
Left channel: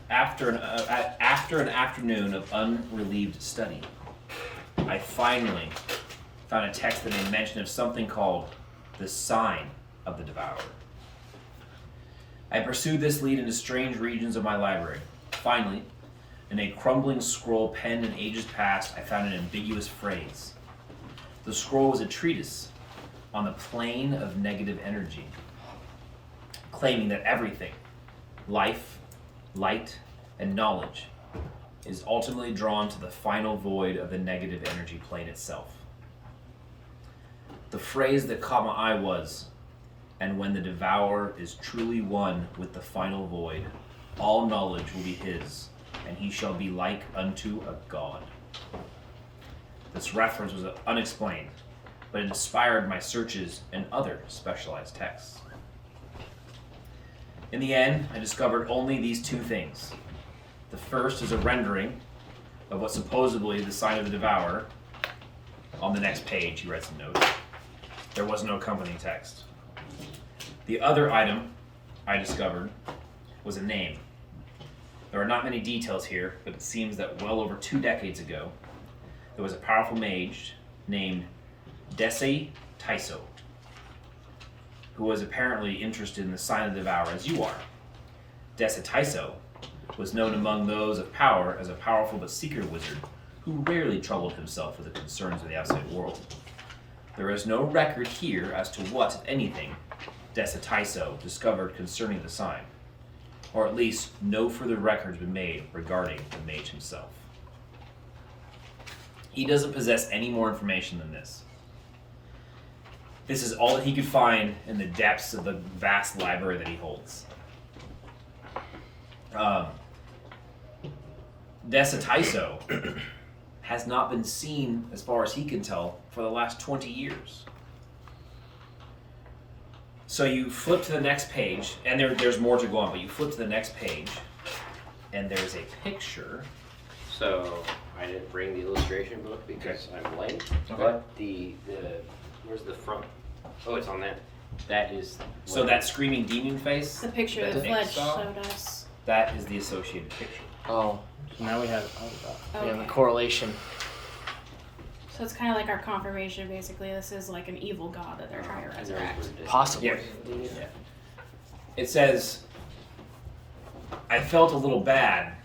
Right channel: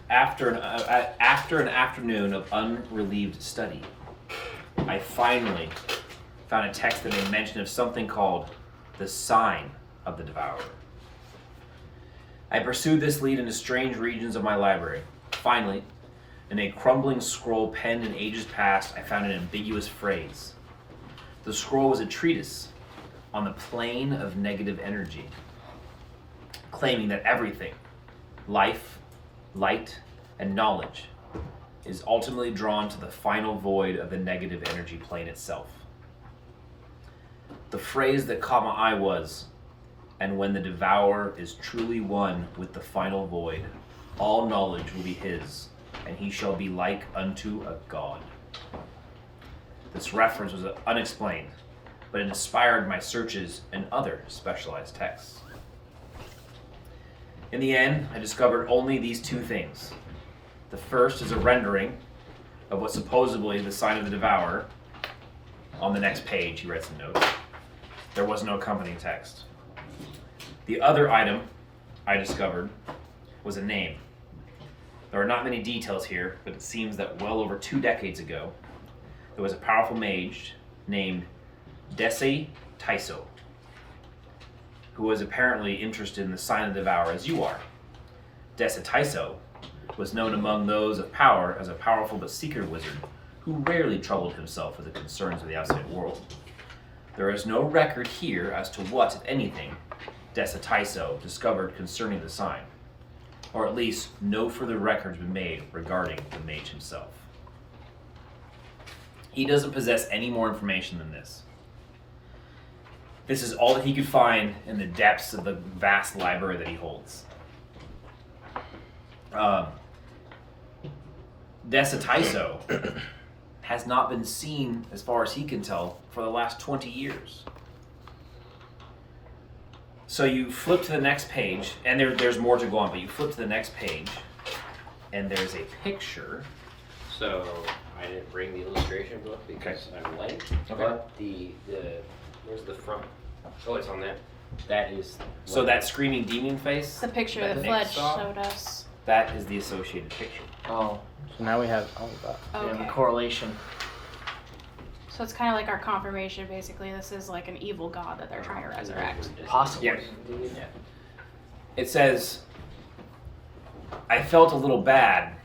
After an afternoon of unrelieved study, I finally found a text that made mention of something called the sign of the devourer. I pursued this lead into strange regions of my library. Finally, in a crumbling scroll penned in ages past, I found an ambiguous phrase. The scroll was a treatise on the plane of negative energy, claiming that everything, life, light, and knowledge, is ultimately drawn to the final void of the negative energy plane itself. The phrase that caught my eye was, "And when the devourer is truly one with the final void, all knowledge will be his, and he shall be like unto a god." This reference was unexplained, but it inspired my searches in other specialized texts. In the end, I discovered only these two things. The first is a rendering of what supposedly the sign of the devourer. On the next page, he writes a note. There was no accompanying text. The other item I discovered was a name. There are not many details here, but it seems that well over 2 decades ago, there was a powerful mage named Desi Taiso, who was apparently interested in the sign of the devourer as you are. Desi Taiso was known among those of power as a powerful but secret wizard who rarely troubled himself with the concerns of the outside world. There is no record here as to what, if anything, Desi Taiso discovered concerning the sign, or at least no further records been made regarding the mage himself. He doesn't possess any more information than this. This is all that he could find in the depths of the vast library that he holds. Desi Taiso has not been seen, as far as he can tell, for the last 20 years. So you flip to the next page, and there's more to go on, but you flip to the next page, and there's a picture. So I didn't bring the illustration book because I'm late. Okay. But where's the front? Oh, it's on there. That is. So that screaming demon face. The picture that that Nick Fledge saw, showed us. That is the associated picture. Oh, So now we have. we have Okay. a correlation. So it's kind of like our confirmation, basically. This is like an evil god that they're trying to resurrect. Possibly. Yeah. It says, "I felt a little bad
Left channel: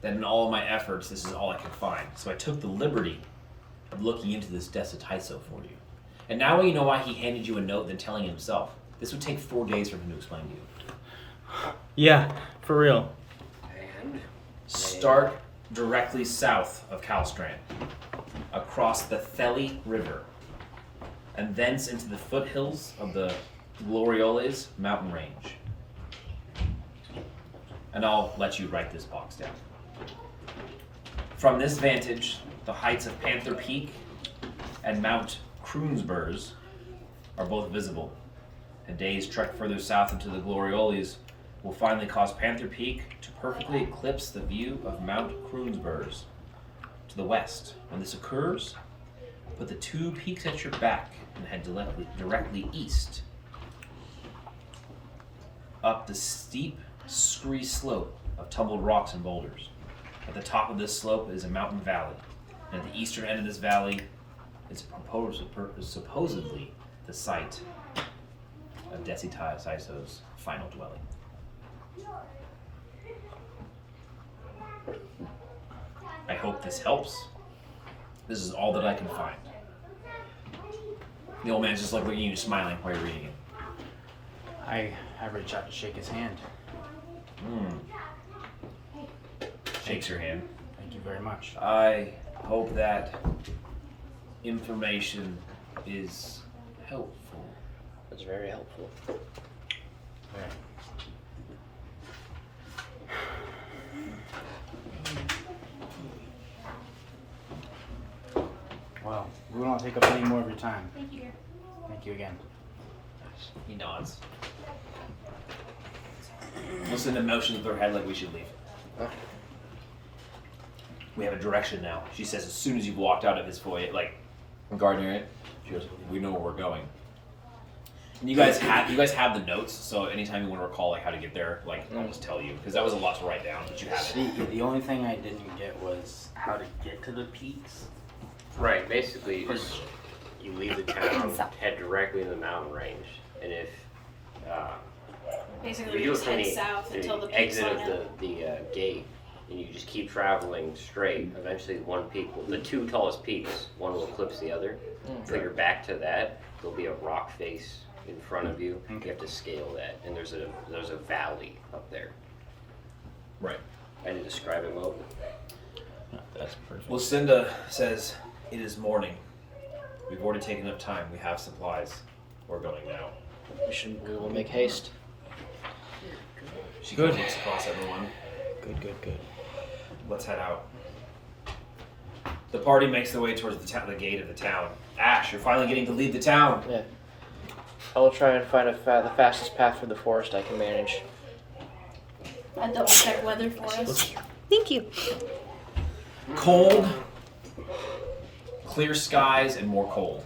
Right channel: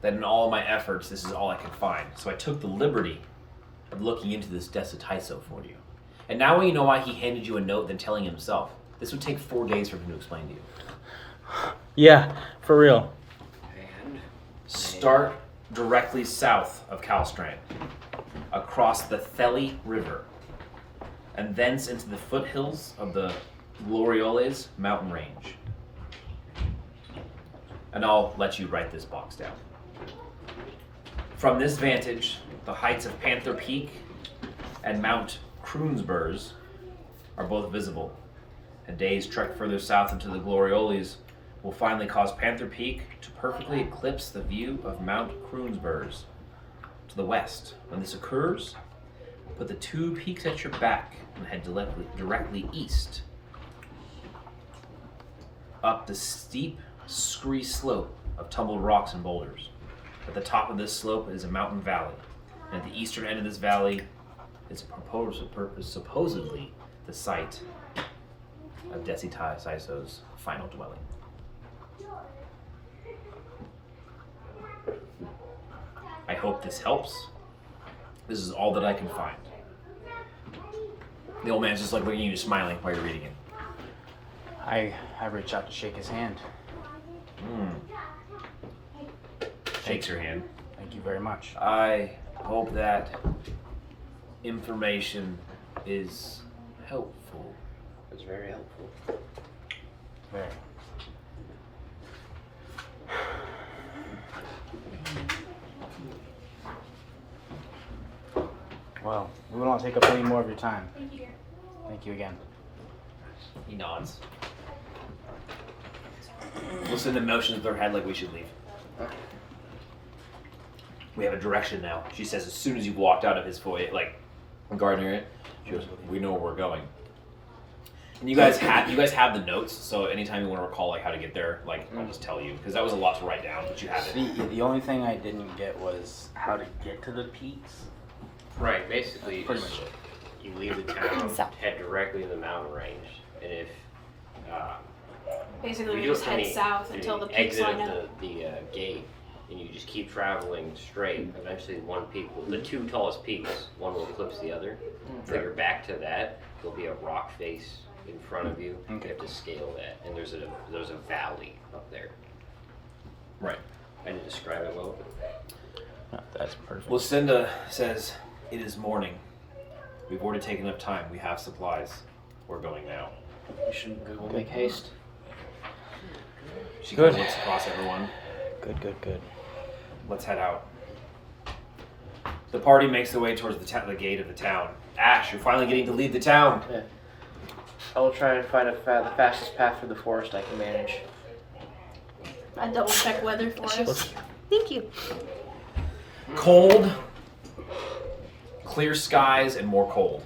that in all my efforts, this is all I could find. So I took the liberty of looking into this Desi Taiso for you. And now you know why he handed you a note than telling himself. This would take 4 days for him to explain to you. Yeah, for real. Start directly south of Calstrand, across the Theli River, and thence into the foothills of the Glorioles mountain range." And I'll let you write this box down. "From this vantage, the heights of Panther Peak and Mount Kroonsburgs are both visible. A day's trek further south into the Glorioles will finally cause Panther Peak to perfectly eclipse the view of Mount Kroonsburgs to the west. When this occurs, put the 2 peaks at your back and head directly east, up the steep, scree slope of tumbled rocks and boulders. At the top of this slope is a mountain valley, and at the eastern end of this valley is supposedly the site of Desi Taiso's final dwelling." I hope this helps. This is all that I can find. The old man's just like looking at you, smiling while you're reading it. I reach out to shake his hand. Shakes your hand. Thank you very much. I hope that information is helpful. That's very helpful. Very. Well, We won't take up any more of your time. Thank you, dear. Thank you again. He nods. Lucinda motions with her head like we should leave. We have a direction now. She says as soon as you've walked out of his foyer, like garden area, she goes, "We know where we're going." And you guys have the notes, so anytime you want to recall like how to get there, like I'll just tell you because that was a lot to write down, but you have it. The only thing I didn't get was how to get to the peaks. Right, basically, you Pretty just much you leave the town, head directly to the mountain range, and if Basically, you we do it just from head the south until the peaks exit line of up. the gate, and you just keep traveling straight. Eventually, one peak, the two tallest peaks, one will eclipse the other. So you're back to that. There'll be a rock face in front of you. You have to scale that, and there's a valley up there. Right. I didn't describe it well. That's perfect. Lucinda says, "It is morning. We've already taken up time. We have supplies. We're going now." We will make haste. She kind of looks across everyone. Good. Let's head out. The party makes their way towards the gate of the town. Ash, you're finally getting to leave the town. Yeah. I'll try and find the fastest path through the forest I can manage. I double check weather for us. Thank you. Cold, clear skies, and more cold.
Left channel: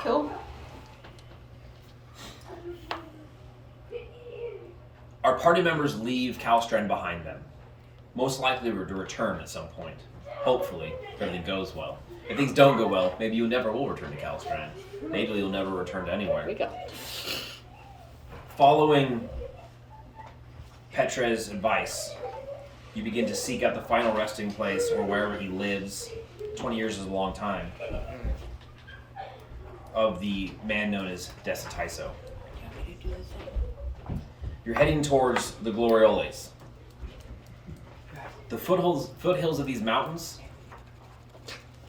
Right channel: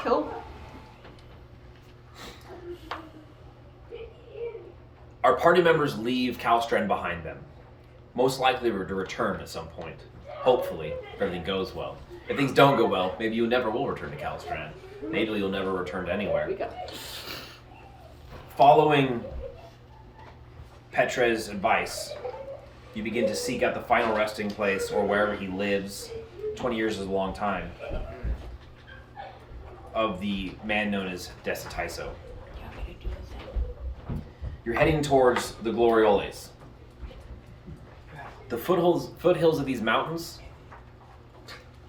Cool. Our party members leave Kalstrand behind them. Most likely to return at some point. Hopefully, if everything goes well. If things don't go well, maybe you never will return to Kalstrand. Maybe you'll never return to anywhere. We go. Following Petra's advice, you begin to seek out the final resting place or wherever he lives. 20 years is a long time. Of the man known as Desitiso. You're heading towards the Glorioles. The foothills of these mountains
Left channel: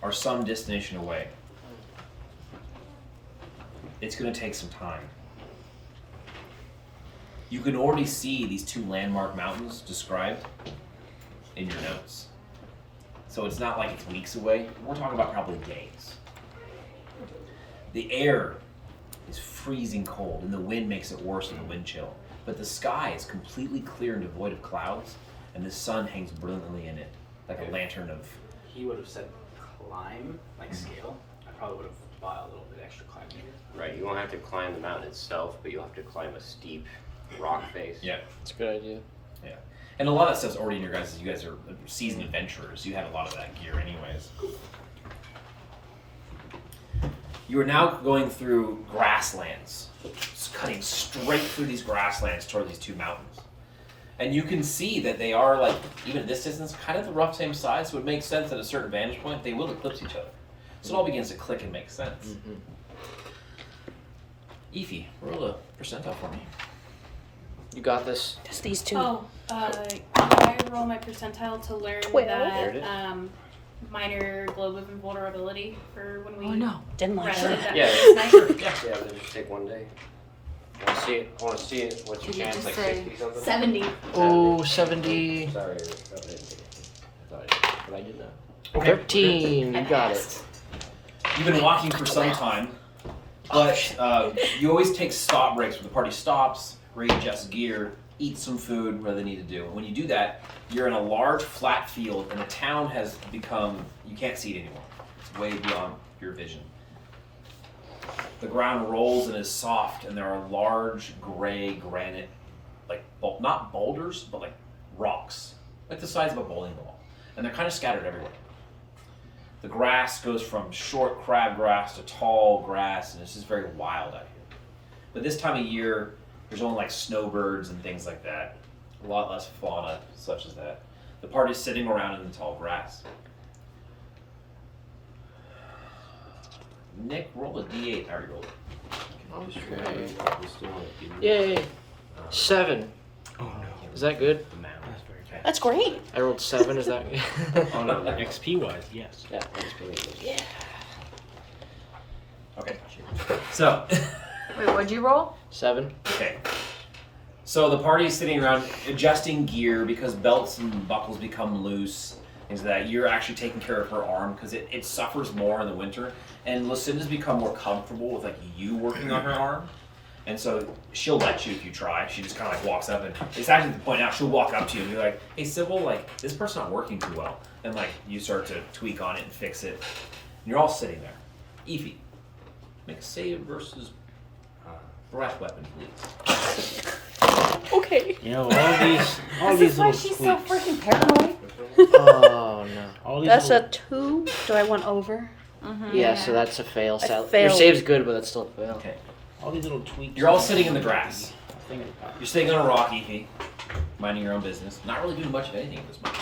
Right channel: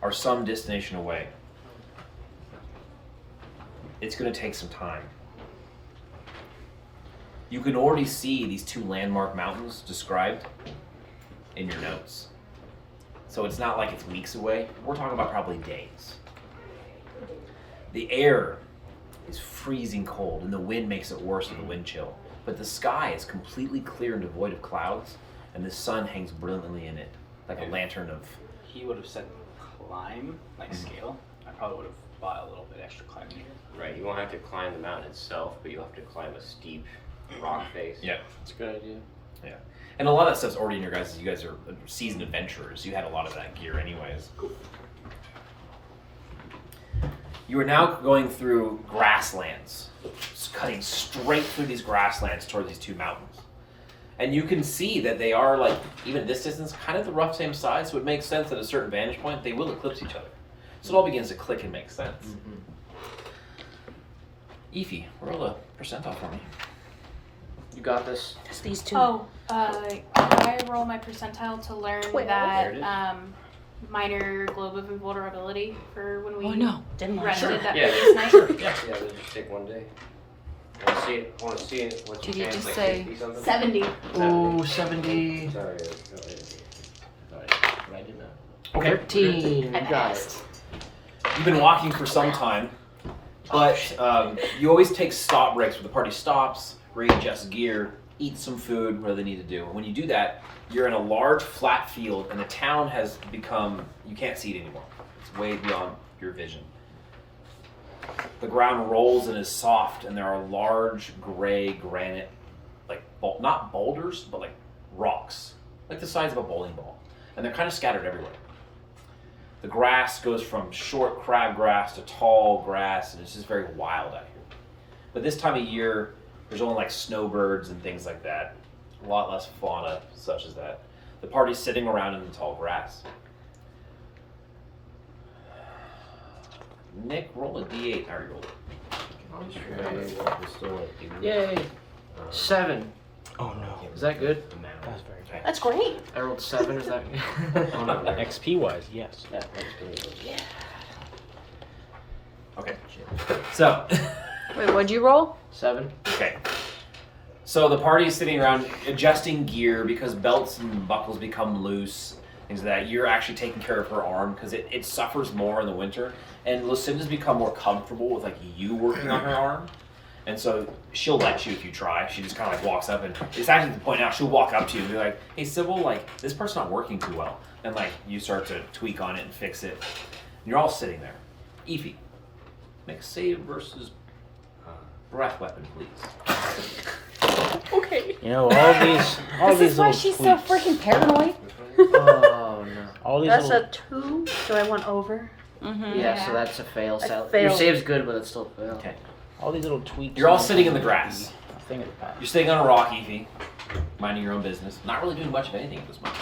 are some destination away. It's going to take some time. You can already see these two landmark mountains described in your notes. So it's not like it's weeks away. We're talking about probably days. The air is freezing cold, and the wind makes it worse with the wind chill. But the sky is completely clear and devoid of clouds, and the sun hangs brilliantly in it, like a lantern of... He would have said climb, like scale. I probably would have bought a little bit extra climbing gear. Right, you won't have to climb the mountain itself, but you'll have to climb a steep rock face. Yeah. It's a good idea. Yeah. And a lot of that stuff's already in your guys'. You guys are seasoned adventurers. You had a lot of that gear anyways. You are now going through grasslands. Just cutting straight through these grasslands toward these two mountains. And you can see that they are, like, even at this distance, kind of the rough same size, so it makes sense at a certain vantage point they will eclipse each other. So it all begins to click and make sense. Ify, roll a percentile for me. You got this. Just these two. Oh, can I roll my percentile to learn Wait, that minor globe of invulnerability for when we Didn't rested that Yeah, previous night? Sure. Yeah, it'll just take one day. Want to see it? What's your Did you chance? just Like say 60 something? 70. Oh, 70. Sorry. But I did not. Okay. 13. I You got passed. it. You've been walking for some time, but you always take stop breaks where the party stops, readjusts gear, eat some food, whatever they need to do. When you do that, you're in a large flat field, and the town has become, you can't see it anymore. It's way beyond your vision. The ground rolls and is soft, and there are large gray granite, like, not boulders, but like rocks, like the size of a bowling ball. And they're kind of scattered everywhere. The grass goes from short crabgrass to tall grass, and it's just very wild out here. But this time of year, there's only like snowbirds and things like that. A lot less fauna such as that. The party's sitting around in the tall grass. Nick, roll a d8. I already rolled it. Yay. 7. Oh no. Is that good? That's very good. That's great. I rolled 7. Is that good? Oh no, XP wise, yes. Yeah, that's pretty good. Yeah. Okay. So, Wait, what'd you roll? 7. okay. So the party is sitting around adjusting gear because belts and buckles become loose, things like that. You're actually taking care of her arm because it suffers more in the winter. And Lucinda's become more comfortable with like you working on her arm. And so she'll let you if you try. She just kind of like walks up and it's actually the point now she'll walk up to you and be like, hey Sybil, like this part's not working too well. And like you start to tweak on it and fix it. And you're all sitting there. Efi, make a save versus breath weapon, please. Okay. You know, all these This is why little she's tweaks. so freaking paranoid. Oh no. All these That's little, a 2. Do I want over? Yeah, so that's a fail. I Your failed. save's good, but it's still a fail. Okay. all these little tweaks. You're all sitting in the grass. A thing at a time. You're sitting on a rock, Efi, minding your own business, not really doing much of anything at this moment.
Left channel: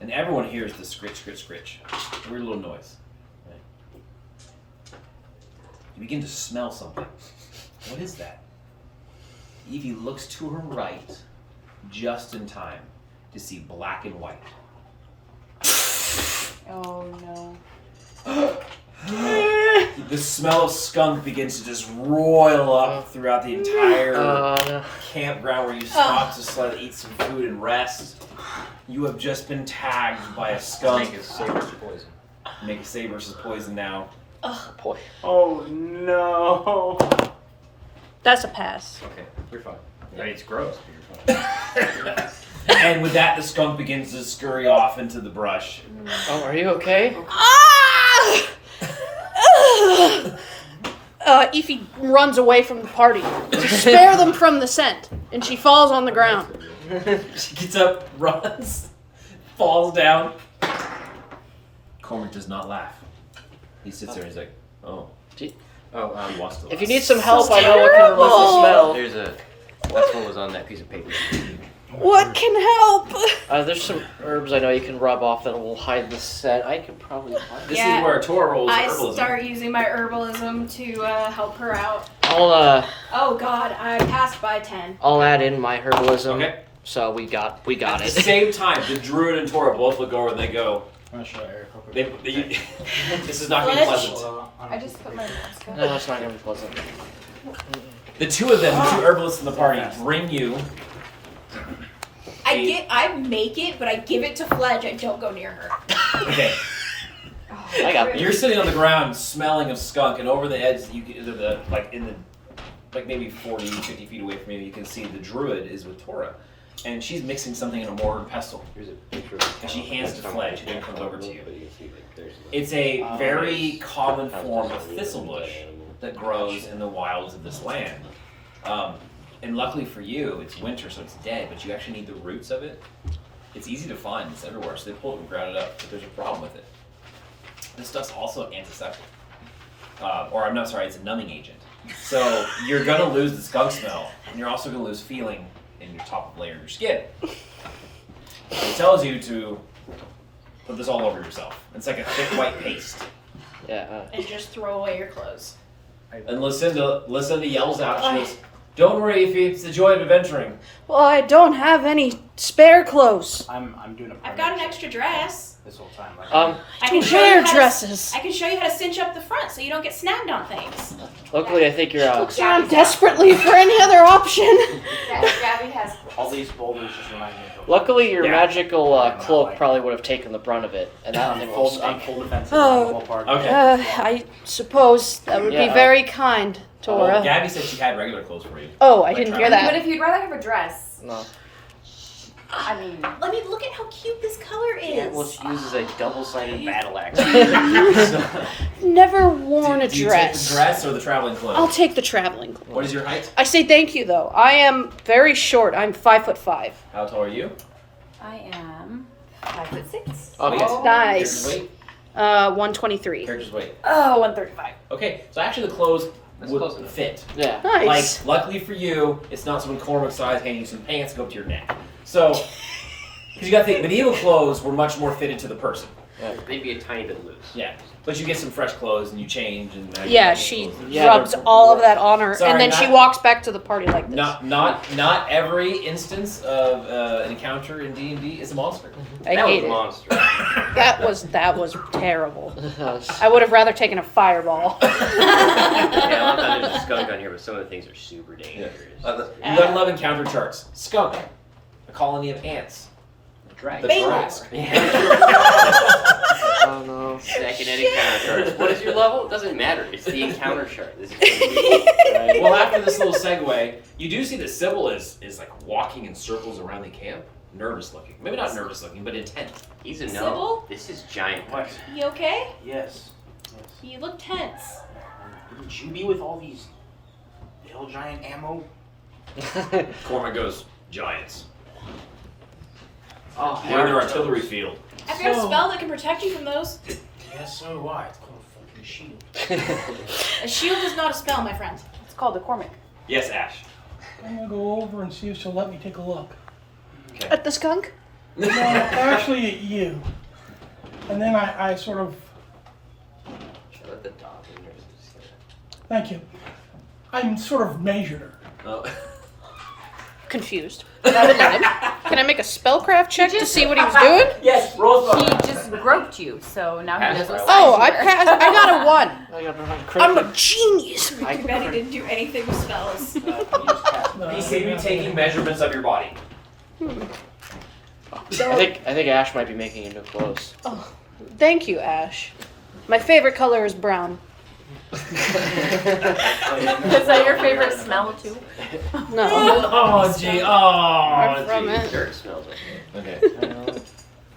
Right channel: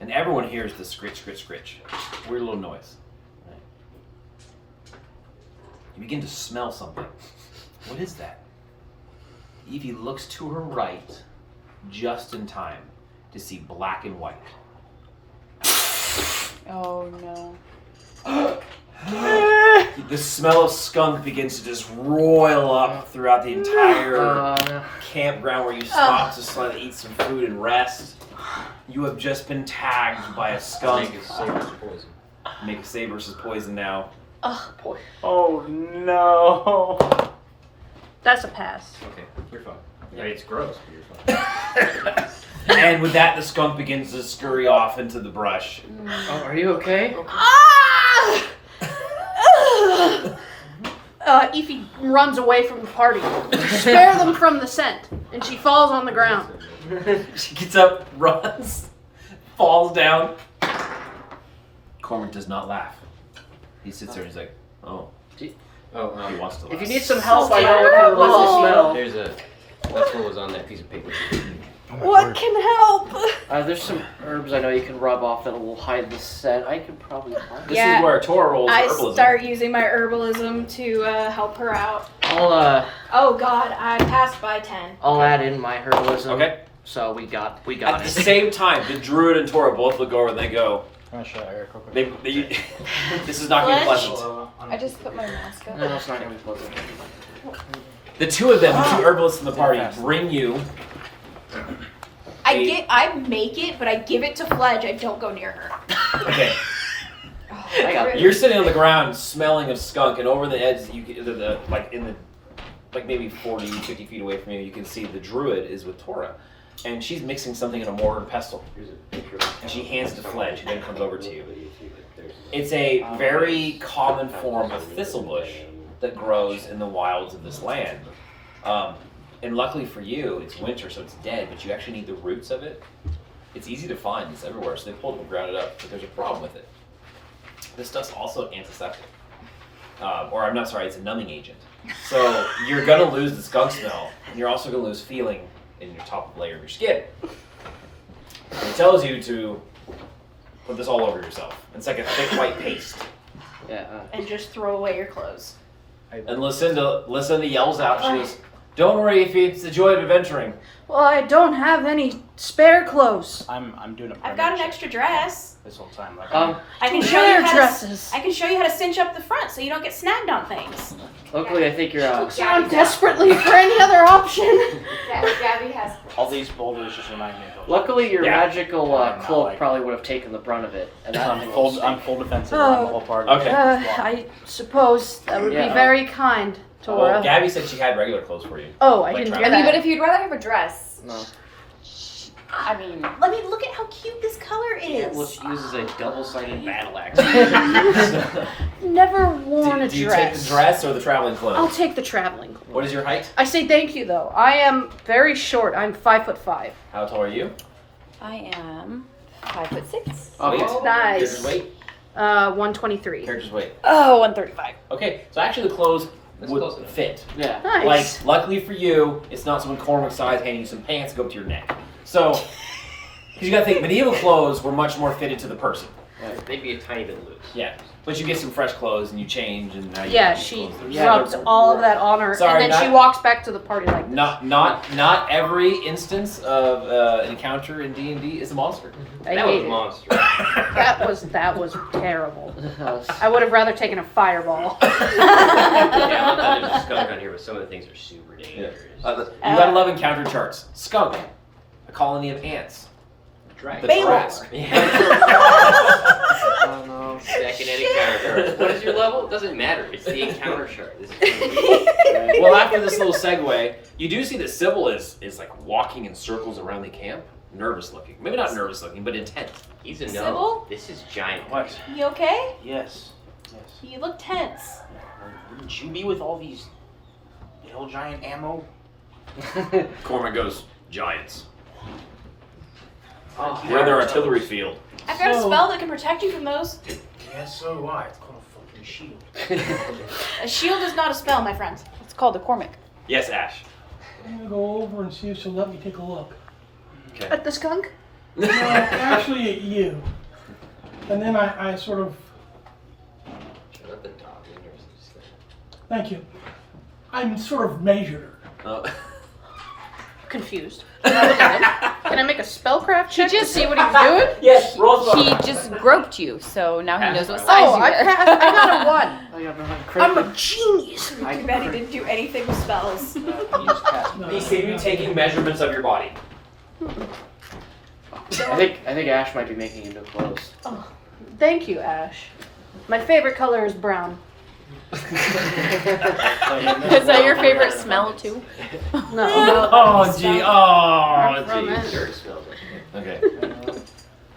And everyone hears the scritch, scritch, scritch. Weird little noise. Right? You begin to smell something. What is that? Evie looks to her right just in time to see black and white. Oh no. The smell of skunk begins to just roil up throughout the entire No. campground where you stop to slightly eat some food and rest. You have just been tagged by a skunk. Make a save versus poison. Make a save versus poison now. Boy. Oh no. That's a pass. Okay, you're fine. I mean, it's gross, but you're fine. And with that, the skunk begins to scurry off into the brush. Oh, are you okay? Ify runs away from the party. Spare them from the scent. And she falls on the ground. She gets up, runs, falls down. Cormac does not laugh. He sits there and he's like, oh. He wants to laugh. If you need some help, I know what kind of lets you smell. That's what was on that piece of paper. What can help? There's some herbs I know you can rub off that will hide the scent. I could probably. This Yeah, is where Tora rolls I herbalism. start using my herbalism to help her out. I'll Oh God, I passed by 10. I'll add in my herbalism. Okay. So we got At it. the same time, the druid and Tora both look over and they go, I'm gonna show Eric real quick. this is not going to be Fletch? pleasant. I just put my mask on. No, it's not gonna be pleasant. The two of them, the two herbalists in the party, bring you. I make it, but I give it to Fledge. I don't go near her. Okay. You're sitting on the ground smelling of skunk, and over the edge, you get like maybe 40, 50 feet away from you, you can see the druid is with Tora. And she's mixing something in a mortar and pestle. And she hands it to Fledge, who then comes over to you. It's a very common form of thistlebush that grows in the wilds of this land. And luckily for you, it's winter, so it's dead, but you actually need the roots of it. It's easy to find, it's everywhere, so they pulled it and ground it up, but there's a problem with it. This stuff's also antiseptic. It's a numbing agent. So you're gonna lose the skunk smell, and you're also gonna lose feeling in your top layer of your skin. It tells you to put this all over yourself. It's like a thick white paste. Yeah. And just throw away your clothes. And Lucinda yells out, she goes, don't worry, Ify, it's the joy of adventuring. Well, I don't have any spare clothes. I'm doing a I've got an extra dress. this whole time. Like, I can show you how dresses. I can show you how to cinch up the front so you don't get snagged on things. Luckily, I think you're Looks around desperately for any other option. Gabby has. all these boulders just remind me of. Luckily, your Yeah. magical I'm not cloak like- probably would have taken the brunt of it, and that I'm full defensive on the whole part. Okay. I suppose that would be Yeah. very kind, Tora. Well, Gabby said she had regular clothes for you. Oh, I Like didn't travel. hear I mean, that. but if you'd rather have a dress, No. I mean, Let me look at how cute this color is. Well, she uses a double-sided battle axe. Never worn a Do you take the dress. dress or the traveling I'll clothes? take the traveling. What is your height? I say thank you though. I am very short. I'm 5'5". How tall are you? I am 5'6". Weight? Nice. Character's weight? 123. Character's weight. Oh, 135. Okay, so actually the clothes That's would close enough. fit. Yeah. Nice. Like, luckily for you, it's not someone Cormac size handing you some pants to go up to your neck. So, because you gotta think, medieval clothes were much more fitted to the person. Maybe a tiny bit loose. Yeah. But you get some fresh clothes and you change and now you Yeah, have these she clothes. Yeah, rubs all of that on her, Sorry, and then she not- walks back to the party like this. Not every instance of an encounter in D&D is a monster. I That was hate a it. monster. That was terrible. I would have rather taken a fireball. Yeah, there's a skunk on here, but some of the things are super dangerous. You gotta love encounter charts. Skunk, a colony of ants. Dragon. The Baylor. Trask. Oh no. Second encounter chart. What is your level? It doesn't matter. It's the encounter chart. This is Well, after this little segue, you do see that Sybil is like walking in circles around the camp, nervous looking. Maybe not nervous looking, but intent. He's a no. Sybil? This is giant. What? You okay? Yes. Yes. You look tense. Wouldn't you be with all these hill giant ammo? Cormac goes, giants. Oh, We're in their artillery field. I've got a spell that can protect you from those. Yes, so do I. It's called a fucking shield. A shield is not a spell, my friend. It's called a Cormac. Yes, Ash. I'm gonna go over and see if she'll let me take a look. Okay. At the skunk? No, actually at you. And then I sort of, Let the dog in there. thank you. I sort of measured her. Oh. Confused. Can I make a spellcraft check to see what he was doing? Yes, roll He just groped you, so now he knows what size Oh, you I are. passed. I got a 1. Oh, you have to have a I'm critical. a genius. Maddie didn't do anything with spells. No, He saved you taking measurements of your body. I think Ash might be making you new clothes. Thank you, Ash. My favorite color is brown. Is that your favorite smell too? No. Oh, gee. I'm Oh, from gee. it. Dirt smells like it. Okay.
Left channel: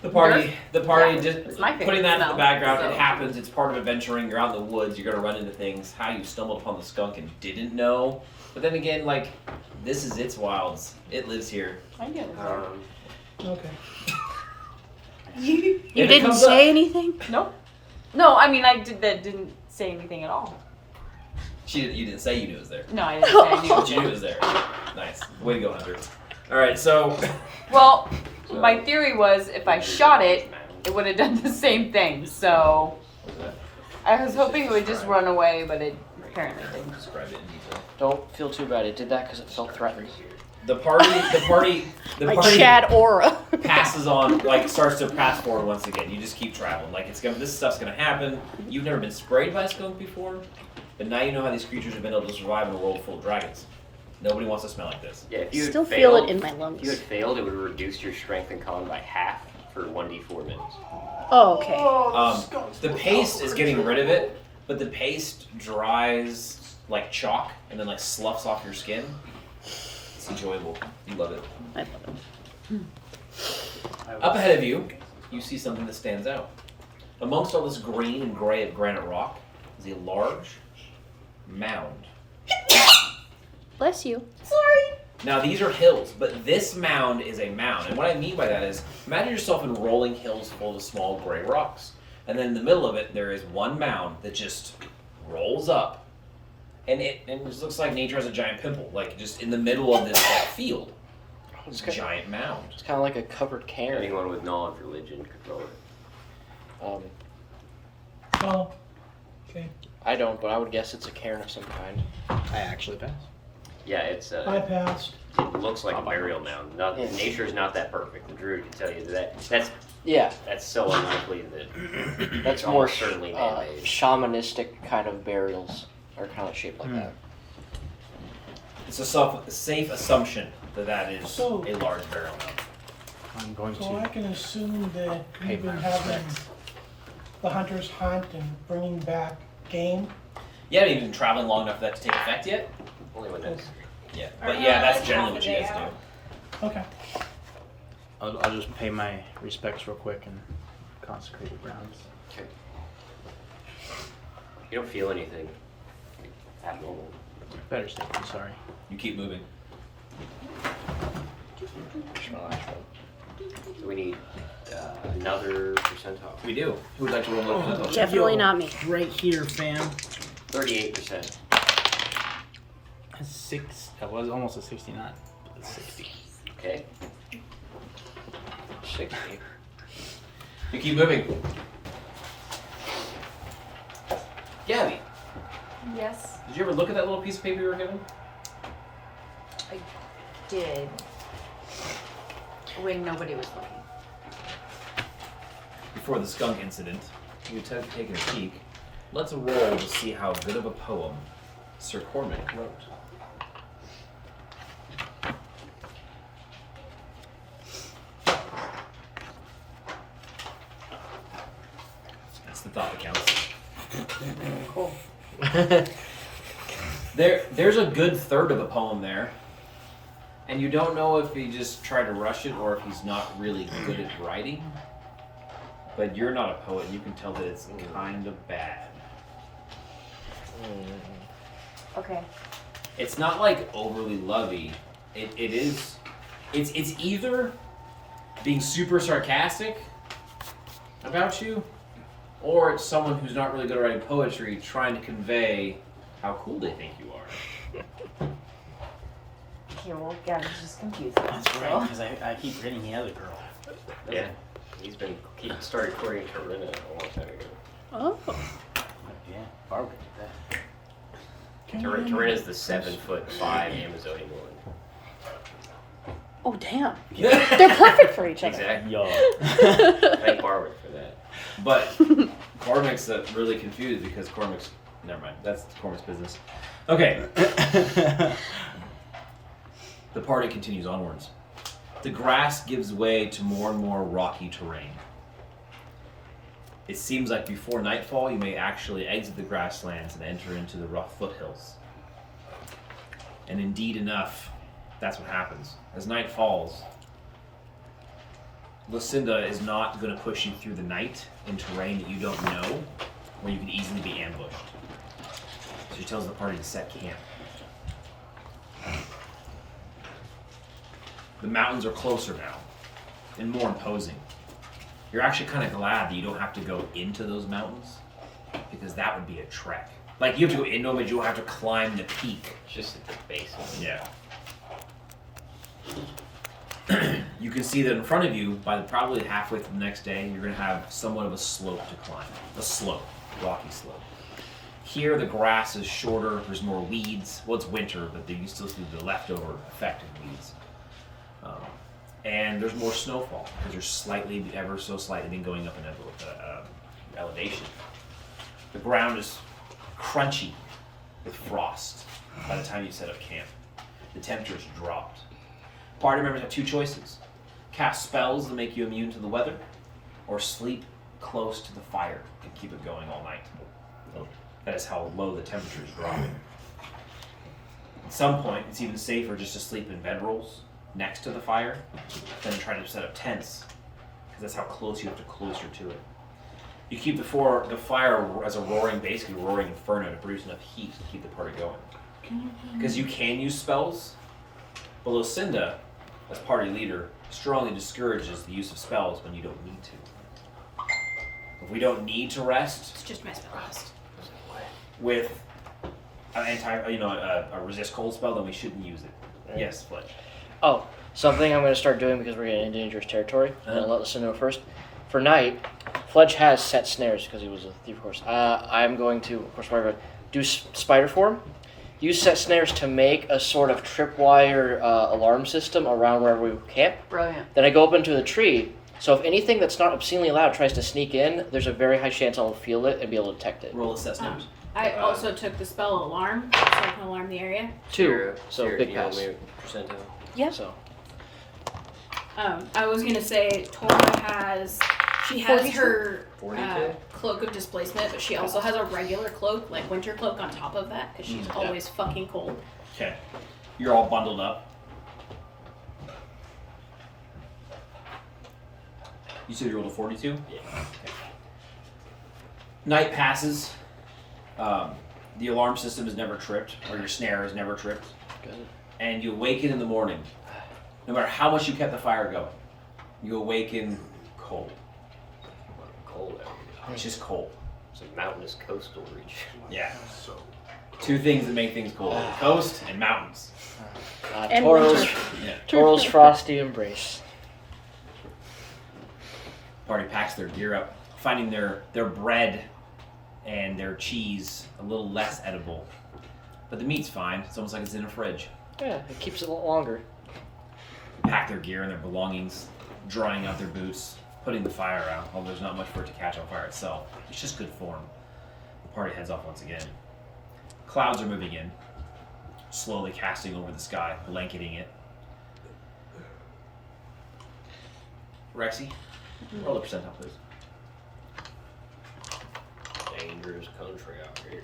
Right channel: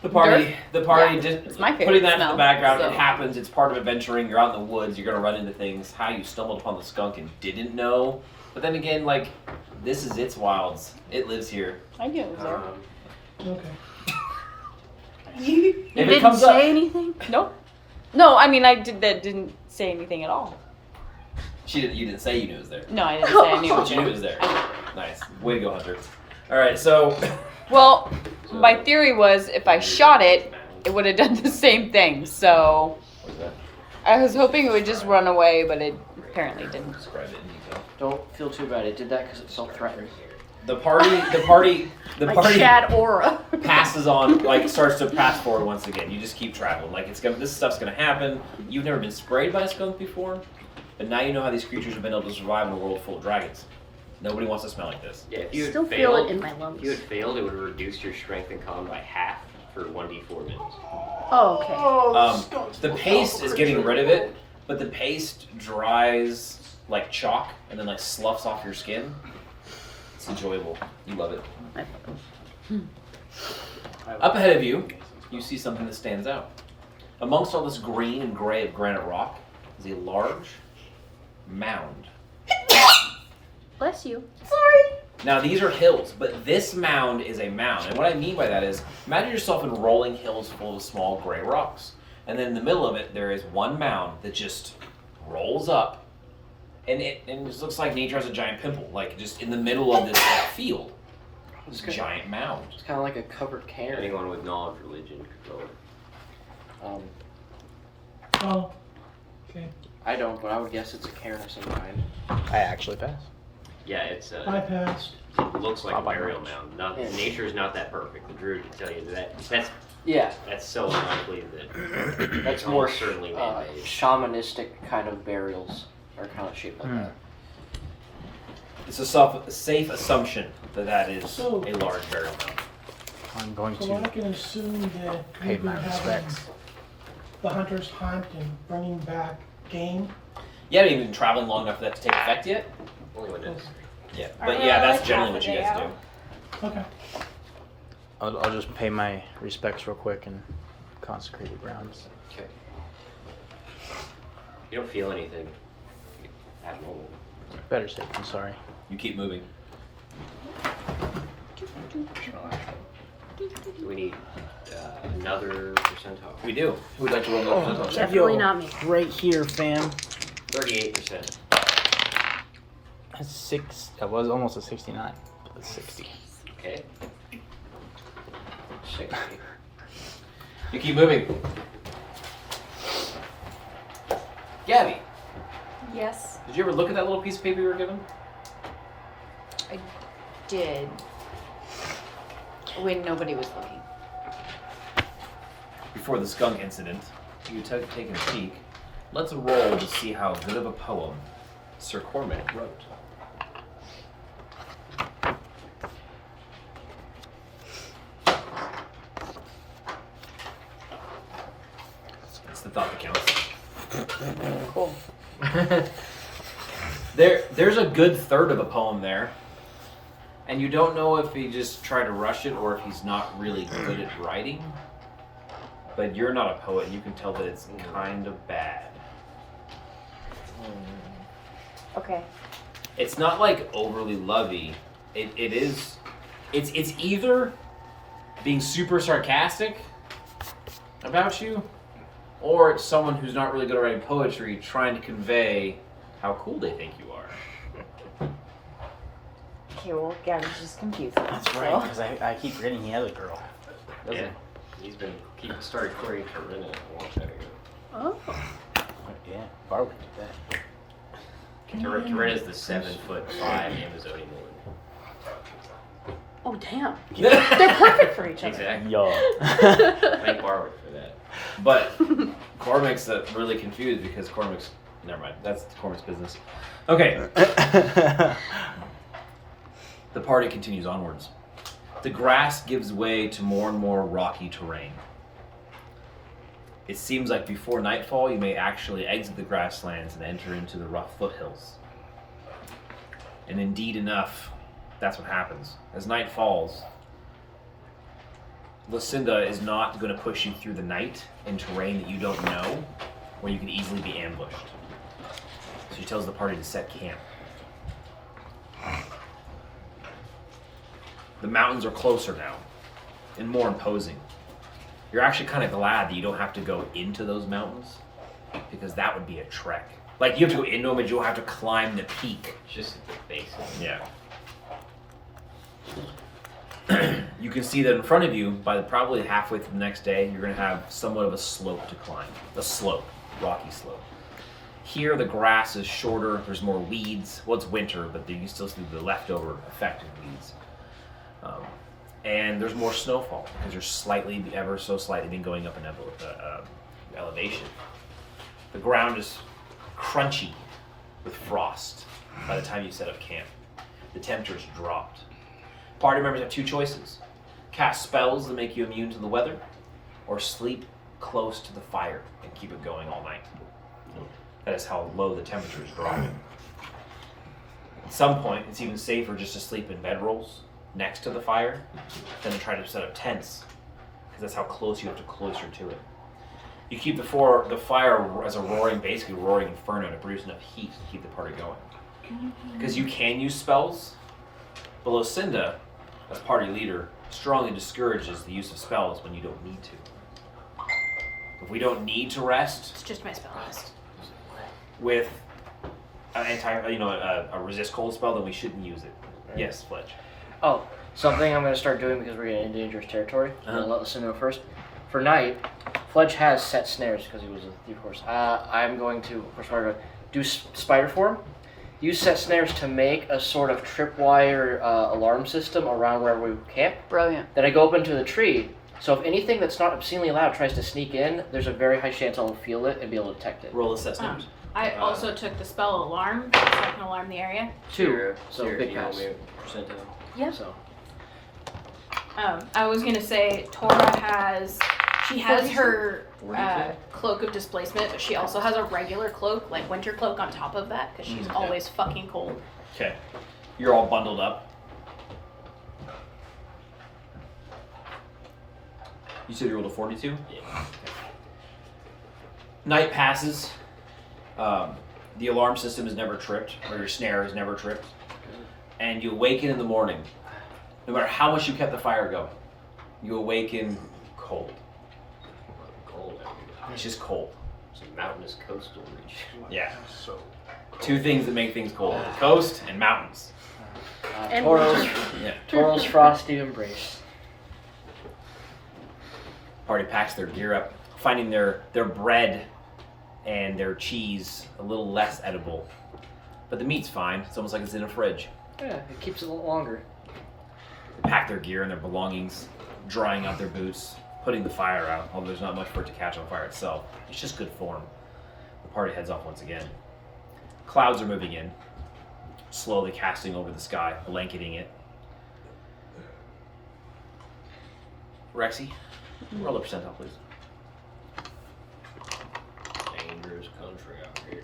The party, Yeah, just it's my favorite putting that in smell, the background. so. It happens. It's part of adventuring. You're out in the woods. You're gonna run into things. How you stumbled upon the skunk and didn't know. But then again, like, this is its wilds. It lives here. I get it. Okay. You If it didn't comes say up- anything? Nope. No, I mean didn't say anything at all. You didn't say you knew it was there, No, I didn't say I knew. but you knew it was there. Nice. Way to go, Hunter. All right, so Well, my theory was if I shot it, it would have done the same thing. So what's that? I was hoping it would just run away, but it apparently didn't. Describe it in detail. Don't feel too bad. It did that because it felt threatened. The party Like Chad Aura. passes on, like starts to pass forward once again. You just keep traveling. Like this stuff's gonna happen. You've never been sprayed by a skunk before, but now you know how these creatures have been able to survive in a world full of dragons. Nobody wants to smell like this. Yeah, if I you had still failed, feel it in my If you had lungs. failed, it would reduce your strength and con by half for 1d4 minutes. Oh, okay. The paste is getting rid of it, but the paste dries like chalk and then like sloughs off your skin. It's enjoyable. You love it. Up ahead of you, you see something that stands out. Amongst all this green and gray of granite rock is a large mound. Bless you. Now these are hills, but this mound is a mound. And what I mean by that is, imagine yourself in rolling hills full of small gray rocks. And then in the middle of it, there is one mound that just rolls up. And it just looks like nature has a giant pimple, like just in the middle of this field. This giant mound. It's kind of like a covered cairn. Anyone with knowledge religion could go. Oh. Okay. I don't, but I would guess it's a cairn of some kind. I actually passed. Yeah, it's I passed. it looks like a Probably burial not. mound. Not, Yeah. Nature is not that perfect. The druid can tell you that. Yeah, That's so unlikely that that's it's more almost certainly man-made. shamanistic kind of burials are kind of shaped like that. It's a safe assumption that is So- a large burial mound. I'm going So I to can assume that pay you've my been having respects. the hunters hunt and bringing back game. You haven't even been traveling long enough for that to take effect yet. Only when it's Yeah, Aren't but we yeah, all, that's like, generally half what a you day guys out? do. Okay. I'll just pay my respects real quick and consecrate the grounds. okay. You don't feel anything abnormal. Better safe than sorry. You keep moving. So we need another percentile. We do. Who would like to roll the Oh, percentile? Definitely Yo, not me. Right here, fam. 38%. That's 6. That was almost a 69. But it's 60. Okay. 60. You keep moving. Gabby, Yes, did you ever look at that little piece of paper you were given? I did. When nobody was looking. Before the skunk incident, you had taken a peek. Let's roll to see how good of a poem Sir Cormac wrote. It's the There's a good third of a poem there. And you don't know if he just tried to rush it or if he's not really good at writing. But you're not a poet, and you can tell that it's kind of bad. Okay. It's not like overly lovey. It's either being super sarcastic about you, or it's someone who's not really good at writing poetry trying to convey how cool they think you are. Okay, well, Gab's just confused. That's right, because I keep hitting the other girl. Yeah. He started recording for a minute a long time ago. Oh. Yeah, Barbara did that. Corinna's the 7'5" Amazonian woman. Oh, damn. They're perfect for each other. Exactly. Yo. Thank Barbara for that. But Cormac's really confused because Cormac's... Never mind. That's Cormac's business. Okay. The party continues onwards. The grass gives way to more and more rocky terrain. It seems like before nightfall, you may actually exit the grasslands and enter into the rough foothills. And indeed enough, that's what happens. As night falls, Lucinda is not going to push you through the night in terrain that you don't know, where you can easily be ambushed. She tells the party to set camp. The mountains are closer now, and more imposing. You're actually kind of glad that you don't have to go into those mountains, because that would be a trek. Like, you have to go into them, but you don't have to climb the peak. It's just at the base. Yeah. You can see that in front of you, by probably halfway through the next day, you're going to have somewhat of a slope to climb. A slope, rocky slope. Here, the grass is shorter, there's more weeds. Well, it's winter, but you still see the leftover effect of weeds. And there's more snowfall, because you're slightly, ever so slightly, been going up in elevation. The ground is crunchy with frost by the time you set up camp. The temperature's dropped. Party members have two choices. Cast spells that make you immune to the weather, or sleep close to the fire and keep it going all night. That is how low the temperature is dropping. At some point, it's even safer just to sleep in bedrolls next to the fire than to try to set up tents, because that's how close you have to closer to it. You keep the fire as a basically roaring inferno to produce enough heat to keep the party going. Because you can use spells, but Lucinda, as party leader, strongly discourages the use of spells when you don't need to. If we don't need to rest, It's just my spell list. with a resist cold spell, then we shouldn't use it. Yes, Fletch. Oh, something I'm going to start doing because we're getting into dangerous territory. I'll let Lucinda know first. For night, Fletch has set snares because he was a thief horse. I'm going to, of course, do spider form. Use set snares to make a sort of tripwire alarm system around wherever we camp. Brilliant. Then I go up into the tree. So if anything that's not obscenely loud tries to sneak in, there's a very high chance I'll feel it and be able to detect it. Roll a set snares. I also took the spell alarm, so I can alarm the area. 2. So big email pass. me percentile. Yeah. So. I was gonna say Tora has her 42? cloak of displacement, but she also has a regular cloak, like winter cloak, on top of that because she's always fucking cold. Okay. You're all bundled up. You said you rolled a 42? Yeah. Okay. Night passes. The alarm system is never tripped, or your snare is never tripped. And you awaken in the morning. No matter how much you kept the fire going, you awaken cold. Cold. It's just cold. It's a mountainous coastal region. Yeah. So, two things that make things cold: the coast and mountains. And Toro's, Yeah. Toro's frosty embrace. Party packs their gear up, finding their bread and their cheese a little less edible. But the meat's fine. It's almost like it's in a fridge. Yeah, it keeps it a little longer. They pack their gear and their belongings, drying out their boots, putting the fire out, although there's not much for it to catch on fire itself. It's just good form. The party heads off once again. Clouds are moving in, slowly casting over the sky, blanketing it. Rexy, roll a percentile, please. Dangerous country out here.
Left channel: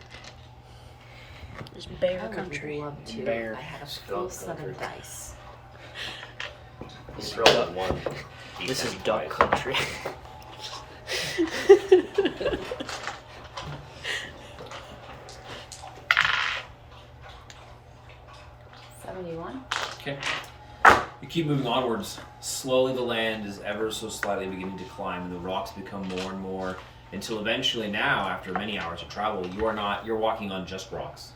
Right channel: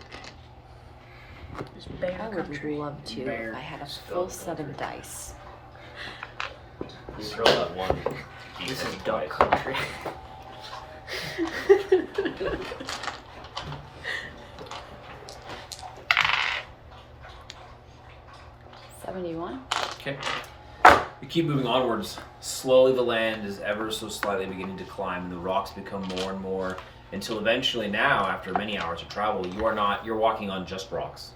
It's bear I would country. love to. Bear. If I had a full set of dice. Just roll that one. This is D20 duck twice. country. 71. Okay. You keep moving onwards. Slowly the land is ever so slightly beginning to climb, and the rocks become more and more, until eventually now, after many hours of travel, you're walking on just rocks.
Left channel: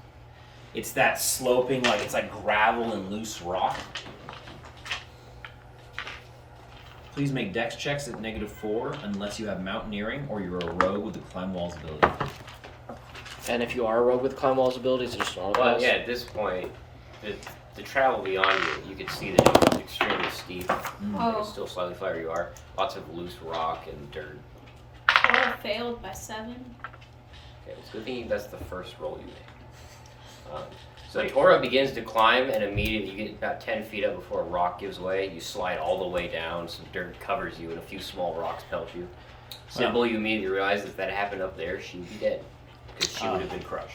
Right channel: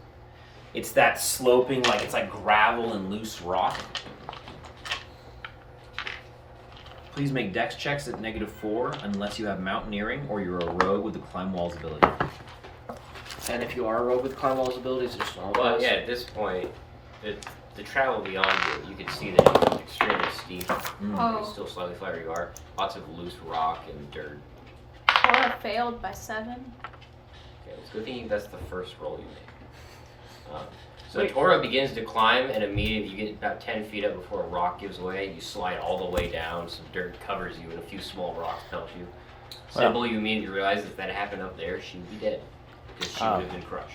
It's that sloping, it's like gravel and loose rock. Please make dex checks at -4 unless you have mountaineering or you're a rogue with the climb walls ability. And if you are a rogue with climb walls abilities, it's just all of Well, us. yeah, at this point, the travel beyond you can see that it's extremely steep. Oh. It's still slightly flat where you are. Lots of loose rock and dirt. Cora failed by 7. Okay, it's good thing that's the first roll you made. So Tora begins to climb, and immediately you get about 10 feet up before a rock gives way. You slide all the way down, some dirt covers you, and a few small rocks pelt you. Sybil, you immediately realize if that happened up there, she'd be dead. Because she would have been crushed.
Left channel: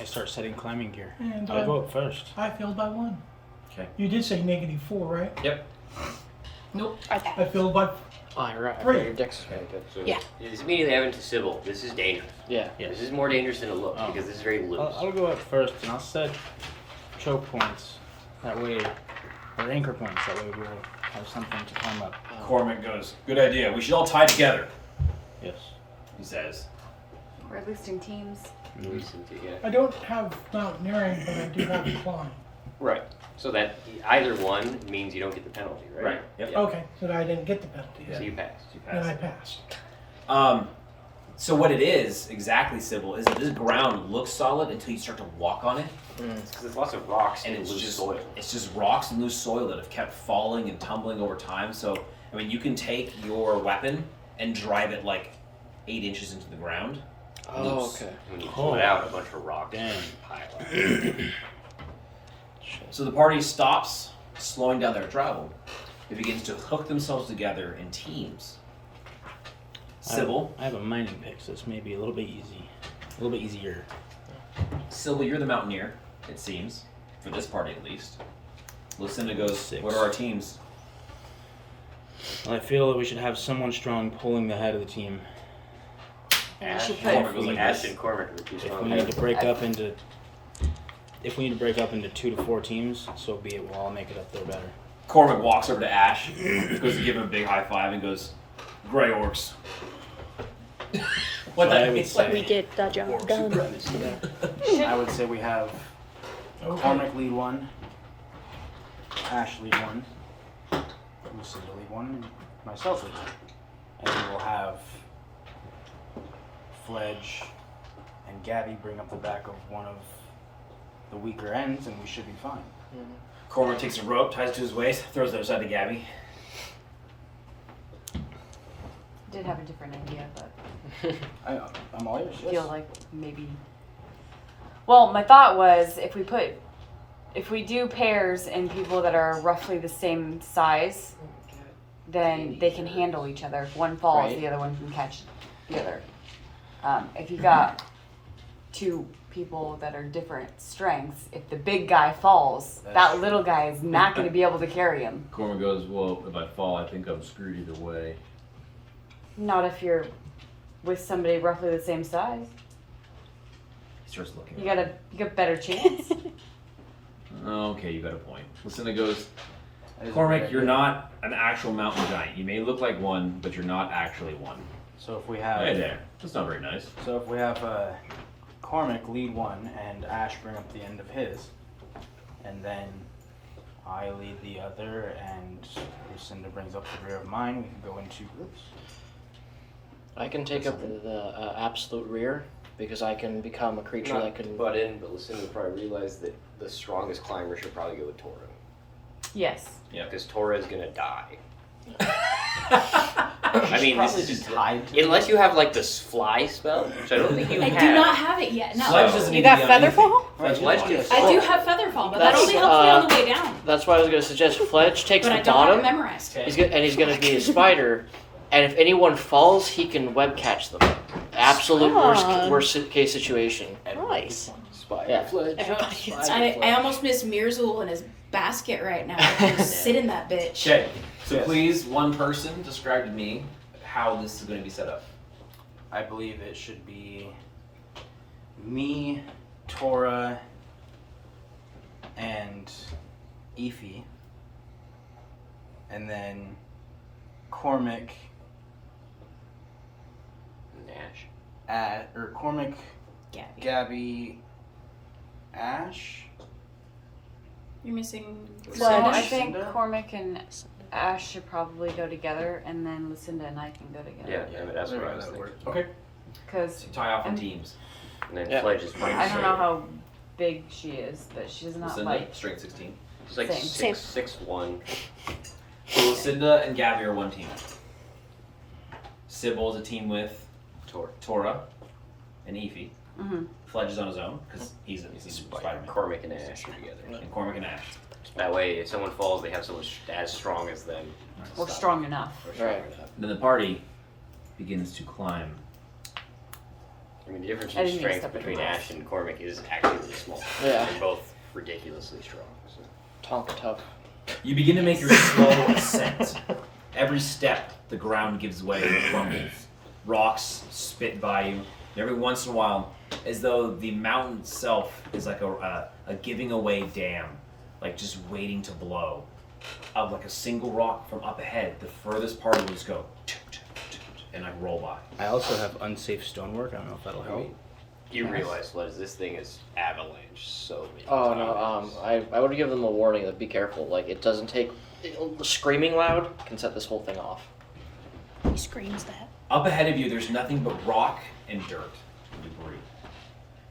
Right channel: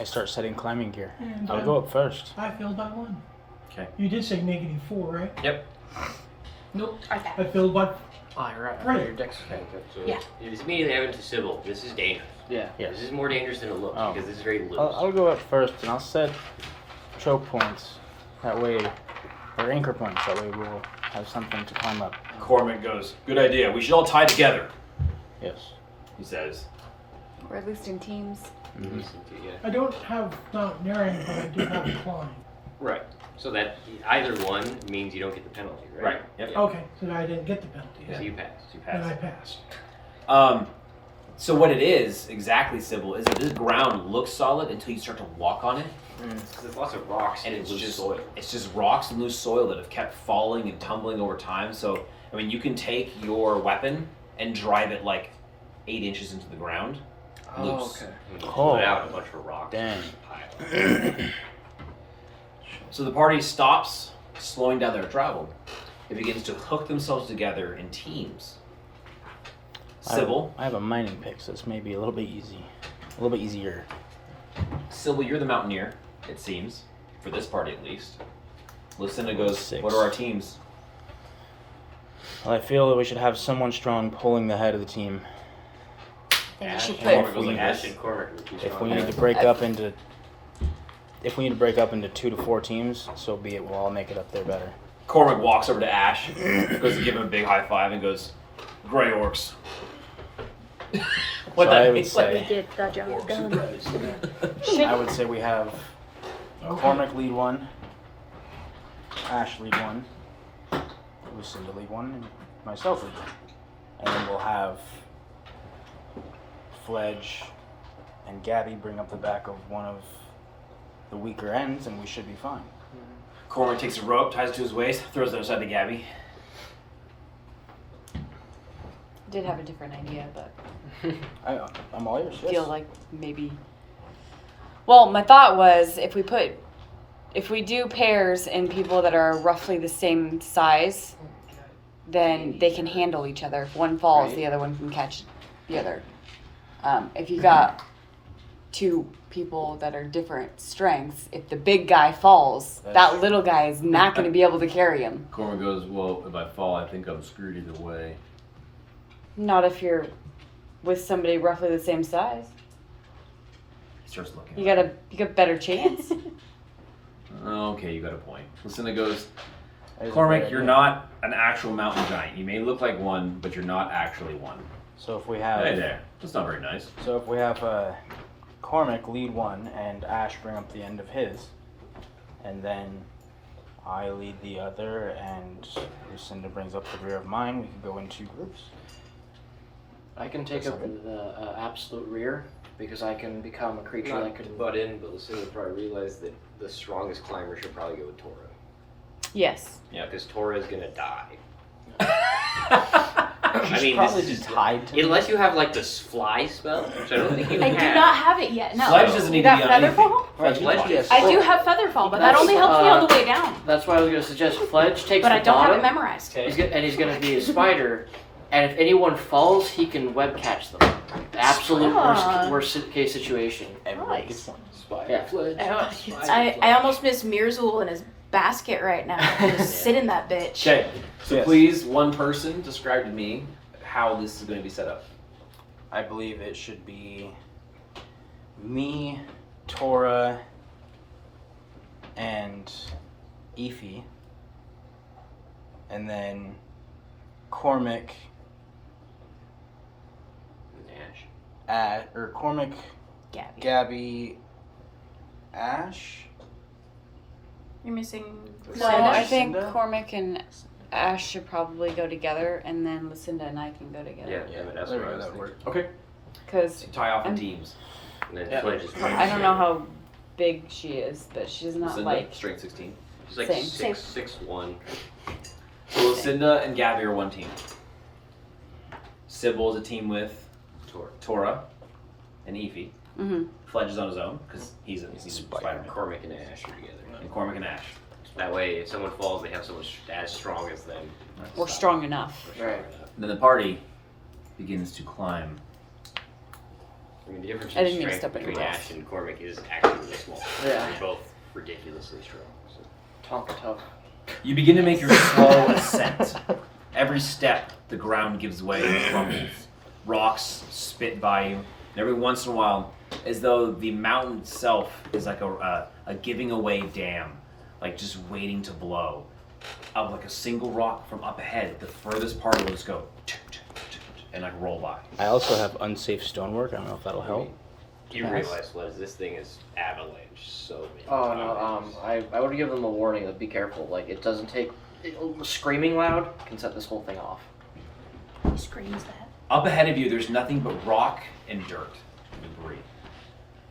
I start setting climbing gear. And, I'll go up first. I failed by 1. Okay. You did say -4, right? Yep. Nope. I I failed by Oh, you're right. Three. Your dex is very good. So Yeah. it's immediately evident to Sybil, this is dangerous. Yeah. Yeah. This is more dangerous than it looks, Oh. because this is very loose. I'll go up first and I'll set choke points. That way, or anchor points. That way we'll have something to climb up. Cormac goes, "Good idea. We should all tie together," Yes. he says. Or at least in teams. Listen to, yeah. I don't have mountaineering, but I do have climb. Right. So that either one means you don't get the penalty, right? Right, yep. Yeah. Okay, so I didn't get the penalty. So you pass. You Then I pass. passed. So what it is, exactly, Sybil, is that this ground looks solid until you start to walk on it. Because there's lots of rocks And and it's loose just soil. It's just rocks and loose soil that have kept falling and tumbling over time. So I mean, you can take your weapon and drive it 8 inches into the ground. Oh, Loose. okay. And you Oh. put out a bunch of rocks. Damn. Pile up. So the party stops, slowing down their travel. It begins to hook themselves together in teams. Sybil, I have a mining pick, so this may be a little bit easy. A little bit easier. Sybil, you're the mountaineer, it seems, for this party at least. Lucinda goes, 6. "What are our teams?" Well, I feel that we should have someone strong pulling the head of the team. And Ash she and put Cormac goes like Ash this. and Cormac are too If strong. we need to break up into 2 to 4 teams, so be it. We'll all make it up there better. Cormac walks over to Ash, goes to give him a big high five, and goes, "Gray orcs." What So that I would means? say- We get the job done. I would say we have Okay. Cormac lead 1, Ash lead 1, Lucinda lead 1, and myself lead 1. And then we'll have Fledge and Gabby bring up the back of one of the weaker ends, and we should be fine. Cormac takes a rope, ties it to his waist, throws it outside to Gabby. did have a different idea, but I'm all ears. I Yes. feel like maybe. Well, my thought was if we do pairs and people that are roughly the same size, then they can handle each other. If one falls, Right. the other one can catch the other. If you got 2 people that are different strengths, if the big guy falls, that little guy is not going to be able to carry him. Cormac goes, "Well, if I fall, I think I'm screwed either way." Not if you're with somebody roughly the same size. He starts looking. You got a better chance. Okay, you got a point. Lucinda goes, That is "Cormac, very you're good. not an actual mountain giant. You may look like one, but you're not actually one." So if we have Hey there. That's not very nice. So if we have Cormac lead 1 and Ash bring up the end of his, and then I lead the other and Lucinda brings up the rear of mine, we can go in 2 groups. I can take up the absolute rear because I can become a creature Not that can. butt in, but Lucinda would probably realize that the strongest climber should probably go with Tora. Yes. Yeah, because Tora's gonna die. I mean, this probably is just tied to unless you have this fly spell, which I don't think you I have. do not have it yet. No. Sledge doesn't need You to be got on anything. Featherfall? Fledge Fledge, can yes. fly. I do have Featherfall, but that That's, only helps me on the way down. That's why I was going to suggest Fledge takes But the I don't bottom. have it memorized. He's going to be a spider, And if anyone falls, he can web catch them. Absolute worst case situation. Nice. Yeah. I almost miss Mirzul in his basket right now. I can sit in that bitch. Okay, so please, one person, describe to me how this is going to be set up. I believe it should be me, Tora, and Efi, and then Cormac, Nash. Cormac, Gabby. Gabby, Ash. You're missing No, Lucinda? I think Lucinda? Cormac and Ash should probably go together, and then Lucinda and I can go together. Yeah, but that's what I was thinking. Okay. Because So you tie off in teams. And then Yeah. Fledge is running. I don't know how big she is, but she's not Lucinda, like strength 16. She's like Same. 6'1". So Lucinda and Gabby are one team. Sybil is a team with Tora and Efi. Mhm. Fledge is on his own because he's Spider-Man. Cormac and Ash are together. And Cormac and Ash. That way, if someone falls, they have someone as strong as them. we're strong enough. Right. Then the party begins to climb. I mean, the difference I in didn't mean to strength step on between your Ash and Cormac is actually really small. Yeah. They're both ridiculously strong. So. Tonka tough. You begin to make your slow ascent. Every step, the ground gives way and crumbles. Rocks spit by you. And every once in a while, as though the mountain itself is like a giving away dam, like just waiting to blow. Of like a single rock from up ahead, the furthest part will just go and like roll by. I also have unsafe stonework. I don't know if that'll help. You realize, Fledge, this thing is avalanche so many Oh times. no, I would give them a warning that be careful. Like it doesn't take screaming loud can set this whole thing off. He screams that. Up ahead of you, there's nothing but rock and dirt and debris.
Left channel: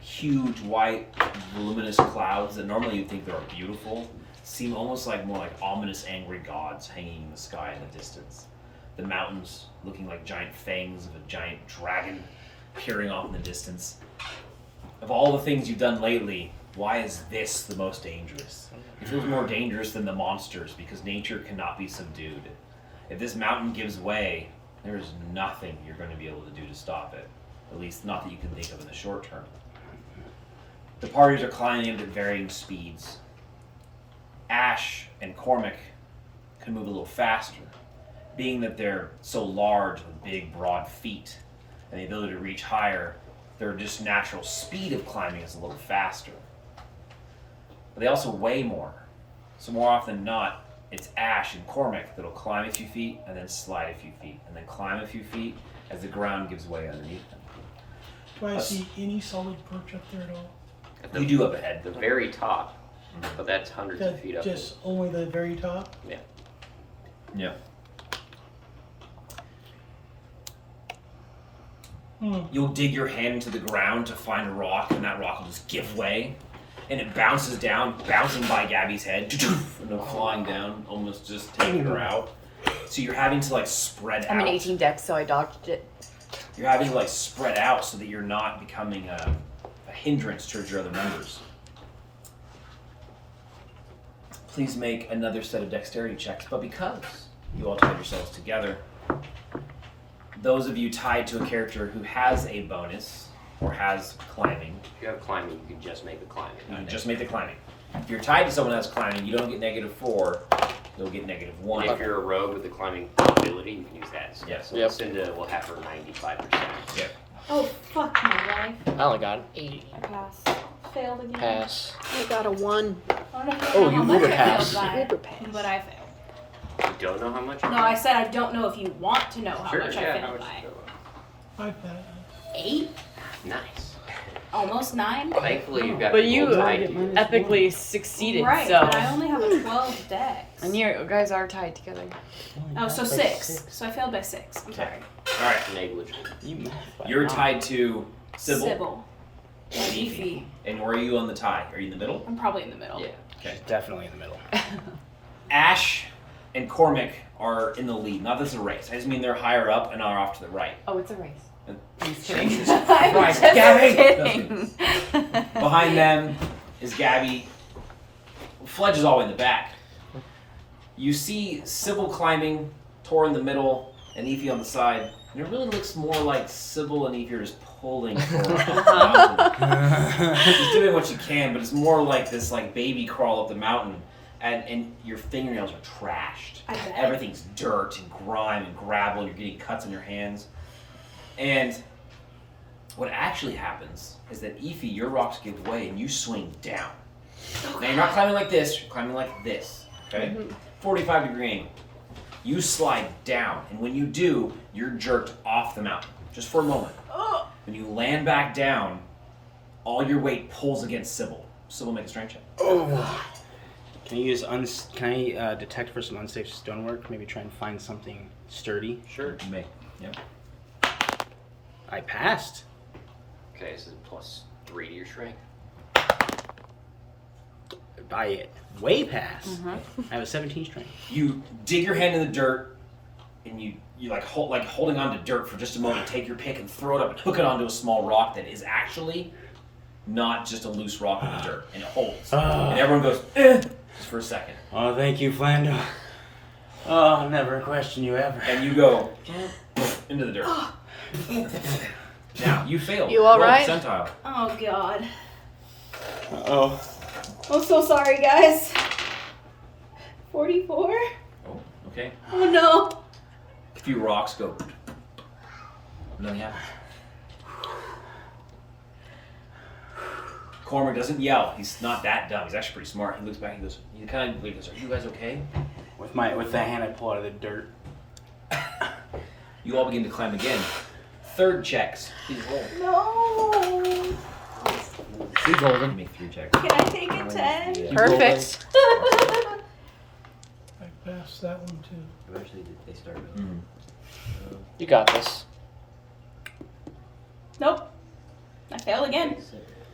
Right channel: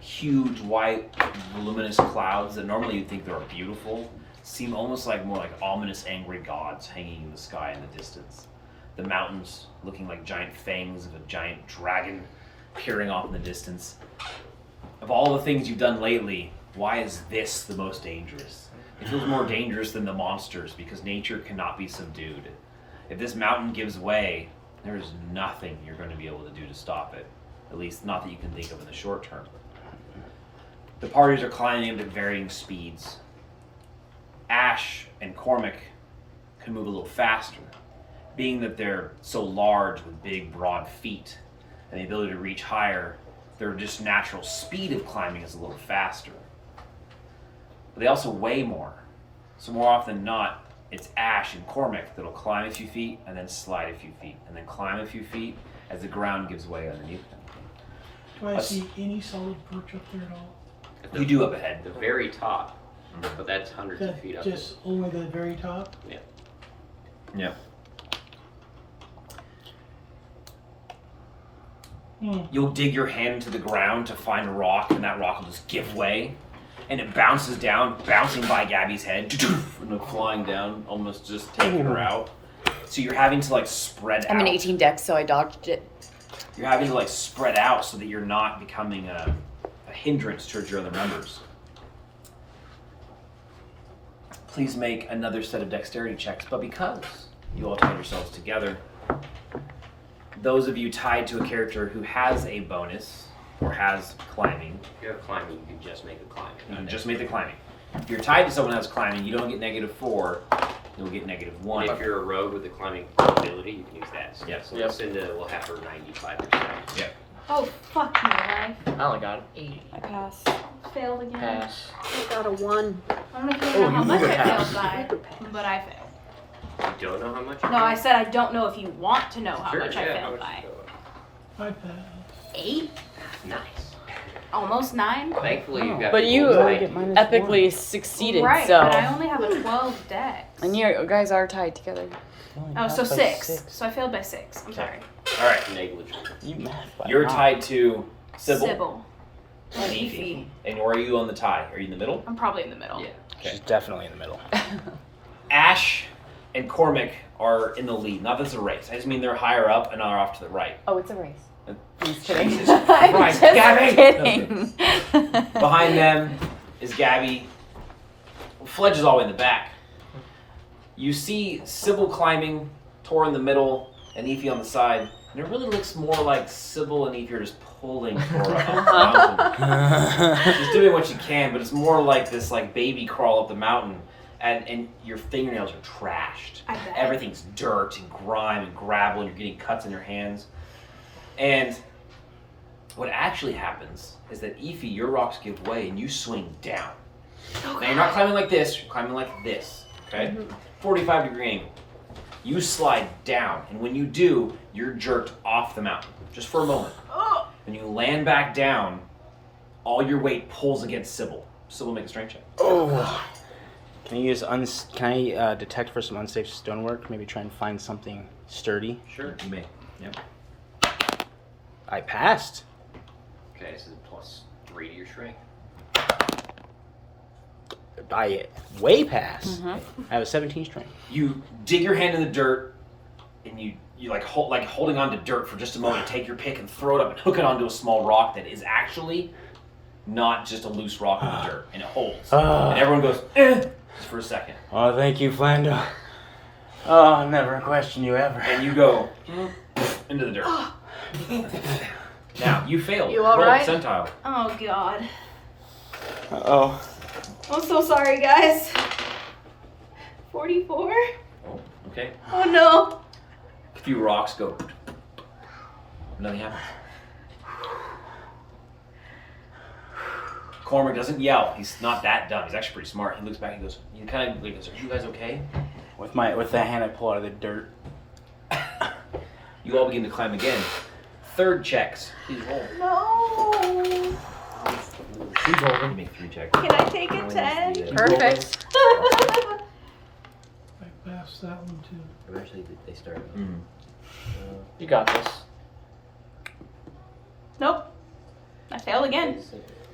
Huge white, luminous clouds that normally you'd think they are beautiful seem almost like more like ominous, angry gods hanging in the sky in the distance. The mountains looking like giant fangs of a giant dragon peering off in the distance. Of all the things you've done lately, why is this the most dangerous? It feels more dangerous than the monsters because nature cannot be subdued. If this mountain gives way, there is nothing you're going to be able to do to stop it. At least not that you can think of in the short term. The parties are climbing at varying speeds. Ash and Cormac can move a little faster, being that they're so large with big, broad feet and the ability to reach higher. Their just natural speed of climbing is a little faster. But they also weigh more. So more often than not, it's Ash and Cormac that'll climb a few feet and then slide a few feet and then climb a few feet as the ground gives way underneath them. Do I see any solid perch up there at all? At the, You do up ahead. the very top, but that's hundreds of feet up. Just only the very top? Yeah. Yep. Hmm. You'll dig your hand into the ground to find a rock, and that rock will just give way, and it bounces down, bouncing by Gabby's head, and then flying down, almost just taking her out. So you're having to like spread I'm out. an 18 dex, so I dodged it. You're having to like spread out so that you're not becoming a hindrance towards your other members. Please make another set of dexterity checks, but because you all tied yourselves together, those of you tied to a character who has a bonus or has climbing, If you have climbing, you can just make the climbing. you can just make the climbing. If you're tied to someone else climbing, you don't get -4, you'll get -1. If you're a rogue with the climbing ability, you can use that. So, Yeah. so Yeah. Lucinda will have her 95%. Yeah. Oh, fuck my life. I only got an 8. I pass. Failed again. Pass. I got a 1. I don't know if you want to know how you much need a I pass. failed by, Paper pass. but I failed. You don't know how much? No, I said I don't know if you want to know how Sure, much yeah, I how failed much by. you failed. I pass. 8? Nice. Almost 9? Thankfully, you got But people you tied to you. epically succeeded, Right, so. but I only have a 12 dex. And you guys are tied together. Oh, so 6. So I failed by 6. I'm sorry. All right, Negligible. You math by you're mouth. tied to Sybil Sybil. and And Efi. Efi. And where are you on the tie? Are you in the middle? I'm probably in the middle. Yeah. She's definitely in the middle. Ash and Cormac are in the lead. Not that it's a race. I just mean they're higher up and are off to the right. Oh, it's a race. Uh, I'm just kidding. Jesus I'm Christ, just Gabby! kidding. Behind them is Gabby. Fledge is all the way in the back. You see Sybil climbing, Tor in the middle, and Efi on the side, and it really looks more like Sybil and Efi are just pulling for a mountain. She's doing what she can, but it's more like this like baby crawl up the mountain, and your fingernails are trashed. I bet. Everything's dirt and grime and gravel, and you're getting cuts in your hands. And what actually happens is that Efi, your rocks give way, and you swing down. Now you're not climbing like this, you're climbing like this, okay? 45-degree angle. You slide down, and when you do, you're jerked off the mountain, just for a moment. When you land back down, all your weight pulls against Sybil. Sybil, make a strength check. Oh. Can I use detect for some unsafe stonework? Maybe try and find something sturdy. Sure. You may. Yep. I passed. Okay, so +3 to your strength. I way past. I have a 17 strength. You dig your hand in the dirt, and you holding on to dirt for just a moment. Take your pick and throw it up and hook it onto a small rock that is actually not just a loose rock in the dirt, and it holds. And everyone goes just for a second. Oh, thank you, Flando. Oh, I'll never question you ever. And you go into the dirt. Now you failed. You all Roll right? percentile. Oh God. Uh-oh. I'm so sorry, guys. 44. Oh, okay. Oh no. A few rocks go. Nothing happens. Cormac doesn't yell. He's not that dumb. He's actually pretty smart. He looks back. He goes. He kind of goes, "Are you guys okay?" With the hand I pull out of the dirt. You all begin to climb again. Third checks. Please roll. No. Please roll. You make 3 checks. Can I take a 10? Perfect. I passed that one too. Eventually, they started. You got this. Nope. I failed again.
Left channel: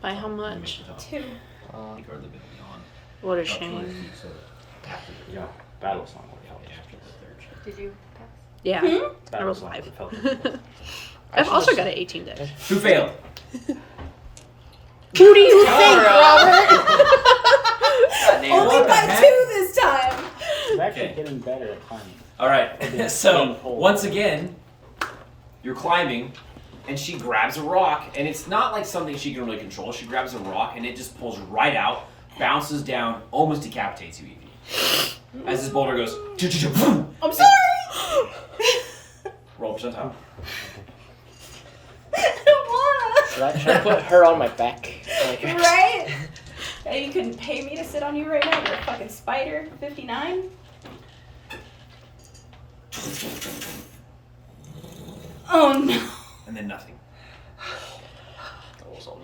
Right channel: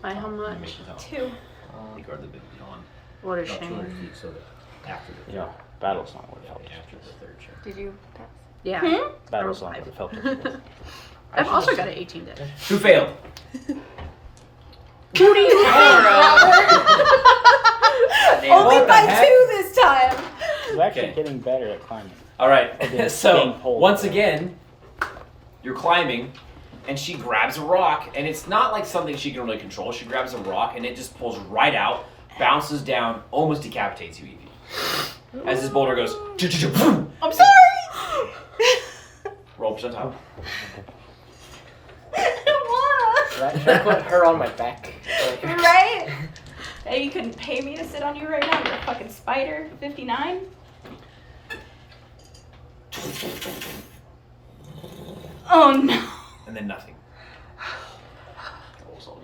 By how much? 2. You guard the big beyond. What a About 200 shame. feet, so that after the Yeah, battle's not what felt. after the third check. Did you? Yeah. Battle's not what felt. I've also got an 18 deck. Who failed? Who do you think, Robert? Only by 2 this time. I'm actually Okay. getting better at climbing. All right. So getting pulled. once again, you're climbing, and she grabs a rock, and it's not like something she can really control. She grabs a rock, and it just pulls right out, bounces down, almost decapitates you, Evie. As this boulder goes, boom. I'm sorry. Roll percentile. I don't wanna. Should I put her on my back? Right? Hey, you couldn't pay me to sit on you right now. You're a fucking spider. 59. Oh no. And then nothing.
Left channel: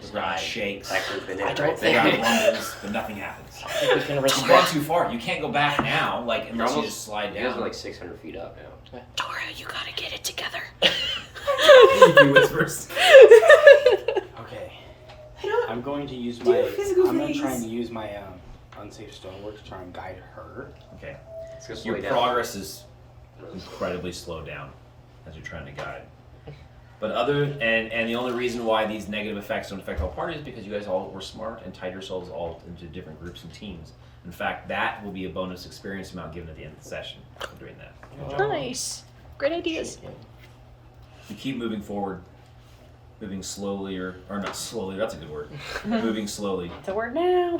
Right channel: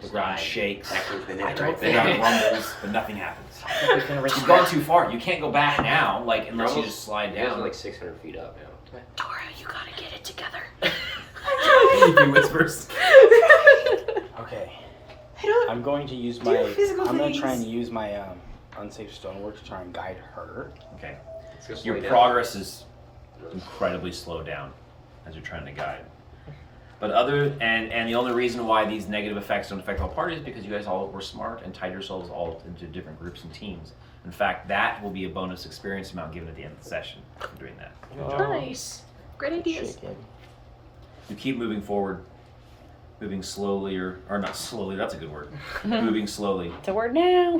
The ground shakes. The The ground rumbles, but nothing happens. You've gone too far. You can't go back now, like unless you just slide You guys are down. like 600 feet up now. Dora, you gotta get it together. He whispers. Okay. I don't. I'm going to use Do my. physical I'm going to things. try and use my unsafe stonework to try and guide her. Okay. It's just Your way down. progress is incredibly slowed down as you're trying to guide. But and the only reason why these negative effects don't affect all parties is because you guys all were smart and tied yourselves all into different groups and teams. In fact, that will be a bonus experience amount given at the end of the session for doing that. Good job. Nice. Great ideas. You keep moving forward, moving slowly, or not slowly, that's a good word. Moving slowly. It's a word now.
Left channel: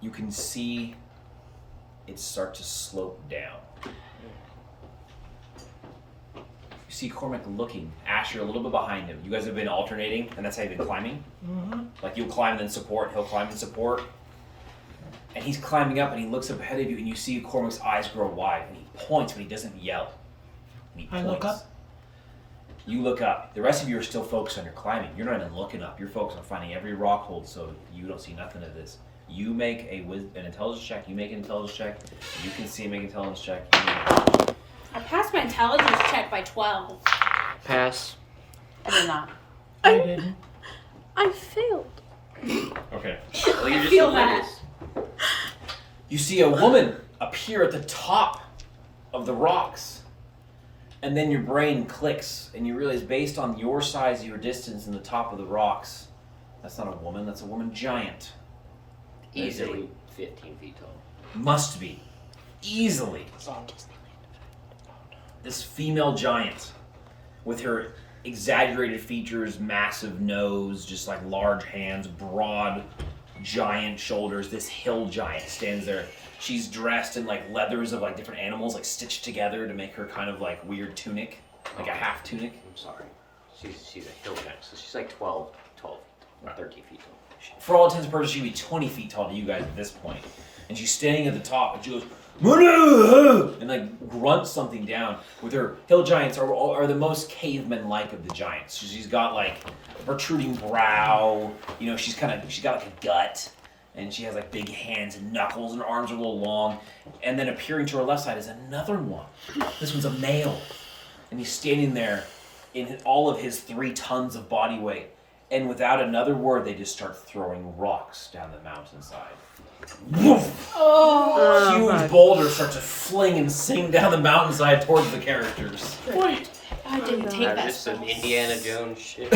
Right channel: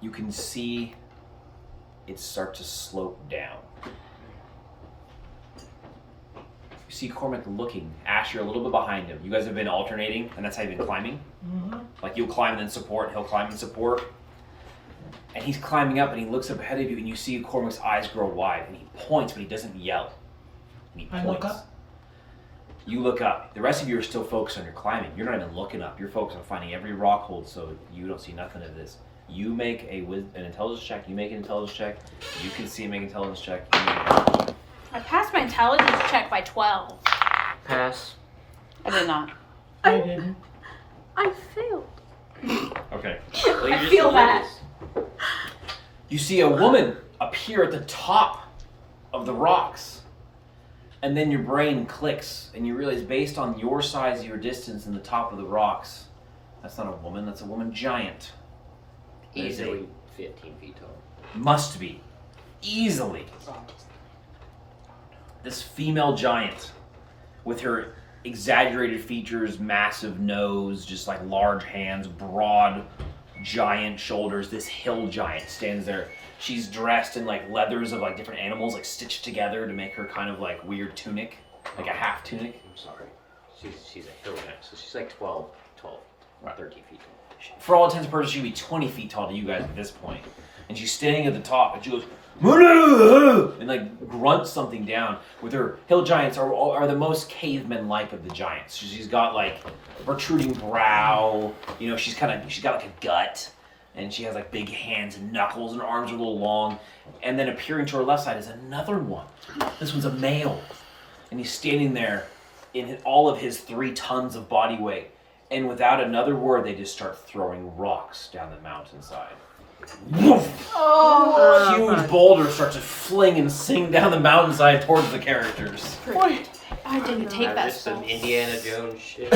You can see it start to slope down. You see Cormac looking. Ash, you're a little bit behind him. You guys have been alternating, and that's how you've been climbing. Like you'll climb and then support, he'll climb and support. And he's climbing up, and he looks up ahead of you, and you see Cormac's eyes grow wide, and he points, but he doesn't yell. And he I points. look up. You look up. The rest of you are still focused on your climbing. You're not even looking up. You're focused on finding every rock hold, so you don't see nothing of this. You make an intelligence check. You make an intelligence check. You can see him make an intelligence check. You make an intelligence check. I passed my intelligence check by 12. Pass. I did not. I didn't. I failed. Okay. Well, you I just feel rolled that. this. You see a woman appear at the top of the rocks. And then your brain clicks, and you realize based on your size, your distance, and the top of the rocks, that's not a woman, that's a woman giant. That is a Easily 15 feet tall. Must be. Easily. This female giant with her exaggerated features, massive nose, just like large hands, broad, giant shoulders. This hill giant stands there. She's dressed in like leathers of like different animals, like stitched together to make her kind of like weird tunic, like a half tunic. I'm sorry. She's a hill giant, so she's like 12, 13 feet tall. For all intents and purposes, she'd be 20 feet tall to you guys at this point. And she's standing at the top, and she goes, "Moo-loo!" and like grunts something down. With her hill giants are the most cavemen-like of the giants. She's got like a protruding brow. You know, she's got like a gut, and she has like big hands and knuckles, and her arms are a little long. And then appearing to her left side is another one. This one's a male, and he's standing there in all of his 3 tons of body weight. And without another word, they just start throwing rocks down the mountainside. Woof! Oh. Huge boulders start to fling and sing down the mountainside towards the characters. What? I didn't take that Just spell. some Indiana Jones shit.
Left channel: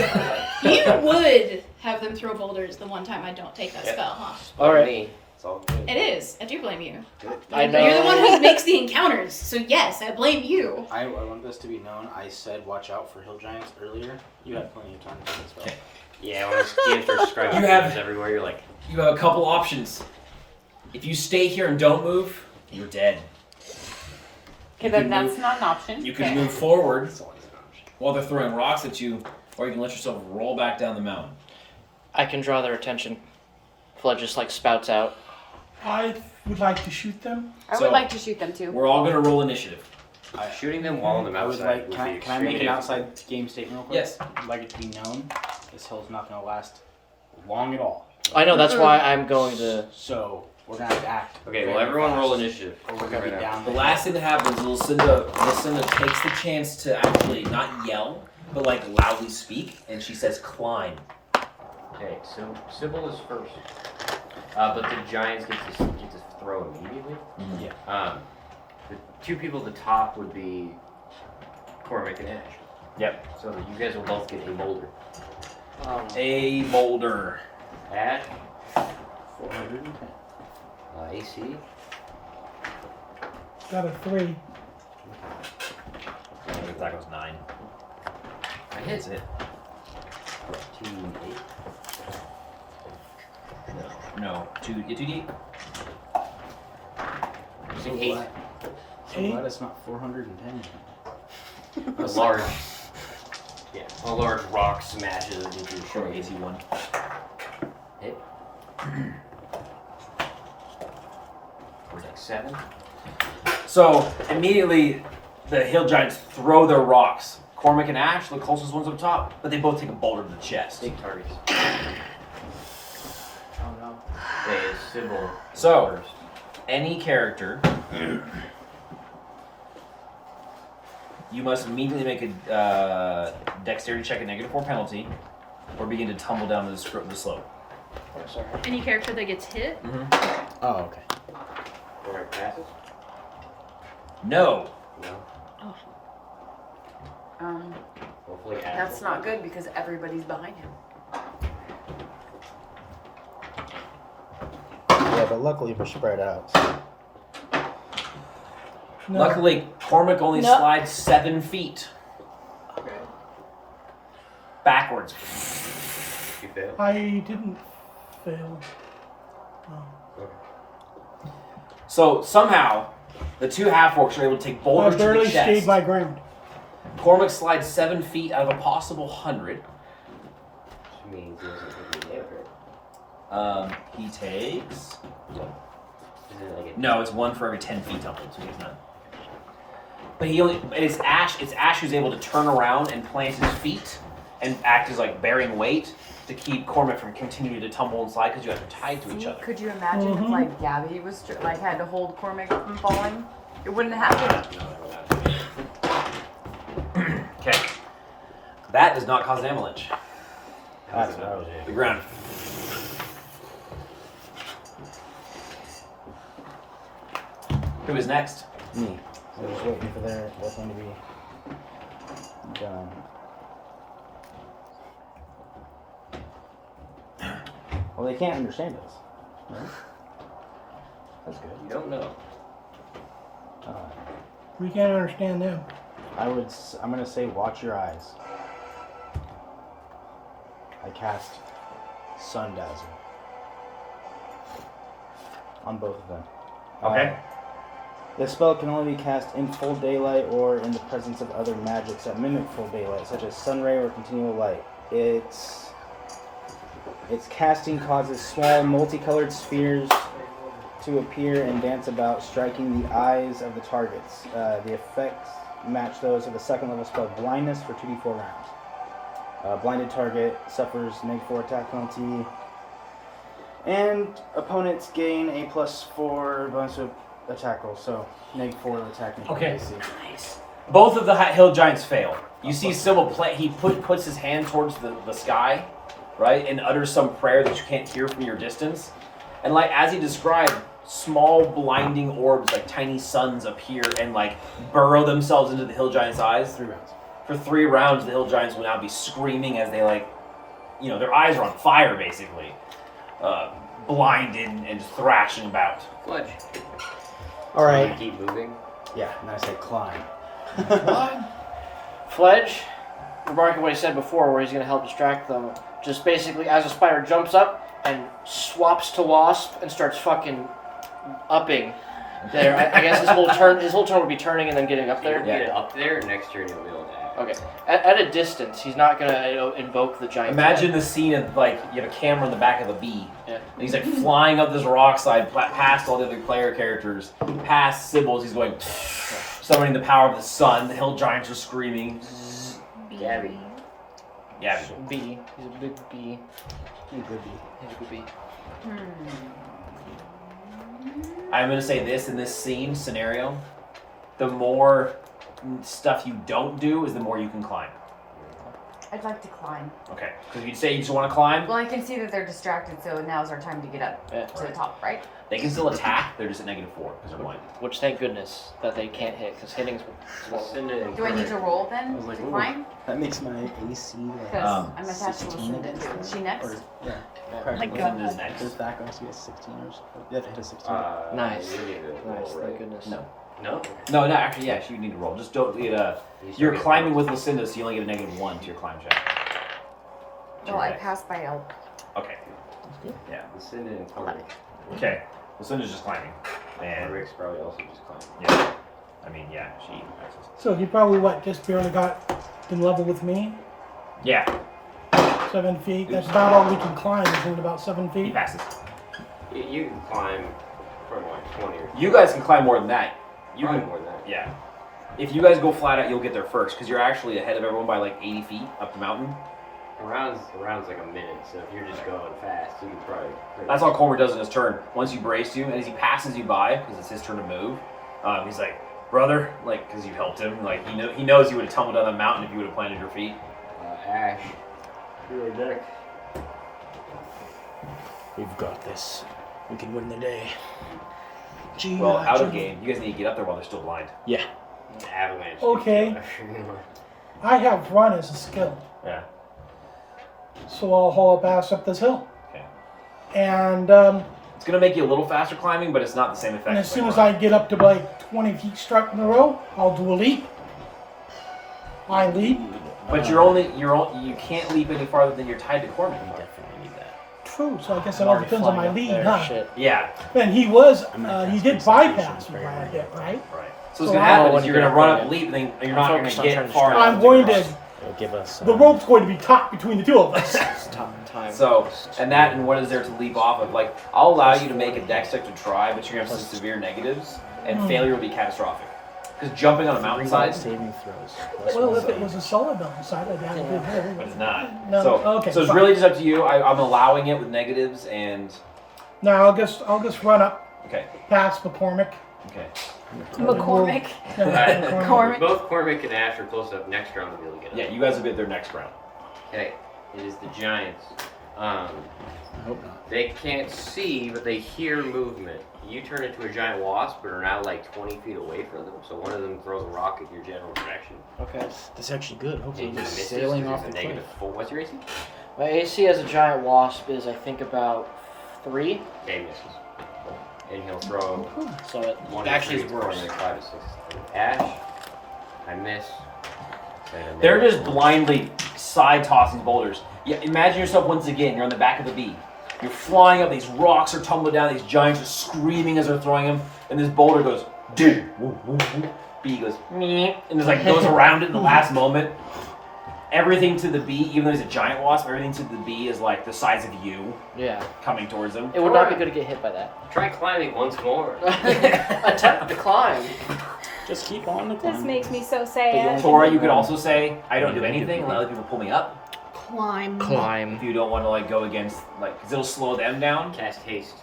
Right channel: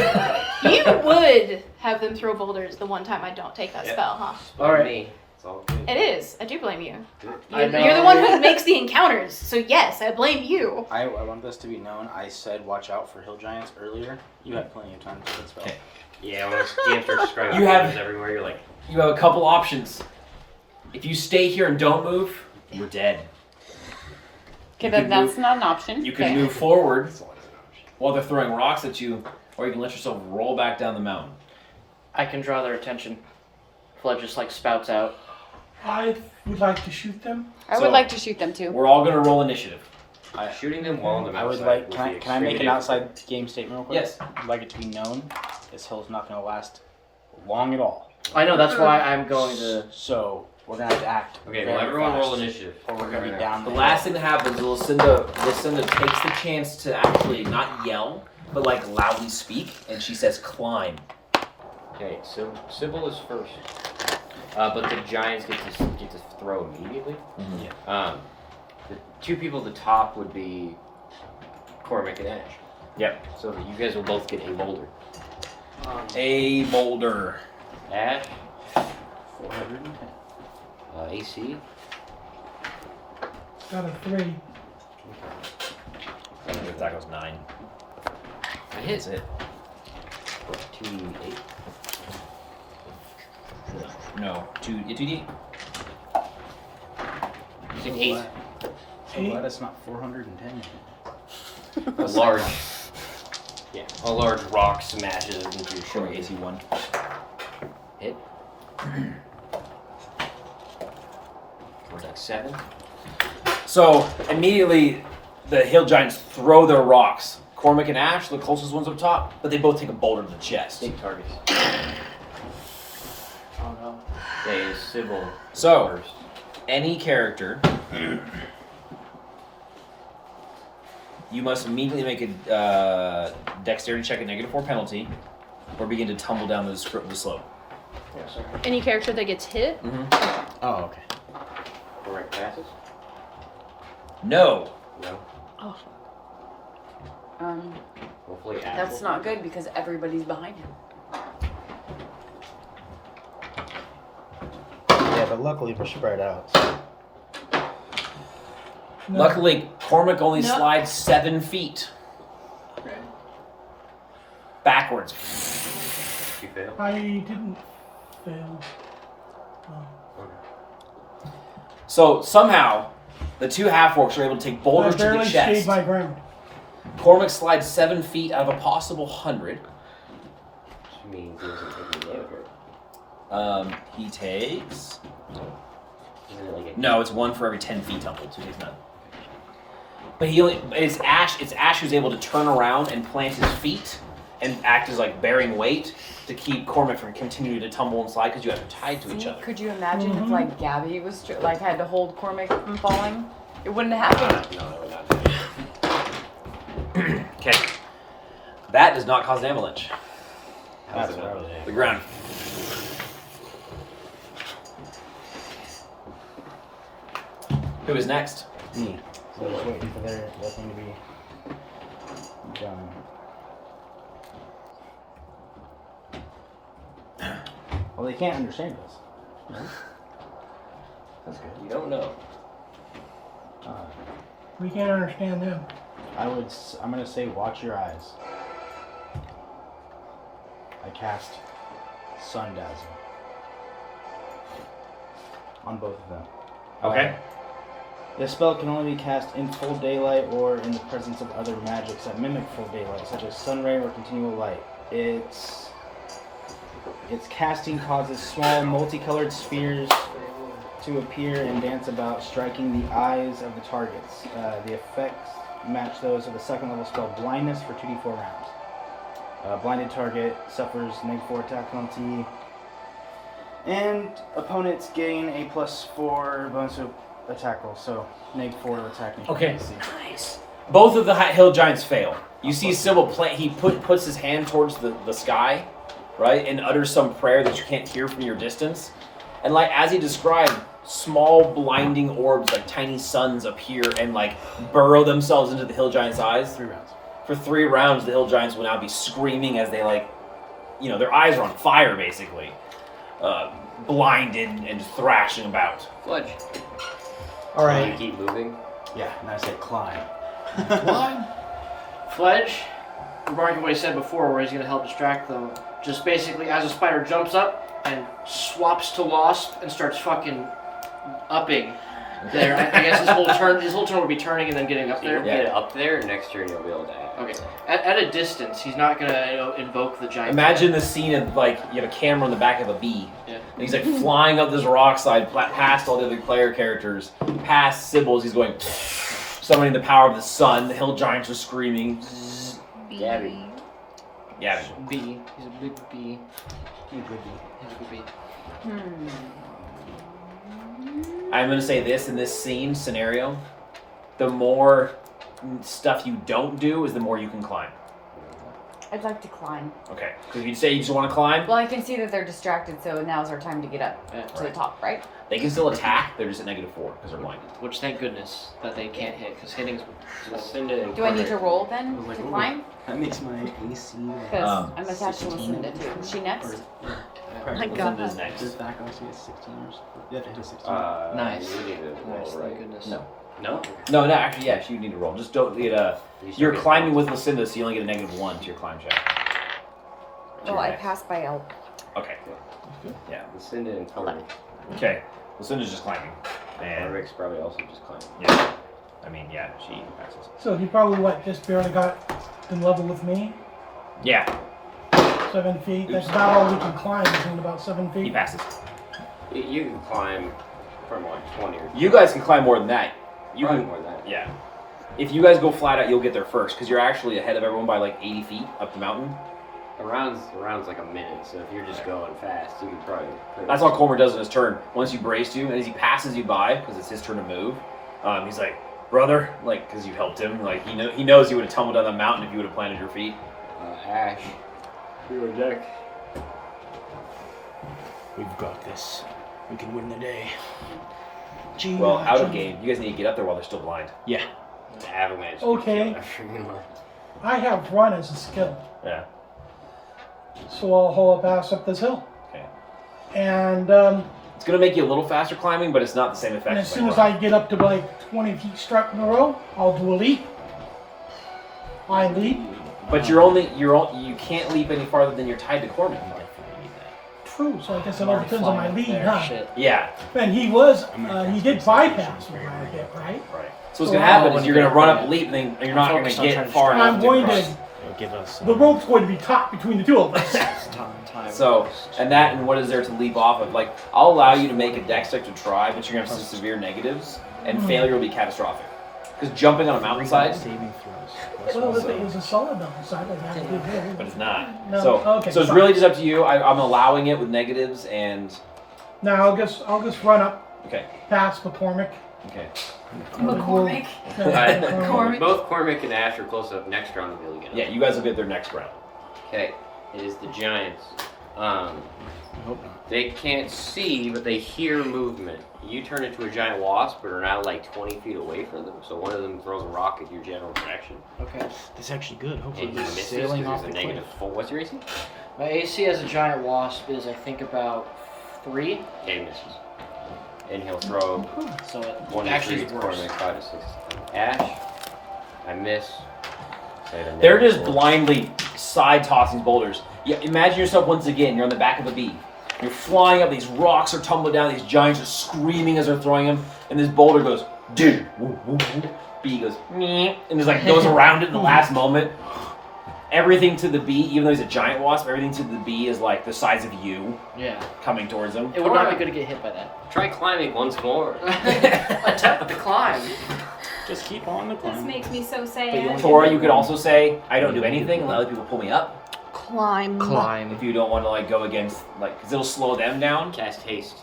You would have them throw boulders the one time I don't take that Yep. spell, huh? All right. Me. It's all good. It is. I do blame you. I know. You're the one who makes the encounters, so yes, I blame you. I want this to be known. I said watch out for hill giants earlier. You had plenty of time to take spell. Okay. Yeah, when DMs start describing You have- things everywhere, you're like, You have a couple options. If you stay here and don't move, you're dead. Okay, You then can that's move- not an option. You can move forward while they're throwing rocks at you, or you can let yourself roll back down the mountain. I can draw their attention. Fledge just like spouts out. I would like to shoot them. I So- would like to shoot them too. We're all gonna roll initiative. shooting them while on the I would mountainside like. would Can I, be can I make an extremely outside game statement real quick? Yes. I'd like it to be known this hill's not going to last long at all. I know, that's why I'm going to. So we're going to have to act. Okay, well, very everyone fast, roll initiative. Or we're going to be down The there. last thing that happens is Lucinda takes the chance to actually not yell, but like loudly speak, and she says, "Climb." Okay, so Sybil is first. But the giants get to throw immediately. Yeah. The 2 people at the top would be Cormac and Ash. Yep. So you guys will both get a boulder. A boulder. Ash, 410. AC. Got a 3. The attack was 9. I hit That's it. 2d8. No, 2d8. So 8. glad. So glad it's not 410. A large, a large rock smashes into your Sure, shoulder. AC 1. Hit. It's like 7. So immediately, the hill giants throw their rocks. Cormac and Ash, the closest ones up top, but they both take a boulder to the chest. Big targets. Oh no. Okay, Sybil. So, first. any character, you must immediately make a dexterity check at -4 penalty, or begin to tumble down the slope. Any character that gets hit? Oh, okay. Correct passes? No. No. Oh. Hopefully Ash That's will. not good because everybody's behind him. Yeah, but luckily we're spread out. No. Luckily, Cormac only No. slides 7 feet. Backwards. You fail? I didn't fail. No. Okay. So somehow, the 2 half-orcs are able to take I boulders to the barely chest. stayed my ground. Cormac slides 7 feet out of a possible 100. Which means he doesn't take any damage, right? He takes... Isn't it like a No, it's 1 for every 10 feet tumbled, so he takes none. But he only... It's Ash who's able to turn around and plant his feet and act as like bearing weight to keep Cormac from continuing to tumble and slide because you guys are tied to each See, other. could you imagine if like Gabby was like had to hold Cormac from falling? It wouldn't have happened. No, never mind. Okay. That does not cause an avalanche. That's what I was The ground. Who is next? Me. I'm just waiting for their thing to be done. Well, they can't understand us, right? That's good. You don't know. We can't understand them. I'm gonna say watch your eyes. I cast Sun Dazzle on both of them. Okay. This spell can only be cast in full daylight or in the presence of other magics that mimic full daylight, such as sun ray or continual light. Its casting causes small multicolored spheres to appear and dance about, striking the eyes of the targets. The effects match those of the second level spell Blindness for 2d4 rounds. Blinded target suffers -4 attack penalty, and opponents gain a +4 bonus to attack roll, so -4 attack. Okay. AC. Nice. Both of the hill giants fail. You see Sybil he puts his hand towards the sky, right, and utters some prayer that you can't hear from your distance. And like as he described, small blinding orbs like tiny suns appear and like burrow themselves into the hill giant's eyes. 3 rounds. For 3 rounds, the hill giants will now be screaming as they their eyes are on fire basically, blinded and thrashing about. Fudge. All right. You keep moving. Yeah, and I said climb. Fledge, remarking what he said before, where he's going to help distract them, just basically as a spider jumps up and swaps to Wasp and starts fucking upping there. I guess his whole turn would be turning and then getting up You there. don't get up there, next turn you'll be able to act. Okay. At a distance, he's not going to invoke the giant. Imagine the scene of you have a camera on the back of a bee. Yeah. And he's flying up this rock side, past all the other player characters, past Sybil's. He's going, summoning the power of the sun. The hill giants are screaming. Gabby. Yeah. Bee. He's a big bee. He's a good bee. He's a good bee. I'm gonna say this in this scenario, the more stuff you don't do is the more you can climb. I'd like to climb. Okay. Because if you say you just want to climb, Well, I can see that they're distracted, so now's our time to get up to the top, right? they can still attack. They're just at -4 because they're blinded. Which, thank goodness, that they can't hit, because hitting's... Do I need to roll then I was like, to ooh. climb? That makes my AC like Because I'm attached to 16. Lucinda too. Is she next? practically God. Who's next? Does that go? She has 16 or so? You have to hit a 16. Nice. You need to roll, Nice, right? thank goodness. No. No? No, actually, yeah, you need to roll. Just don't get a... You're climbing with Lucinda, so you only get a -1 to your climb check. Oh, I passed by L. Okay. That's good. Yeah. Lucinda and Cormac. Okay. Lucinda's just climbing. And, Rick's probably also just climbing. yeah. I mean, yeah, she passes. So he probably, just barely got in level with me? Yeah, 7 feet. That's about all we can climb, is about 7 he feet. passes. You can climb from like 20 or You guys can climb more than that. You probably can, more than that. yeah. If you guys go flat out, you'll get there first, because you're actually ahead of everyone by 80 feet up the mountain. A round's like a minute, so if you're just going fast, you can probably... That's all Comer does in his turn. Once you brace you, and as he passes you by, because it's his turn to move, he's like, brother, because you helped him, he knows you would have tumbled down the mountain if you would have planted your feet. Ash, you're a deck. We've got this. We can win the day. Well, out of game, you guys need to get up there while they're still blind. Yeah. Avalanche. Okay. I have run as a skill, Yeah. so I'll haul a pass up this hill. Okay. And It's going to make you a little faster climbing, but it's not the same effect. as soon as I get up to 20 feet struck in a row, I'll do a leap. I leap. But you can't leap any farther than you're tied to Corbin. We definitely need that. True, so I guess it all depends on my lead, huh? Shit. Yeah. And he I'm he did gonna cast bypass me concentration by a right bit, right? Right. So what's So going to happen when is you you're get going to up run there, up, leap, and then you're I'm not going focused to on get trying to far distract enough I'm to going cross. to. It'll give us. The rope's going to be taut between the two of us. Time. So, and that, and what is there to leap off of? I'll allow you to make a dex check to try, but you're going to have some severe negatives, and failure will be catastrophic. Because jumping on a mountainside, saving throws. Well, if it was a solid mountainside, I'd have to do that. but it's not. No, So, okay, so it's fine. really just up to you. I'm allowing it with negatives, and Now I'll just run up okay, past McCormick. okay. McCormick. McCormick. Both Cormac and Ash are close up. Next round to be able to get up. Yeah, you guys will get there next round. Okay, it is the Giants. I hope not. They can't see, but they hear movement. You turn into a giant wasp, but are now 20 feet away from them. So one of them throws a rock in your general direction. Okay. That's actually good. Hopefully, And you we're miss sailing this, off 'cause the there's a cliff. -4. What's your AC? My AC as a giant wasp is, I think, about 3. Okay, misses. And he'll throw So it one actually tree is for worse. me. 5, 6. Ash. I miss. They're just blindly side tossing boulders. Yeah, imagine yourself once again, you're on the back of a bee. You're flying up, these rocks are tumbling down, these giants are screaming as they're throwing them, and this boulder goes, dude, woo, woo, woo. Bee goes, me, and just like goes around it in the last moment. Everything to the bee, even though he's a giant wasp, everything to the bee is like the size of you. Yeah. Coming towards him. It would not be good to get hit by that. Try climbing once more. Attempt to climb. Just keep on the This climb. makes me so But you sad. only Or get you can one. also say, I don't do anything, and let other people pull me up. Climb. If you don't want to like go against, like, because it'll slow them down. Cast haste.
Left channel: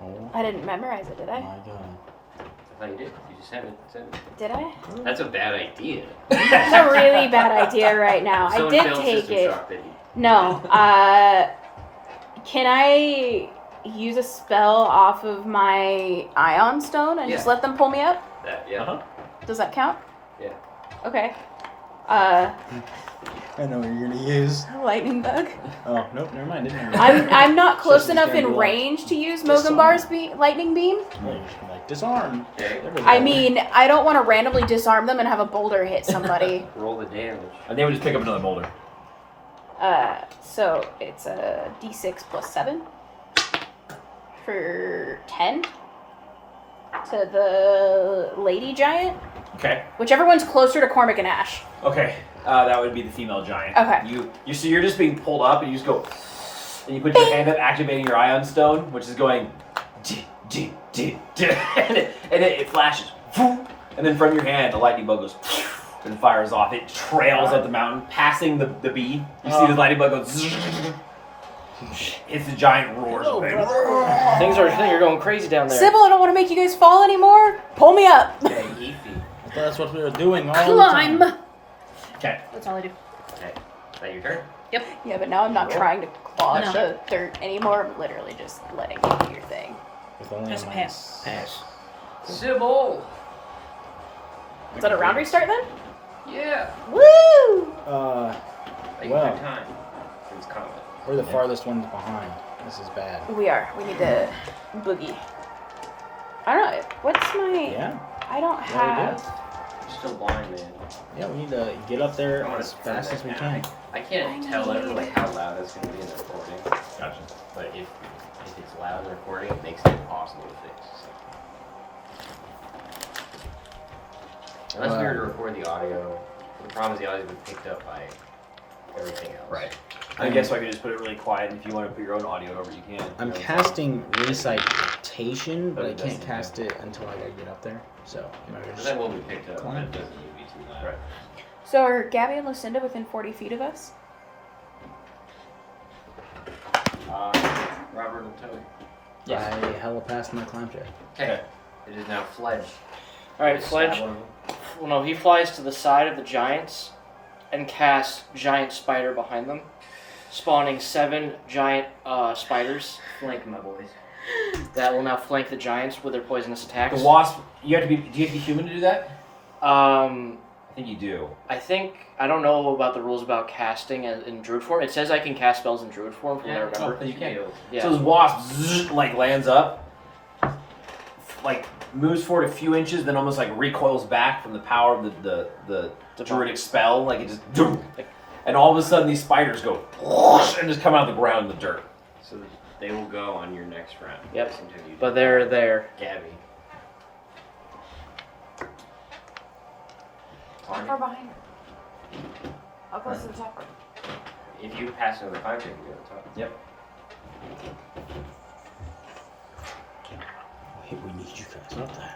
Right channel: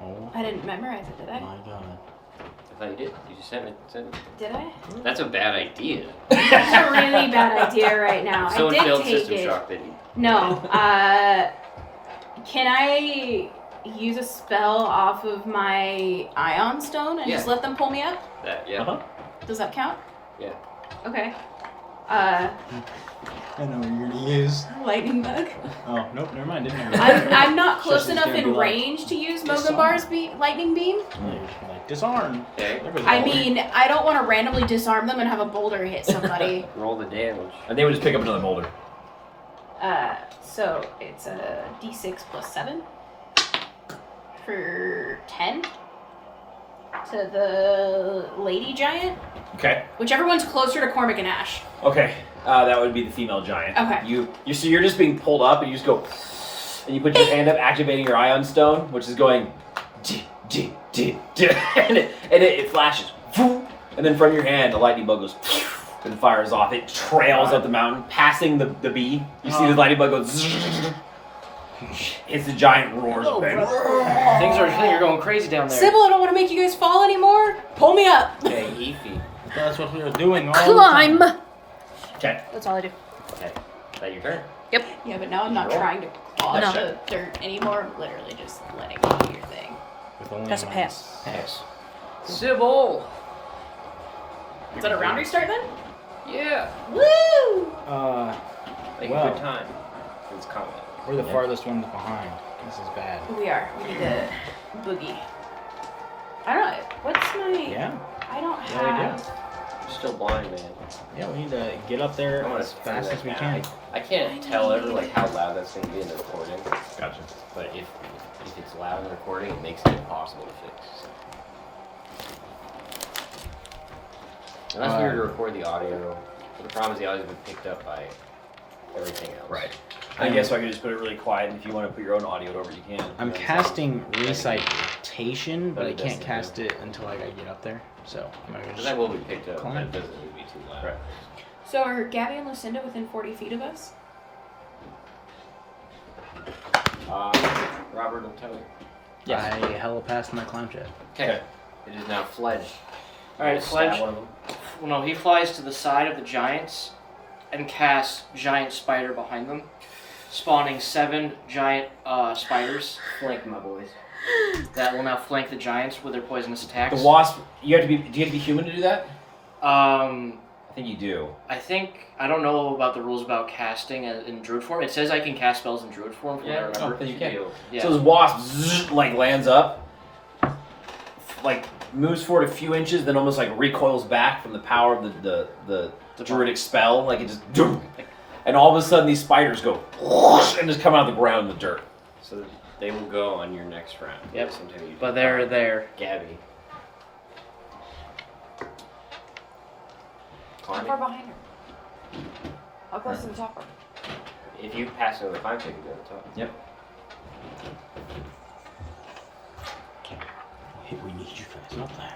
Oh I didn't memorize it, did I? my god. I thought you did. You just said it. Did I? That's a bad idea. It's a really bad idea right now. Still I in did failed take system it. shock, baby. No. Can I use a spell off of my Ion Stone and just Yeah. let them pull me up? Yeah. Uh-huh. Does that count? Yeah. Okay. I know what you're gonna use. Lightning bug. Oh, nope, never mind. Didn't know. I'm not close She's enough gonna in be like, range to use disarm. Mogambar's lightning beam. Oh, you should be like, disarm. Okay. There goes the I boulder. mean, I don't want to randomly disarm them and have a boulder hit somebody. Roll the damage. And they would just pick up another boulder. So it's a d6 plus 7 for 10 to the lady giant. Okay. Whichever one's closer to Cormac and Ash. Okay. That would be the female giant. Okay. So you're just being pulled up, and you just go, and you put your hand up, activating your Ion Stone, which is going, and it flashes, and then from your hand, the lightning bug goes, and fires off. It trails up the mountain, passing the bee. You see the lightning bug go, hits the giant, roars. Hello, brother. Things are going crazy down there. Sybil, I don't want to make you guys fall anymore. Pull me up. Okay, Eefy. That's what we were doing all the time. Climb. Okay. That's all I do. Okay. Is that your turn? Yep. Yeah, but now I'm not trying to claw No. the dirt anymore. I'm literally just letting you do your thing. With only That's a a minus. Pass. Sybil. Is that a round restart then? Yeah. Woo! Take Well. your time. It's combat. We're the farthest ones behind. This is bad. We are. We need the boogie. I don't know. What's my... Yeah? I don't Yeah, we do. have... You're still blind, man. Yeah, we need to get up there I wanna as turn fast that as we down. can. I can't tell ever like how loud that's going to be in the recording. Gotcha. But if it's loud in the recording, it makes it impossible to fix. So. Unless we were to record the audio, the problem is the audio would be picked up by everything else. Right. I guess I could just put it really quiet, and if you want to put your own audio over, you can. I'm casting recitation, but I can't cast it until I get up there. So I'm gonna That just will be picked up. climb. But it doesn't need to be too loud. Right. So are Gabby and Lucinda within 40 feet of us? Robert will tell you. Yes. I hella passed my climb check. Okay. It is now Fledge. Alright, Stab Fledge. one of them. Well, no, he flies to the side of the giants and casts giant spider behind them, spawning 7 giant spiders Flank my boys. that will now flank the giants with their poisonous attacks. The wasp. Do you have to be human to do that? I think you do. I don't know about the rules about casting in druid form. It says I can cast spells in druid form from what I remember. Then you can. Yeah. So this wasp like lands up, like moves forward a few inches, then almost like recoils back from the power of the druidic spell. Like it just, and all of a sudden these spiders go and just come out of the ground in the dirt. So they will go on your next round. Yep. Until you But they're there. Gabby. How far behind her? How close to the chopper? If you pass another climb check, you go to the top. Yep. Wait, we need you guys up there.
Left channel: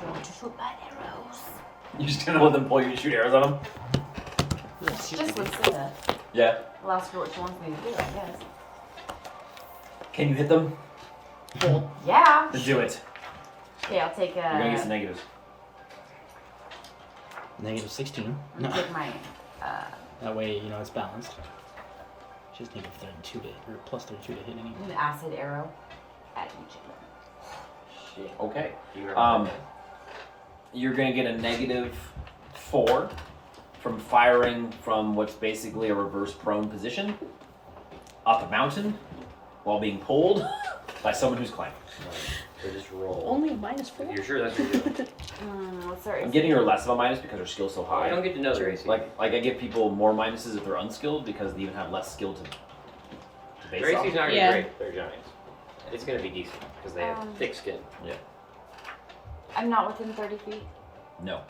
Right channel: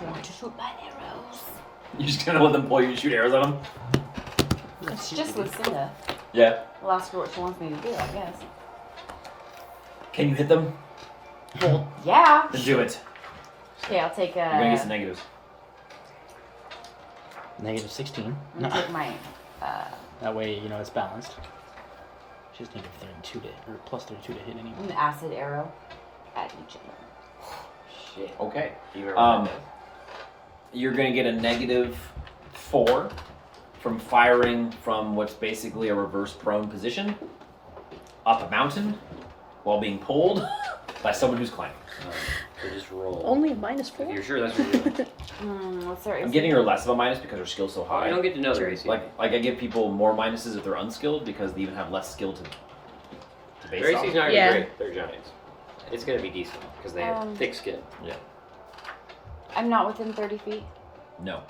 I want to shoot my arrows. You just gonna let them pull you and shoot arrows at them? Just Lucinda. Yeah. I'll ask her what she wants me to do, I guess. Can you hit them? Yeah. Then do it. Okay, I'll take You're gonna get some negatives. Negative 16. I'll take my That way, you know, it's balanced. She's negative 32 to, or plus 32 to hit anyway. an acid arrow at each enemy. Shit. Okay. Do you remember You're gonna get a negative 4 from firing from what's basically a reverse prone position up a mountain while being pulled. by someone who's climbing. So just roll. Only -4. If you're sure that's what you're doing. What's their I'm AC? giving her less of a minus because her skill's so high. I don't get to know their AC. Like I give people more minuses if they're unskilled because they even have less skill to base Their off. AC's not gonna Yeah. be great. They're giants. It's gonna be decent because they have thick skin. I'm not within 30 feet. No.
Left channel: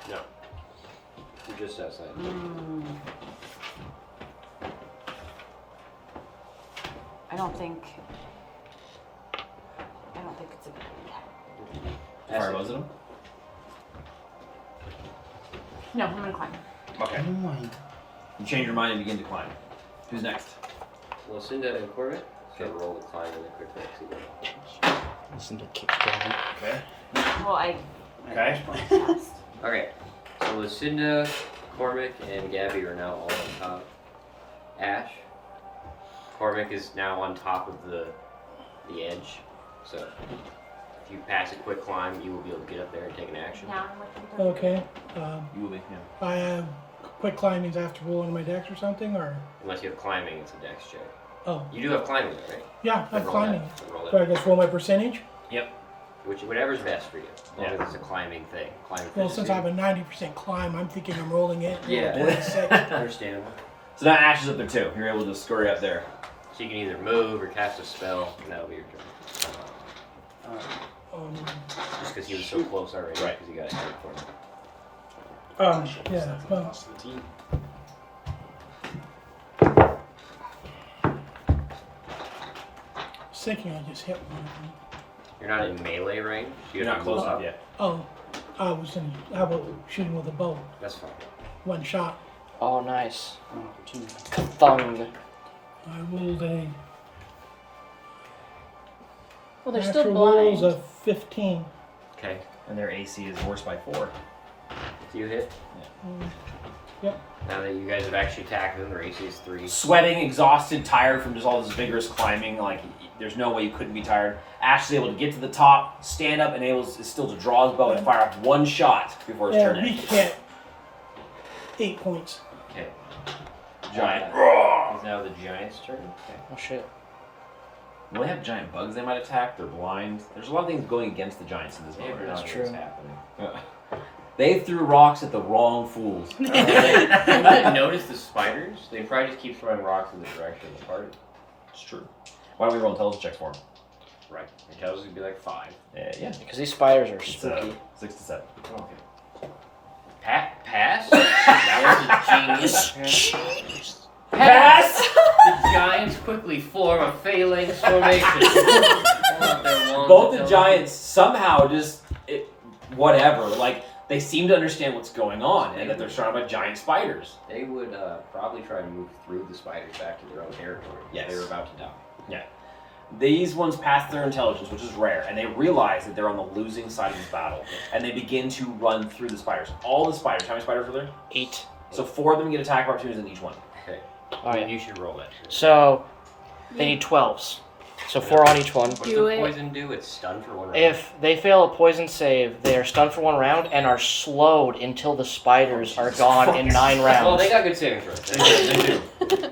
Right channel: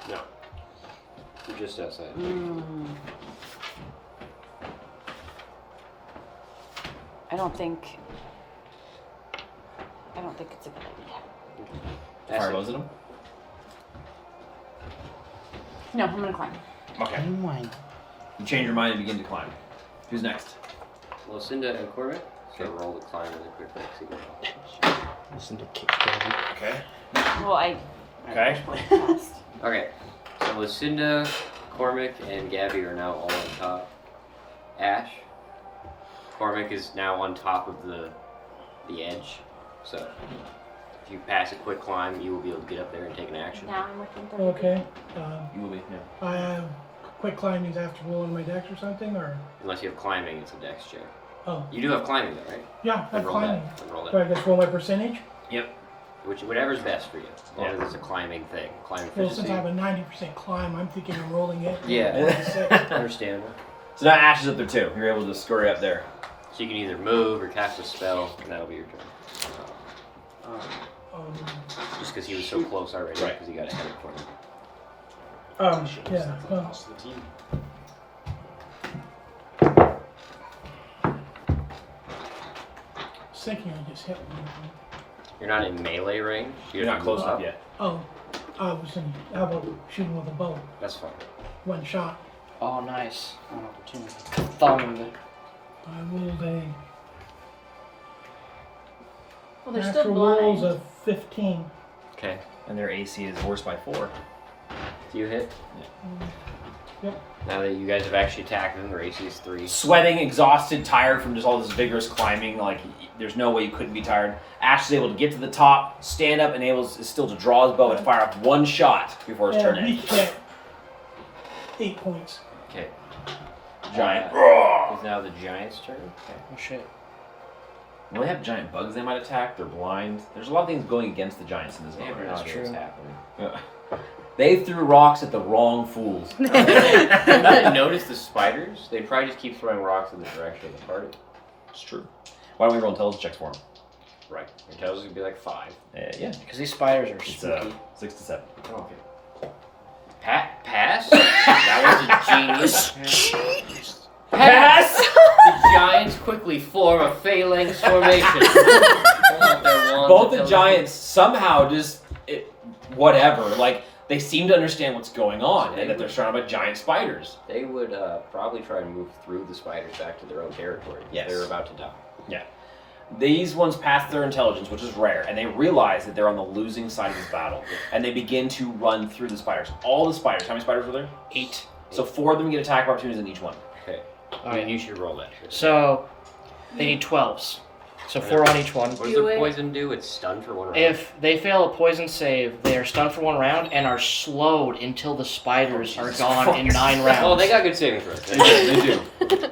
You're just outside. I don't think it's a good idea. Fire bows at him? No, I'm gonna climb. Okay. You change your mind and begin to climb. Who's next? Lucinda and Corbin. So roll the climb really quickly. See what Listen to Kick's Daddy. Okay. Well, I Okay. Okay, so Lucinda, Cormac, and Gabby are now all on top. Ash. Cormac is now on top of the edge. So if you pass a quick climb, you will be able to get up there and take an action. now I'm within 30 feet. Okay. You will be. Yeah. I have quick climbing. I have to roll on my dex or something, or Unless you have climbing, it's a dex check. oh You do have climbing though, right? yeah, I have Roll that. climbing. Roll Do I just roll my percentage? Whatever's best for you. As long as it's a climbing thing. Climbing Well, since efficiency. I have a 90% climb, I'm thinking I'm rolling it. Yeah. 46. Understandable. So now Ash is up there too. You're able to scurry up there. So you can either move or cast a spell, and that'll be your turn. Just because he was so close already, because he got ahead of Cormac. Yeah. Well, Lost the team. thinking I just hit one. You're not in melee range. You're not close up yet. Oh, I was going to. How about shooting with a bow? That's fine. One shot. Oh, nice. One opportunity. Thung. I rolled a. Well, they're Natural still rolls blind. of 15. Okay. And their AC is worse by 4. Do you hit? Yep. Now that you guys have actually attacked them, their AC is 3. Sweating, exhausted, tired from just all this vigorous climbing. Like, there's no way you couldn't be tired. Ash is able to get to the top, stand up, and is still to draw his bow and fire off one shot before his Yeah, turn we ends. can't. 8 points. Okay. Giant. It's now the giant's turn. Okay. Oh, shit. When they have giant bugs they might attack, they're blind. There's a lot of things going against the giants in this Yeah, game. but That's that's true. what's happening. They threw rocks at the wrong fools. You didn't notice the spiders? They probably just keep throwing rocks in the direction of the party. It's true. Why don't we roll intelligence checks for them? Right. Intelligence would be like 5. Yeah. Because these spiders are It's spooky. 6 to 7. Okay. Pass? That was a genius. Pass! The giants quickly form a phalanx formation. Pull out their wands Both and the tell giants somehow just whatever. Like they seem to understand what's going on and that they're surrounded by giant spiders. They would probably try and move through the spiders back to their own territory. Yes. They're about to die. Yeah. These ones pass their intelligence, which is rare, and they realize that they're on the losing side of this battle, and they begin to run through the spiders. All the spiders. How many spiders were there? 8. So 4 of them get attack opportunities in each one. Okay. Alright. You should roll that. So, they need 12s. So 4 on each one. What does Do the it. poison do? It's stunned for 1 round. If they fail a poison save, they are stunned for 1 round and are slowed until the spiders are gone in 9 rounds. Well, they got good saving throws. They do.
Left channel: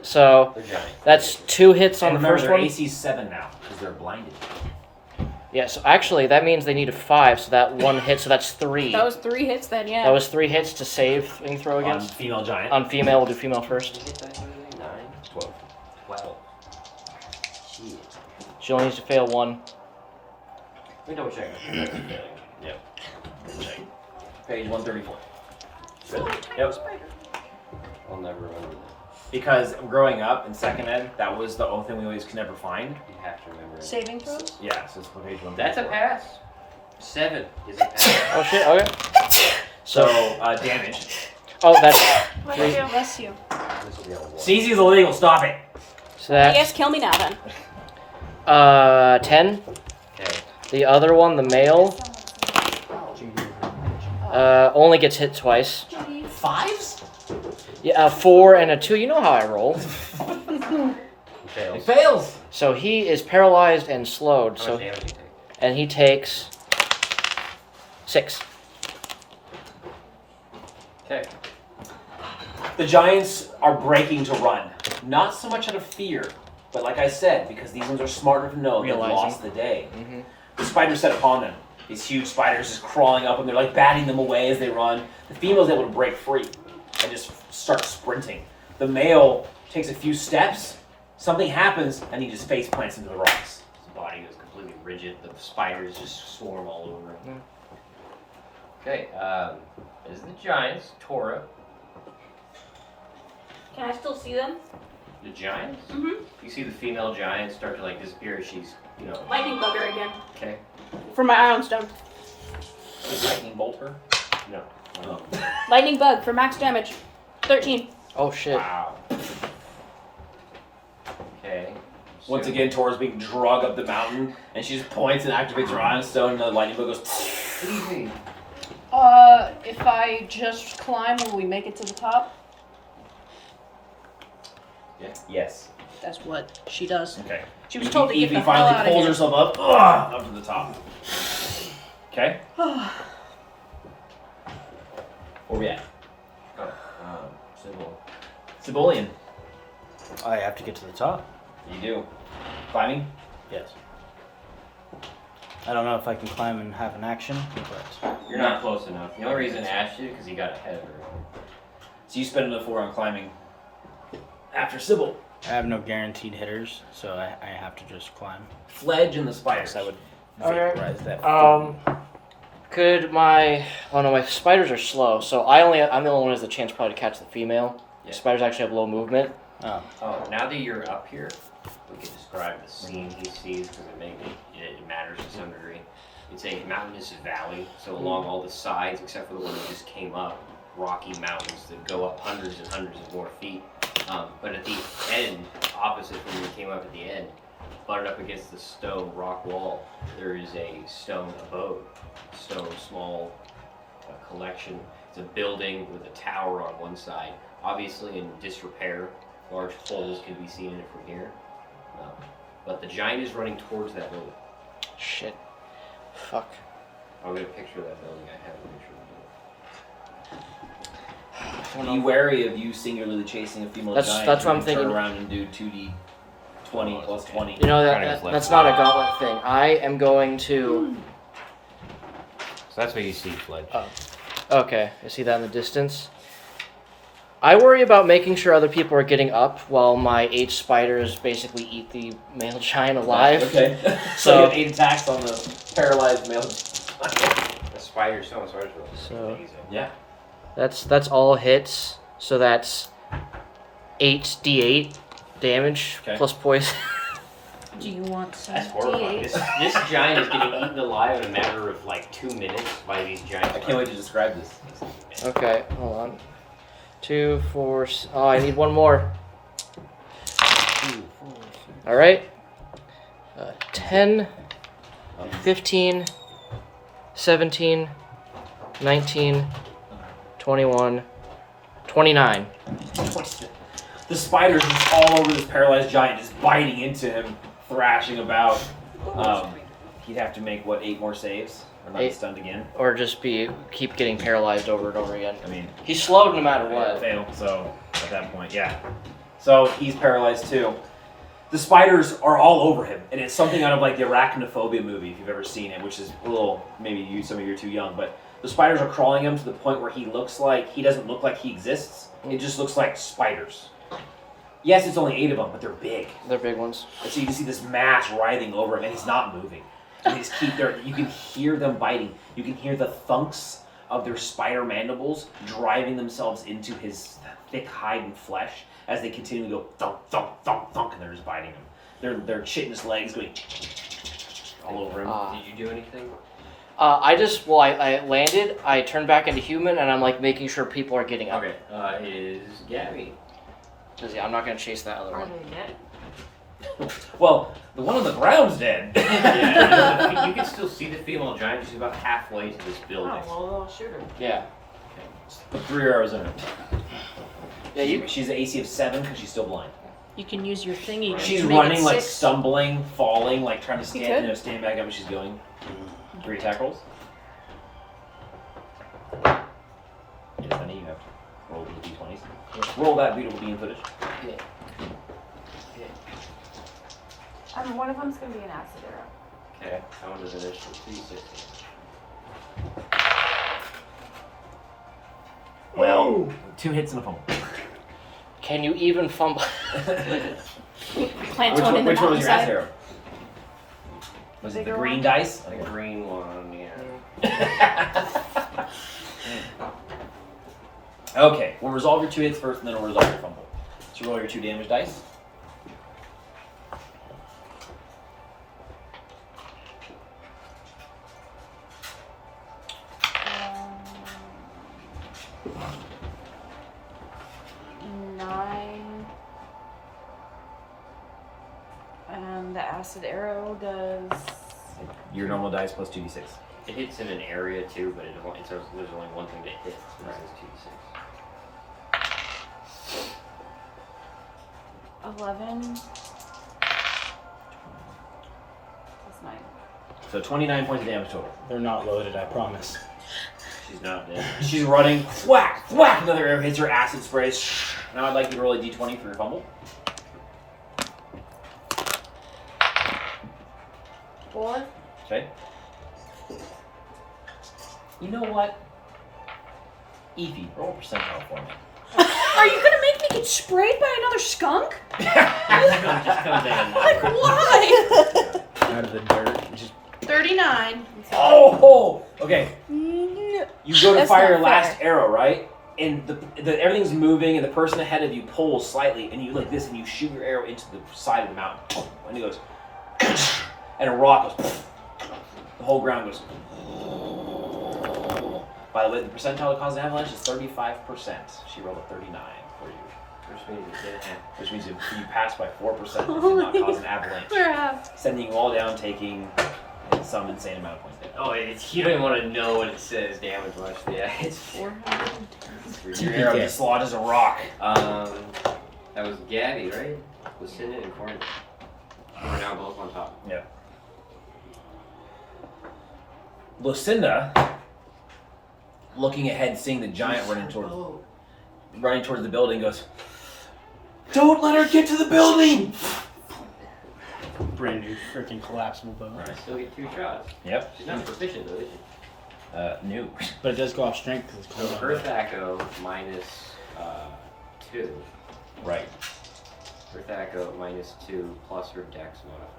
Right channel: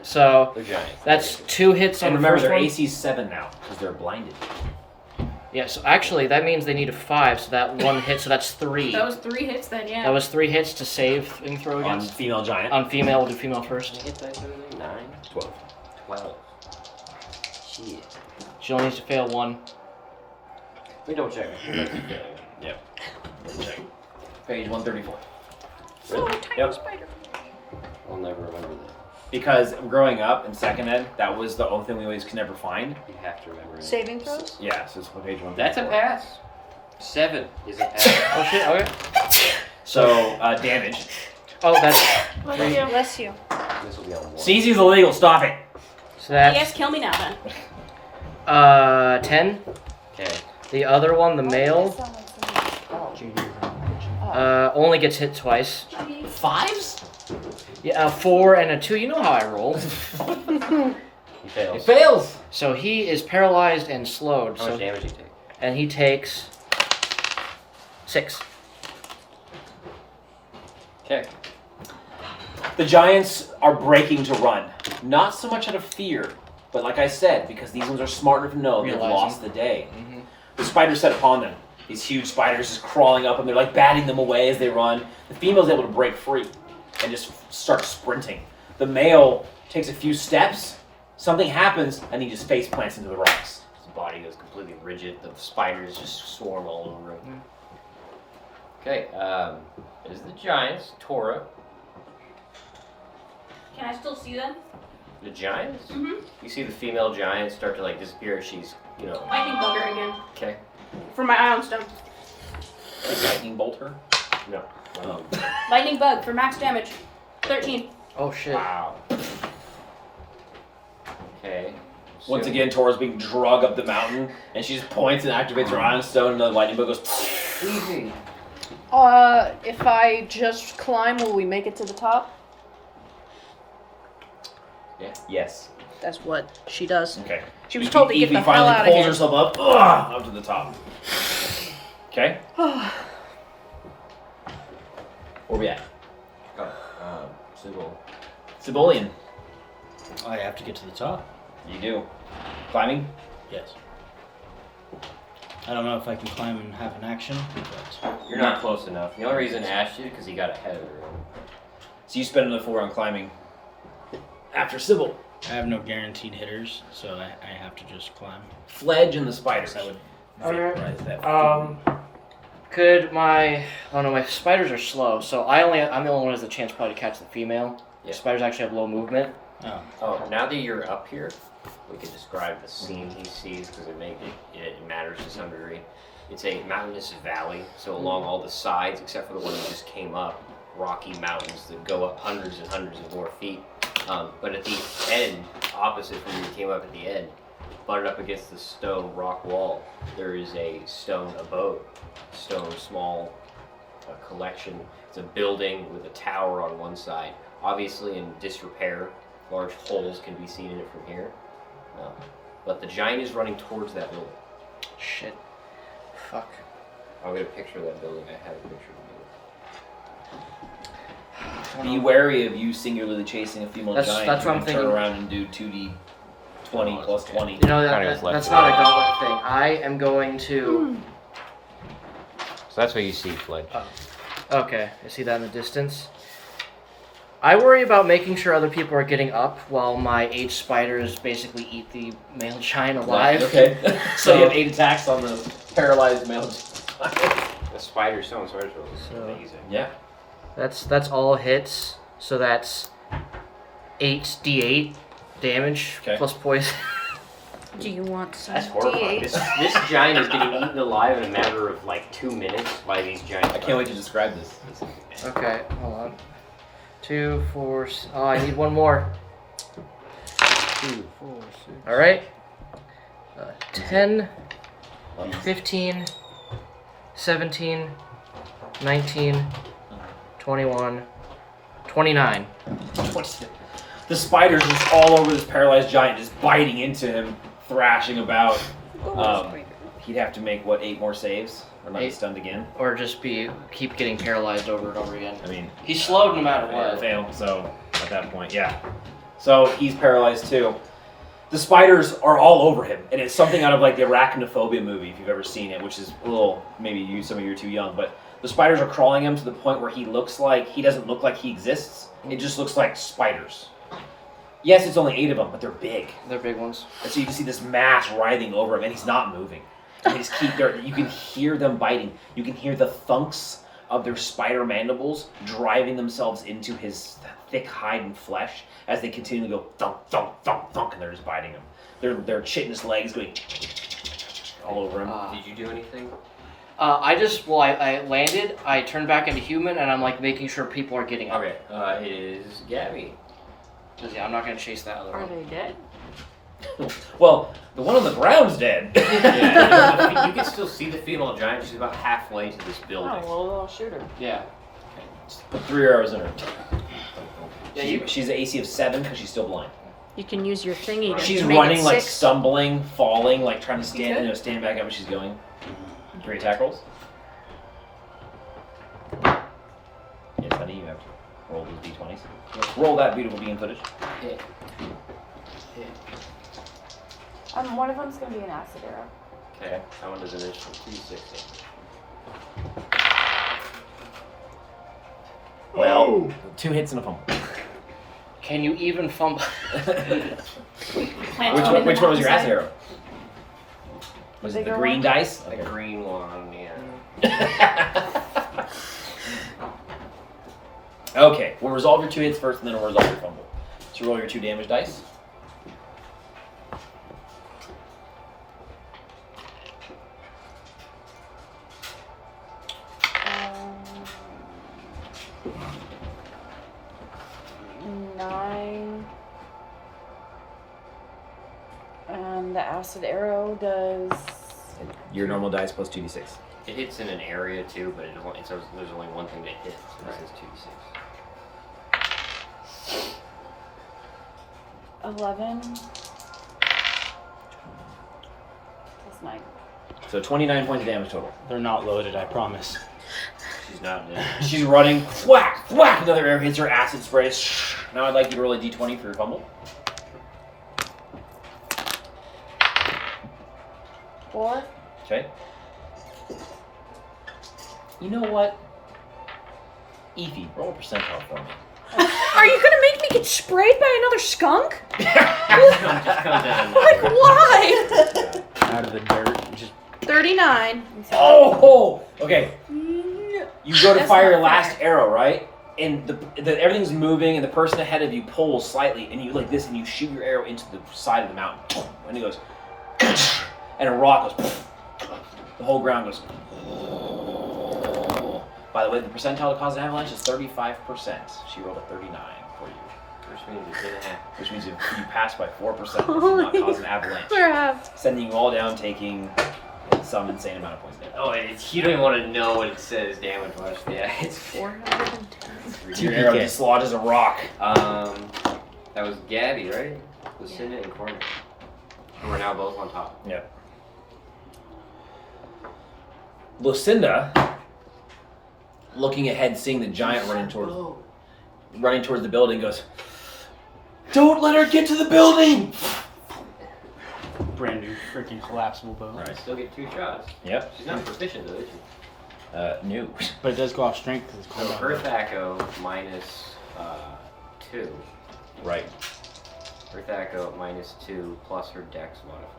So, They're giants. that's 2 hits on And the remember, first their one. AC's 7 now, because they're blinded. Yeah, so actually, that means they need a 5, so that 1 hit, so that's 3. That was 3 hits then, yeah. That was 3 hits to save and throw On against. female giant. On female, we'll do female Did first. you get that? 9? 12. Wow. Shit. She only needs to fail 1. Let me double check. Yep. Page 134. So tiny Yep. spider. I'll never remember that. Because growing up in second ed, that was the only thing we always could never find. You have to remember that. Saving throws? Yeah, so it's page 134. That's a pass. 7 is a pass. Oh shit, okay. So, damage. Oh, that's. Bless you. This will be on 1. CZ's illegal, stop it. So I that's. guess kill me now then. 10. Okay. The other one, the male, only gets hit twice. 5s? Yeah, a 4 and a 2. You know how I roll. He fails. It fails. So he is paralyzed and slowed. How So much damage do you take? and he takes 6. Okay. The giants are breaking to run. Not so much out of fear, But like I said, because these ones are smart enough to know they've Realizing. lost the day, Mm-hmm. the spiders set upon them. These huge spiders just crawling up, and they're like batting them away as they run. The female's able to break free and just start sprinting. The male takes a few steps, something happens, and he just face plants into the rocks. His body goes completely rigid. The spiders just swarm all over him. Okay, is the giants, Tora. Can I still see them? The giants? Mm-hmm. You see the female giant start to like disappear as she's, Lightning bug her again. Okay. For my ion stone. Lightning bolt her? No. Lightning bug for max damage. 13. Oh shit. Wow. Okay. Once again, Tora's being dragged up the mountain, and she just points and activates her ion stone, and the lightning bug goes. Easy. If I just climb, will we make it to the top? Yes. That's what she does. Okay. She was told to get Evie the hell finally out of pulls here. herself up to the top. Okay. Where we at? Civilian. I have to get to the top. You do. Climbing? Yes. I don't know if I can climb and have an action, but You're not close enough. The only reason I asked you because he got ahead of everyone. So you spend another 4 on climbing. After Sybil. I have no guaranteed hitters, so I have to just climb. Fledge and the spiders. I would Okay. vaporize that. Could my... Oh no, my spiders are slow, so I'm the only one who has the chance probably to catch the female. Yeah. Spiders actually have low movement. Oh, now that you're up here, we could describe the scene he sees because it matters to some degree. It's a mountainous valley, so along all the sides, except for the one that just came up, rocky mountains that go up hundreds and hundreds of more feet. But at the end, opposite from where you came up at the end, butted up against the stone rock wall, there is a stone abode, stone small collection. It's a building with a tower on one side, obviously in disrepair. Large holes can be seen in it from here. But the giant is running towards that building. Shit. Fuck. I would have pictured that building. I have a picture of Be wary of you singularly chasing a female giant. That's what I'm thinking. Turn around and do 2d 20 plus 20. You know, that's not a gauntlet thing. I am going to... So that's what you see, Fledge. Okay, I see that in the distance. I worry about making sure other people are getting up while my 8 spiders basically eat the male giant alive. Okay. So you have 8 attacks on the paralyzed male. The spider stone starts So easy. Yeah. that's all hits. So that's 8d8 damage plus poison. Do you want some That's horrifying. D8? This giant is getting eaten alive in a matter of like 2 minutes by these giant. I can't wait to describe this. Okay, hold on. 2, 4. Oh, I need one more. 2, 4, 6. All right. 10, 15, 17, 19, 21, 29. The spiders just all over this paralyzed giant, just biting into him, thrashing about. He'd have to make, 8 more saves? Or not be 8. stunned again? Or just keep getting paralyzed over and over again. I mean, he's slowed no matter what. Fail, so at that point, yeah. So he's paralyzed too. The spiders are all over him, and it's something out of like the Arachnophobia movie, if you've ever seen it, which is a little, maybe some of you are too young, but the spiders are crawling him to the point where he doesn't look like he exists. It just looks like spiders. Yes, it's only 8 of them, but they're big. They're big ones. And so you can see this mass writhing over him, and he's not moving. And they just keep you can hear them biting. You can hear the thunks of their spider mandibles driving themselves into his thick hide and flesh as they continue to go thunk, thunk, thunk, thunk, and they're just biting him. Their chitinous legs going all over him. Did you do anything? I landed, I turned back into human, and I'm like making sure people are getting up. Okay, it is Gabby. Yeah, I'm not gonna chase that other Are one. they dead? Well, the one on the ground's dead. Yeah, you can still see the female giant. She's about halfway to this building. Oh, well, I'll shoot her. Yeah. Put 3 arrows in her. Yeah, she's an AC of 7 because she's still blind. You can use your thingy to She's make running, it like 6. stumbling, falling, like trying to You stand, stand back up as she's going. Great attack rolls. Yes, honey, you have to roll these d20s. Roll that beautiful bean footage. One of them's gonna be an acid arrow. Okay, that one is an additional 2d6 damage. Well, 2 hits and a fumble. Can you even fumble? Plant Which one in one the was your mountainside. acid arrow? Was it the green dice? The green one, yeah. Okay, we'll resolve your 2 hits first, and then we'll resolve your fumble. So roll your 2 damage dice. Nine. And the acid arrow does. Your normal dice plus 2d6. It hits in an area too, but there's only one thing to hit. So this is 2d6. 11. Plus 9. So 29 points of damage total. They're not loaded, I promise. She's not dead. She's running, whack, whack, another arrow hits her, acid sprays. Now I'd like you to roll a d20 for your fumble. 4. Okay. You know what? Evie, roll a percentile for me. Are you gonna make me get sprayed by another skunk? Just comes in. Like, why? Out of the dirt, just 39. Oh! Okay. You go to That's fire not your last fair. arrow, right? And everything's moving, and the person ahead of you pulls slightly, and you like this, and you shoot your arrow into the side of the mountain, and it goes, and a rock goes. The whole ground goes. By the way, the percentile to cause an avalanche is 35%. She rolled a 39 for you. Which means it didn't happen. Which means you pass by 4%, which does not cause an avalanche. Crap. Sending you all down, taking some insane amount of points down. Oh, you don't even want to know what it says damage rush. Yeah, it's 410. Your arrow just lodges a rock. That was Gabby, right? Lucinda and Corn. We're now both on top. Yep. Lucinda, looking ahead, seeing the giant running towards the building, goes, "Don't let her get to the building!" brand new freaking collapsible bow. Right. Still get 2 shots. Yep. She's not proficient though, is she? New. But it does go off strength because it's So compound. her THACO minus 2. Right. Her THACO minus 2 plus her dex modifier.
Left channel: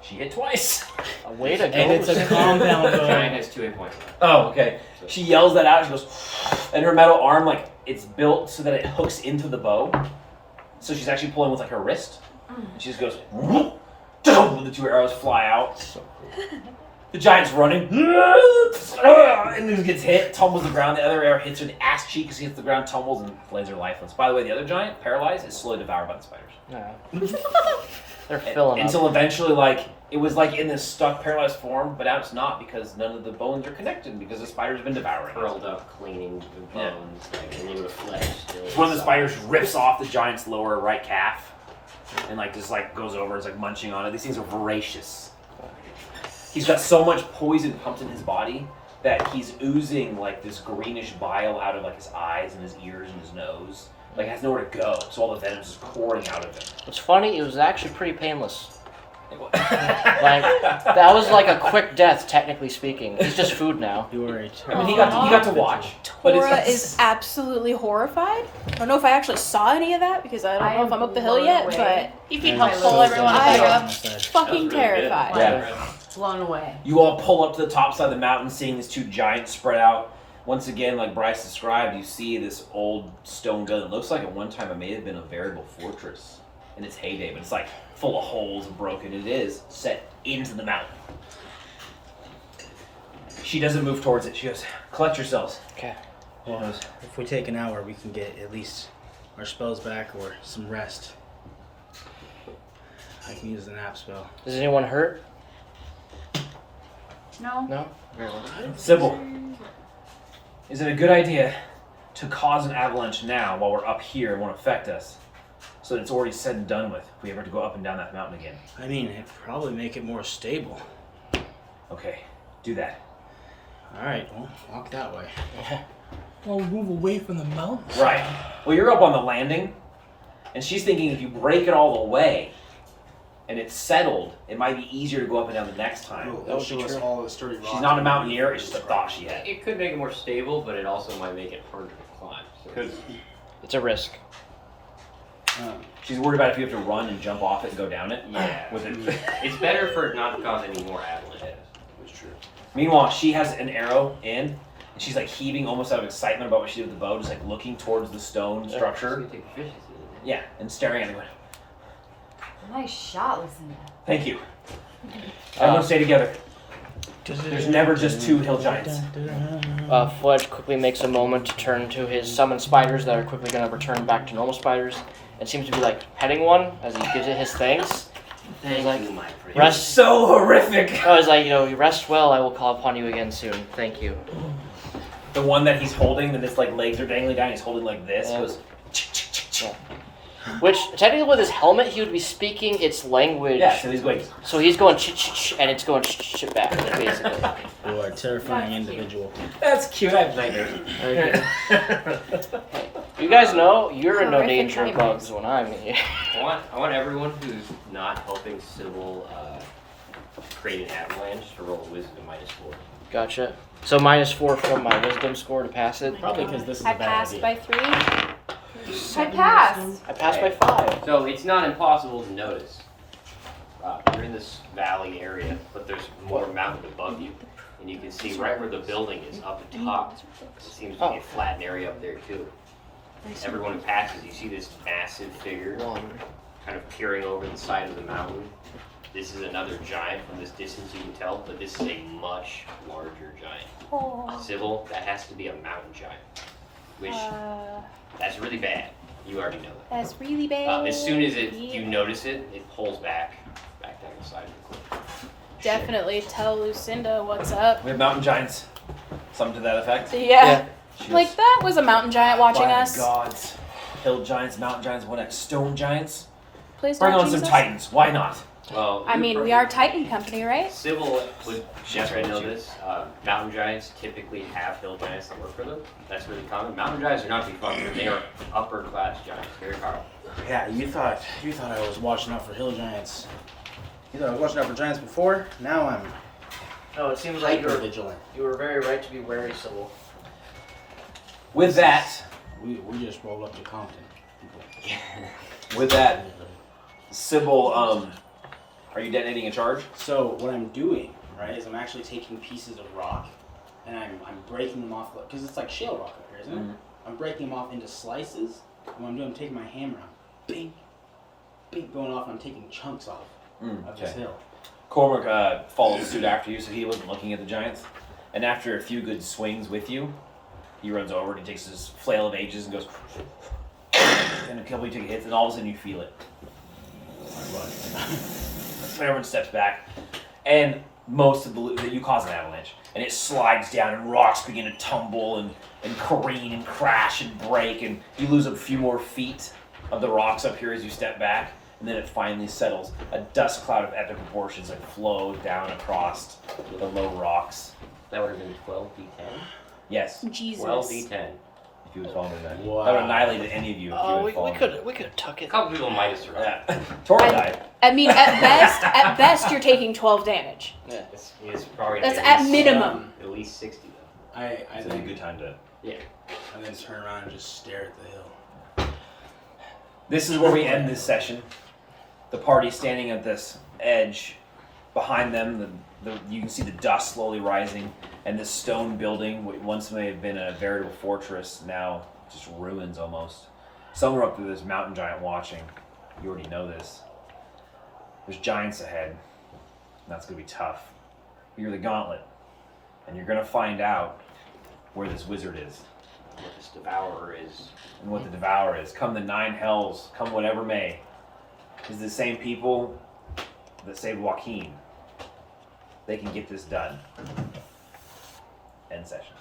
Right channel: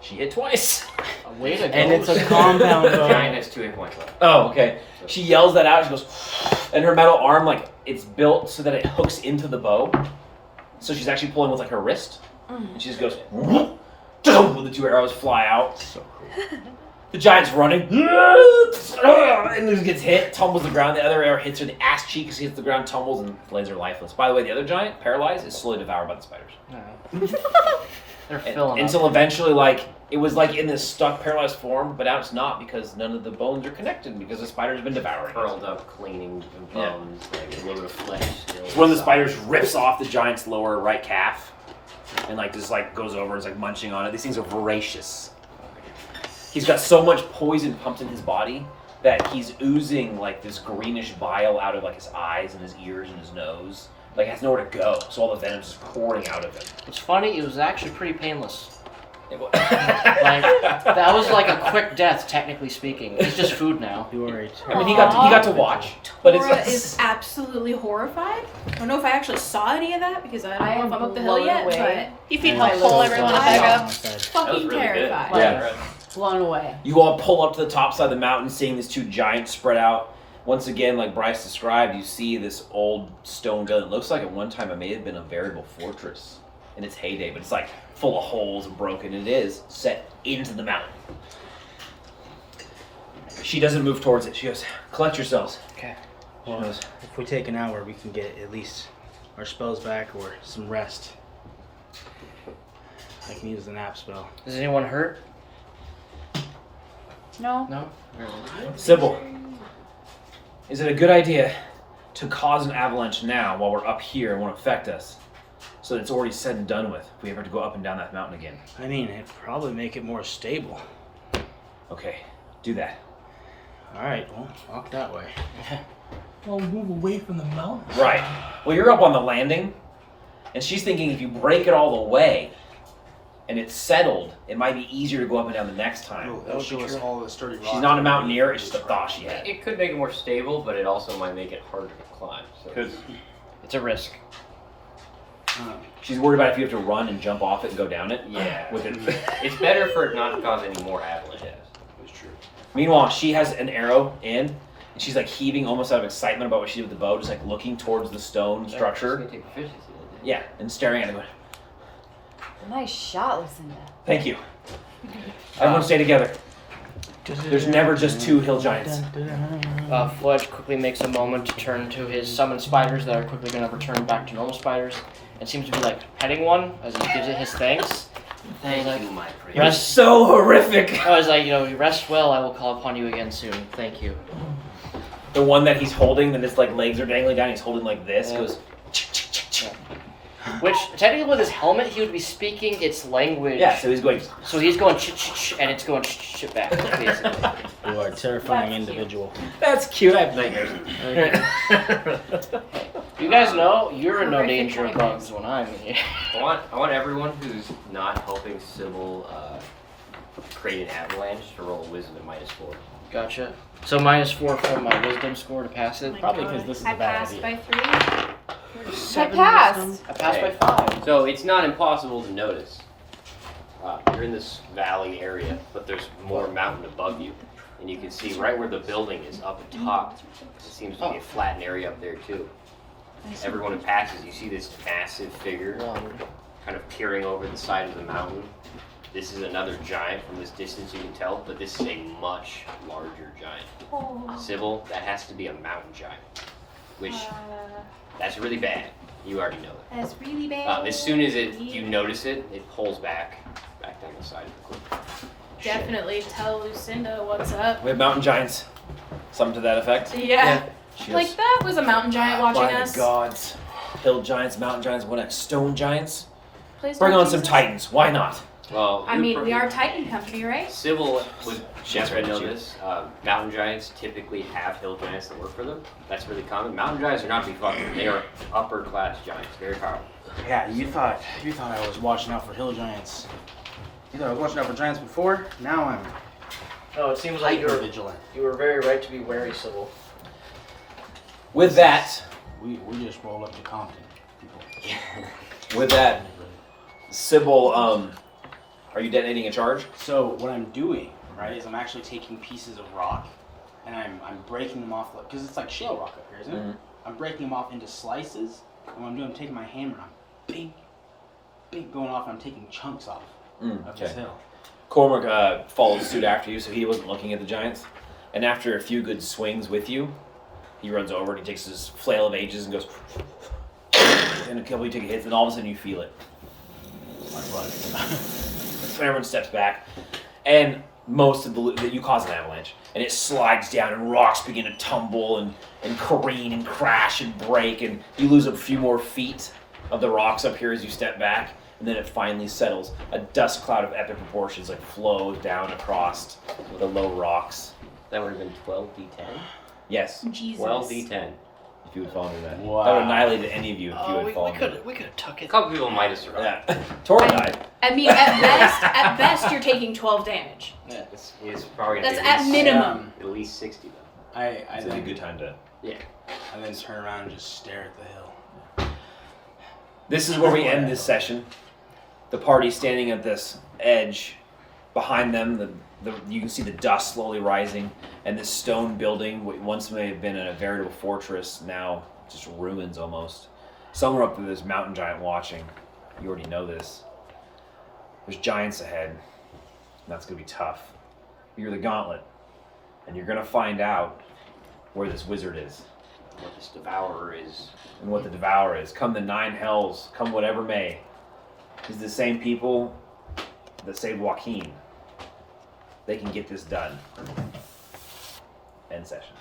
She hit twice. Way to go. And it's a compound The bow. giant has 2 hit points left. Oh, okay. She yells that out. She goes, and her metal arm, like, it's built so that it hooks into the bow. So she's actually pulling with, like, her wrist. And she just goes, the 2 arrows fly out. So cool. The giant's running. And then gets hit, tumbles to the ground. The other arrow hits her in the ass cheek as he hits the ground, tumbles, and lands her lifeless. By the way, the other giant, paralyzed, is slowly devoured by the spiders. They're filling up. Until eventually, like, it was like in this stuck, paralyzed form, but now it's not because none of the bones are connected because the spider's been devoured. Curled up, cleaning the bones, like a little bit of flesh. Still One of the spiders rips off the giant's lower right calf and, like, just, like, goes over and is, like, munching on it. These things are voracious. He's got so much poison pumped in his body that he's oozing, like, this greenish bile out of, like, his eyes and his ears and his nose. Like, it has nowhere to go, so all the venom's just pouring out of him. What's funny, it was actually pretty painless. Like, that was like a quick death, technically speaking. It's just food now. You are a I mean, he got to watch. But Tora it's, is absolutely horrified. I don't know if I actually saw any of that because I don't I know if am I'm up the hill blown yet, away. but if you I'm help so pull everyone glad back you're on up, my side. fucking really good. terrified. Yeah. Blown away. You all pull up to the top side of the mountain, seeing these 2 giants spread out. Once again, like Bryce described, you see this old stone gun. It looks like at one time it may have been a veritable fortress in its heyday, but it's like full of holes and broken. It is set into the mountain. She doesn't move towards it. She goes, "Collect yourselves." Okay. Well, if we take an hour, we can get at least our spells back or some rest. I can use the nap spell. Is anyone hurt? No. No? Sybil, is it a good idea to cause an avalanche now while we're up here and won't affect us, so that it's already said and done with if we ever have to go up and down that mountain again? I mean, it'd probably make it more stable. Okay, do that. All right, well, walk that way. Or move away from the mountain. Right. Well, you're up on the landing, And she's thinking if you break it all the way and it's settled, it might be easier to go up and down the next time. It'll show us all the sturdy rocks. She's not a mountaineer, it's just a thought she had. It could make it more stable, but it also might make it harder to climb. So. Could. It's a risk. She's worried about if you have to run and jump off it and go down it. Yeah. With it. It's better for it not to cause any more avalanches. That's true. Meanwhile, she has an arrow in, and she's like heaving almost out of excitement about what she did with the bow, just like looking towards the stone structure. Yeah, and staring at it. Going, Nice shot, Lucinda. thank you. Everyone stay together. There's never just two hill giants. Fledge quickly makes a moment to turn to his summoned spiders that are quickly going to return back to normal spiders, and seems to be like petting one as he gives it his thanks. And he's like, my pretty. You're so horrific. I was like, you rest well. I will call upon you again soon. Thank you. The one that he's holding, and his like legs are dangling down. He's holding like this. Yeah. Goes. Which technically, with his helmet, he would be speaking its language. Yeah, so he's going. So he's going ch-ch-ch, and it's going ch-ch-ch back, basically. You are a terrifying individual. That's cute. I have nightmares. You guys know you're in no danger of bugs when I'm here. I want everyone who's not helping Sybil create an avalanche to roll a wisdom of -4. Gotcha. So -4 from my wisdom score to pass it. Probably because this is a bad idea. I passed by 3. I passed. I passed by 5. So it's not impossible to notice. You're in this valley area, but there's more mountain above you. And you can see right where the building is up at top. It seems to be a flattened area up there too. Everyone who passes, you see this massive figure kind of peering over the side of the mountain. This is another giant from this distance you can tell, but this is a much larger giant. Sybil, that has to be a mountain giant. Which, that's really bad. You already know that. That's really bad. As soon as you notice it, it pulls back down the side of the cliff. Definitely tell Lucinda what's up. We have mountain giants. Something to that effect. Yeah. She Like goes, that was a mountain giant watching "My us. gods. Hill giants, mountain giants, what next? Stone giants? Please Bring don't on some tease us. titans. Why not? Well, I mean, we are Titan Company, right? Sybil would definitely know this. Mountain giants typically have hill giants that work for them. That's really common. Mountain giants are not to be fucked with. They are upper class giants. Very powerful. Yeah, you thought I was watching out for hill giants. You thought I was watching out for giants before? Now I'm No, it seems like hyper vigilant. you were very right to be wary, Sybil. With that, We just rolled up to Compton, people. with that, Sybil, are you detonating a charge? So what I'm doing, right, is I'm actually taking pieces of rock, and I'm breaking them off, because it's like shale rock up here, isn't it? Mhm. I'm breaking them off into slices, and what I'm doing, I'm taking my hammer, I'm big going off, and I'm taking chunks off of this hill. Cormac follows suit after you, so he wasn't looking at the giants. And after a few good swings with you, he runs over and he takes his flail of ages and goes, and a couple you take a hit, and all of a sudden you feel it. I run. Everyone steps back, and most of you cause an avalanche, and it slides down, and rocks begin to tumble and careen and crash and break, and you lose a few more feet of the rocks up here as you step back, and then it finally settles. A dust cloud of epic proportions like flows down across the low rocks. That would have been 12d10. Yes, Jesus. 12d10. if you would fall into that. Wow. I would annihilate any of you if you Oh, would fall we into could tuck A it. couple people might have survived. Yeah. Tori died. I mean, at best, you're taking 12 damage. It's probably That's at at least, minimum. At least 60 though. I It's a then good time to. I then turn around and just stare at the hill. This is where we end this session. The party standing at this edge. Behind them, you can see the dust slowly rising, and this stone building, what once may have been a veritable fortress, now just ruins almost. Somewhere up there, there's mountain giant watching. You already know this. There's giants ahead, and that's going to be tough. You're the gauntlet, and you're going to find out where this wizard is. What this devourer is. And what the devourer is. Come the 9 hells, come whatever may. Is the same people that saved Joaquin. They can get this done. End session.